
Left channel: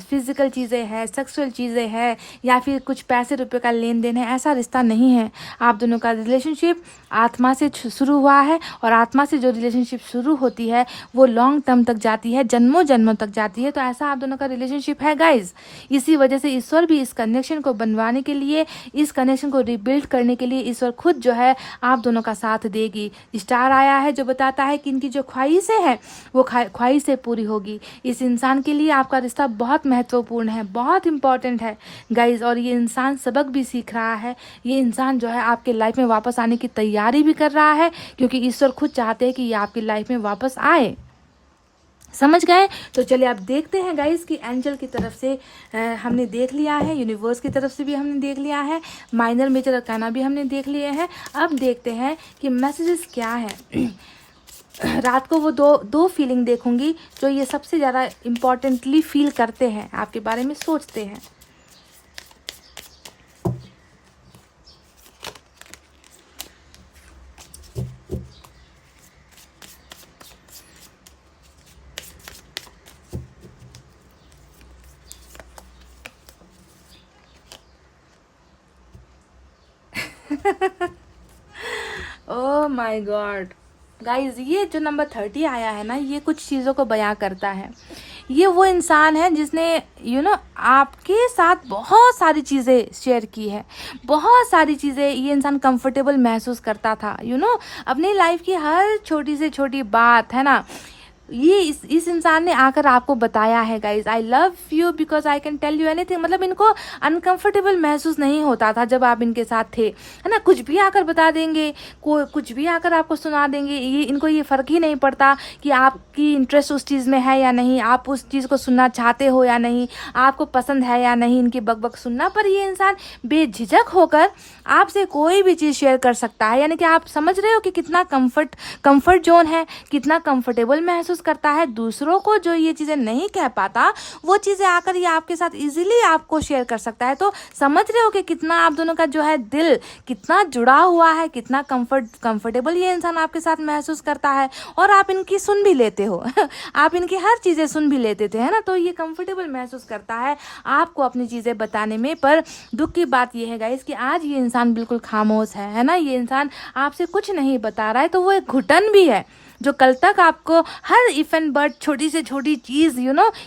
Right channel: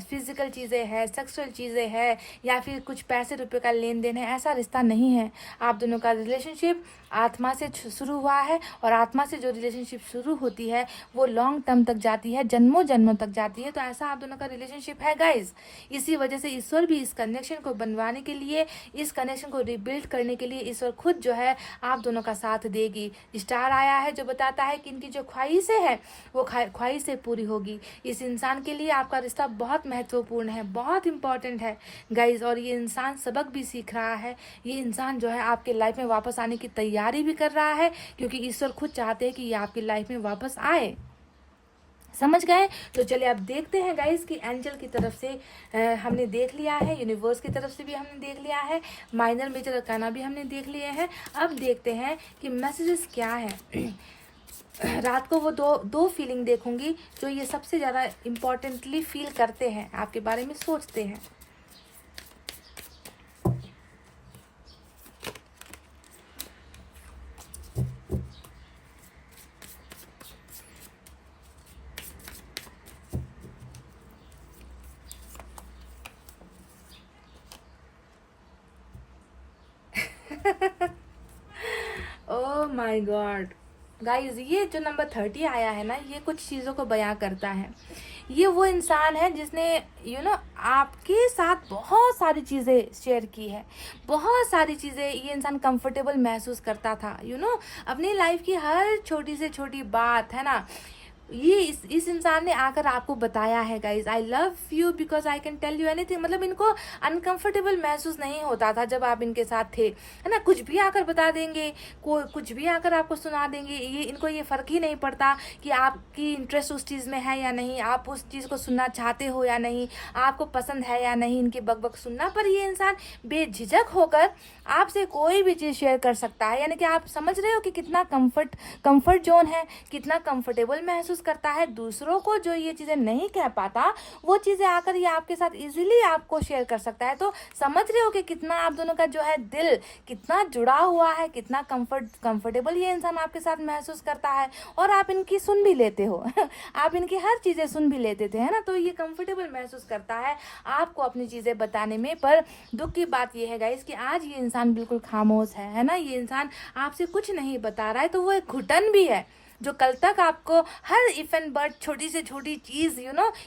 फिजिकल चीज़ें हैं, सेक्सुअल चीज़ें हैं, या फिर कुछ पैसे रुपए का लेन देन है, ऐसा रिश्ता नहीं है। आप दोनों का रिलेशनशिप आत्मा से शुरू हुआ है, और आत्मा से जो रिलेशनशिप शुरू होती है वो लॉन्ग टर्म तक जाती है, जन्मों जन्मों तक जाती है। तो ऐसा आप दोनों का रिलेशनशिप है गाइज। इसी वजह से ईश्वर भी इस कनेक्शन को बनवाने के लिए, इस कनेक्शन को रिबिल्ड करने के लिए ईश्वर खुद जो है आप दोनों का साथ देगी। स्टार आया है जो बताता है कि इनकी जो ख्वाहिशें हैं वो ख्वाहिशें पूरी होगी। इस इंसान के लिए आपका रिश्ता बहुत महत्वपूर्ण है, बहुत इंपॉर्टेंट है गाइज, और ये इंसान सबक भी सीख रहा है। ये इंसान जो है आपके लाइफ में वापस आने की तैयारी भी कर रहा है, क्योंकि ईश्वर खुद चाहते हैं कि ये आपकी लाइफ में वापस आए, समझ गए? तो चलिए आप देखते हैं गाइस कि एंजल की तरफ से हमने देख लिया है, यूनिवर्स की तरफ से भी हमने देख लिया है, माइनर मेजर अरकाना भी हमने देख लिए हैं। अब देखते हैं कि मैसेजेस क्या है। रात को वो दो फीलिंग देखूंगी जो ये सबसे ज़्यादा इम्पोर्टेंटली फील करते हैं, आपके बारे में सोचते हैं। ओह माय गॉड गाइज, ये जो नंबर 30 आया है ना, ये कुछ चीज़ों को बयां करता है। ये वो इंसान है जिसने आपके साथ बहुत सारी चीज़ें शेयर की है, बहुत सारी चीज़ें ये इंसान कंफर्टेबल महसूस करता था, अपनी लाइफ की हर छोटी से छोटी बात, है ना, ये इस इंसान ने आकर आपको बताया है guys, I love you because I can tell you anything. मतलब इनको अनकंफर्टेबल महसूस नहीं होता था जब आप इनके साथ थे, है ना। कुछ भी आकर बता देंगे, कुछ भी आकर आपको सुना देंगे, इनको ये फ़र्क ही नहीं पड़ता कि आपकी इंटरेस्ट उस चीज़ में है या नहीं, आप उस चीज़ को सुनना चाहते हो या नहीं, आपको पसंद है या नहीं इनकी बकबक सुनना। पर ये इंसान बेझिझक होकर आपसे कोई भी चीज़ शेयर कर सकता है, यानी कि आप समझ रहे हो कि कितना कम्फर्ट जोन है, कितना कम्फर्टेबल महसूस महसूस करता है, दूसरों को जो ये चीज़ें नहीं कह पाता वो चीज़ें आकर ये आपके साथ इजीली आपको शेयर कर सकता है। तो समझ रहे हो कि कितना आप दोनों का जो है दिल कितना जुड़ा हुआ है, कितना कंफर्टेबल ये इंसान आपके साथ महसूस करता है, और आप इनकी सुन भी लेते हो आप इनकी हर चीज़ें सुन भी लेते थे, है ना। तो ये कंफर्टेबल महसूस करता है आपको अपनी चीज़ें बताने में। पर दुख की बात ये है गाइस कि आज ये इंसान बिल्कुल खामोश है ना। ये इंसान आपसे कुछ नहीं बता रहा है, तो वो एक घुटन भी है जो कल तक आपको हर इफ एंड बट छोटी से छोटी चीज़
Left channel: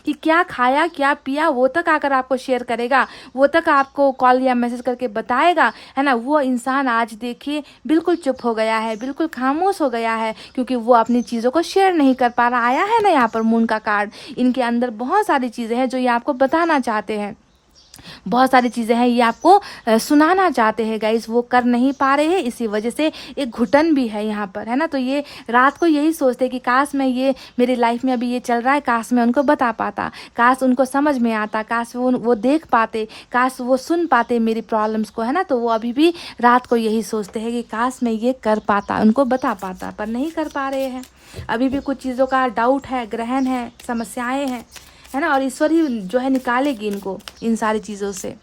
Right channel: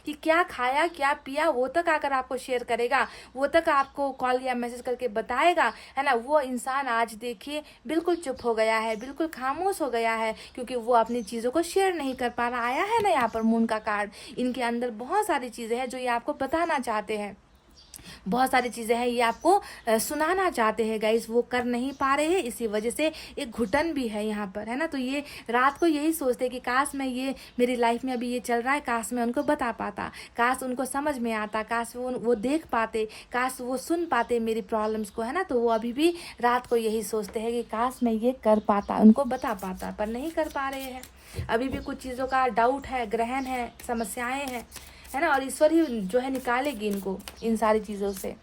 कि क्या खाया क्या पिया वो तक आकर आपको शेयर करेगा, वो तक आपको कॉल या मैसेज करके बताएगा, है ना। वो इंसान आज देखिए बिल्कुल चुप हो गया है, बिल्कुल खामोश हो गया है, क्योंकि वो अपनी चीज़ों को शेयर नहीं कर पा रहा। आया है ना यहाँ पर मून का कार्ड, इनके अंदर बहुत सारी चीज़ें हैं जो ये आपको बताना चाहते हैं, बहुत सारी चीज़ें हैं ये आपको सुनाना चाहते हैं गाइस, वो कर नहीं पा रहे हैं, इसी वजह से एक घुटन भी है यहाँ पर, है ना। तो ये रात को यही सोचते हैं कि काश मैं ये मेरी लाइफ में अभी ये चल रहा है, काश मैं उनको बता पाता, काश उनको समझ में आता, काश वो देख पाते, काश वो सुन पाते मेरी प्रॉब्लम्स को, है ना। तो वो अभी भी रात को यही सोचते हैं कि काश मैं ये कर पाता, उनको बता पाता, पर नहीं कर पा रहे हैं। अभी भी कुछ चीज़ों का डाउट है, ग्रहण है, समस्याएं हैं, है ना। और ईश्वर ही जो है निकालेगी इनको इन सारी चीज़ों से।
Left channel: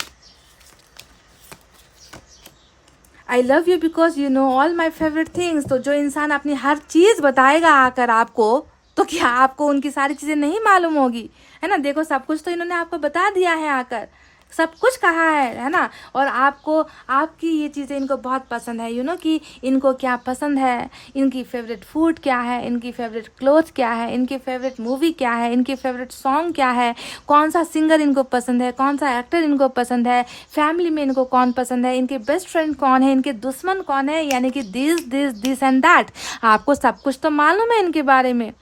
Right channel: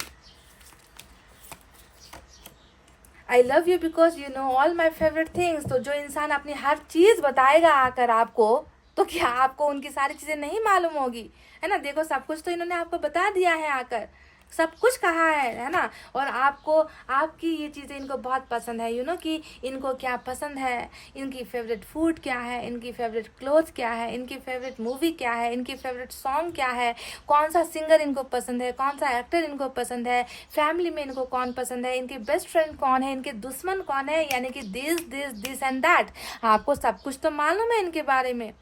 आई love you because you know all my favourite things. तो जो इंसान अपनी हर चीज़ बताएगा आकर आपको, तो क्या आपको उनकी सारी चीज़ें नहीं मालूम होगी, है ना। देखो सब कुछ तो इन्होंने आपको बता दिया है आकर, सब कुछ कहा है ना। और आपको आपकी ये चीज़ें इनको बहुत पसंद है, कि इनको क्या पसंद है, इनकी फेवरेट फूड क्या है, इनकी फेवरेट क्लोथ क्या है, इनकी फेवरेट मूवी क्या है, इनकी फेवरेट सॉन्ग क्या है, कौन सा सिंगर इनको पसंद है, कौन सा एक्टर इनको पसंद है, फैमिली में इनको कौन पसंद है, इनके बेस्ट फ्रेंड कौन है, इनके दुश्मन कौन है, यानी कि दिस एंड दैट। आपको सब कुछ तो मालूम है इनके बारे में।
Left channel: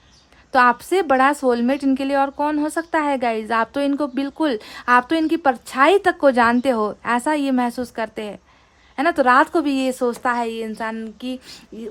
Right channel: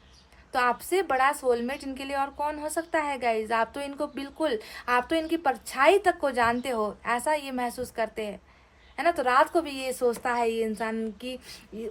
तो आपसे बड़ा सोलमेट इनके लिए और कौन हो सकता है गाइज। आप तो इनको बिल्कुल, आप तो इनकी परछाई तक को जानते हो, ऐसा ये महसूस करते हैं, है ना। तो रात को भी ये सोचता है ये इंसान कि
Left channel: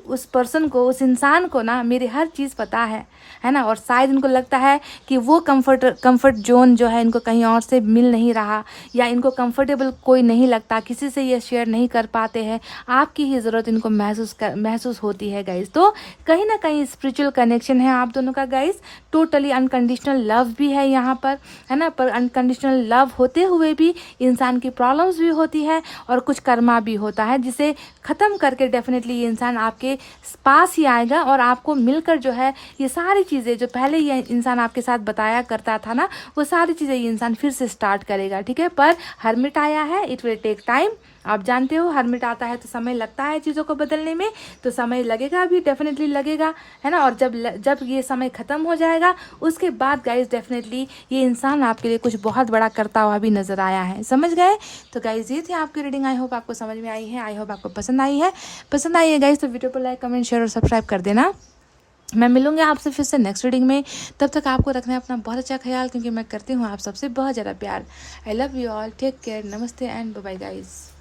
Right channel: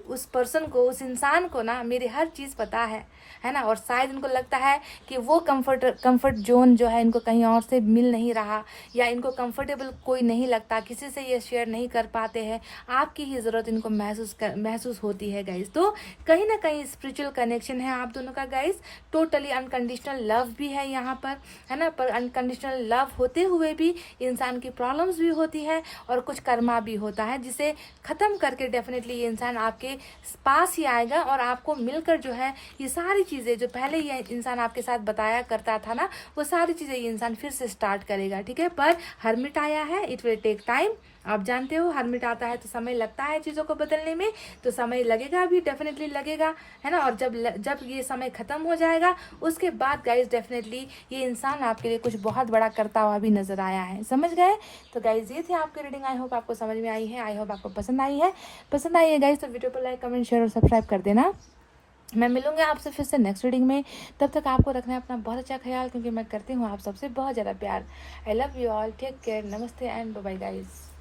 उस पर्सन को, उस इंसान को ना मेरी हर चीज़ पता है ना। और शायद इनको लगता है कि वो कंफर्ट जोन जो है इनको कहीं और से मिल नहीं रहा, या इनको कंफर्टेबल कोई नहीं लगता, किसी से ये शेयर नहीं कर पाते हैं। आपकी ही ज़रूरत इनको महसूस होती है गाइज। तो कहीं ना कहीं स्पिरिचुअल कनेक्शन है आप दोनों का गाइज। टोटली अनकंडीशनल लव भी है यहाँ पर, है ना। पर अनकंडीशनल लव होते हुए भी इंसान की प्रॉब्लम्स भी होती है और कुछ कर्मा भी होता है, जिसे ख़त्म करके डेफिनेटली ये इंसान आपके पास ही आएगा और आपको मिलकर जो है ये सारी चीज़ें जो पहले ये इंसान आपके साथ बताया करता था ना, वो सारी चीज़ें ये इंसान फिर से स्टार्ट करेगा, ठीक है। पर हर्मिट आया है, इट विल टेक टाइम। आप जानते हो हर्मिट आता है तो समय लगता है चीज़ों को बदलने में, तो समय लगेगा भी, डेफिनेटली लगेगा, है ना। और जब ये समय ख़त्म हो जाएगा उसके बाद गाइज डेफिनेटली ये इंसान आपके लिए कुछ बहुत बड़ा करता हुआ भी नज़र आया है, समझ गए। तो गाइज ये थी आपकी रीडिंग, आई होप आपको समझ में आई है, आई होप आपको पसंद आई है गाइज। तो वीडियो को लाइक कमेंट शेयर और सब्सक्राइब कर देना। मैं मिलूंगी आपसे फिर से नेक्स्ट रीडिंग में, तब तक आपको रखना है अपना बहुत अच्छा ख्याल, क्योंकि मैं करती हूँ आप सबसे बहुत ज़्यादा प्यार। I love you all, take care, नमस्ते एंड बाय बाय गाइज।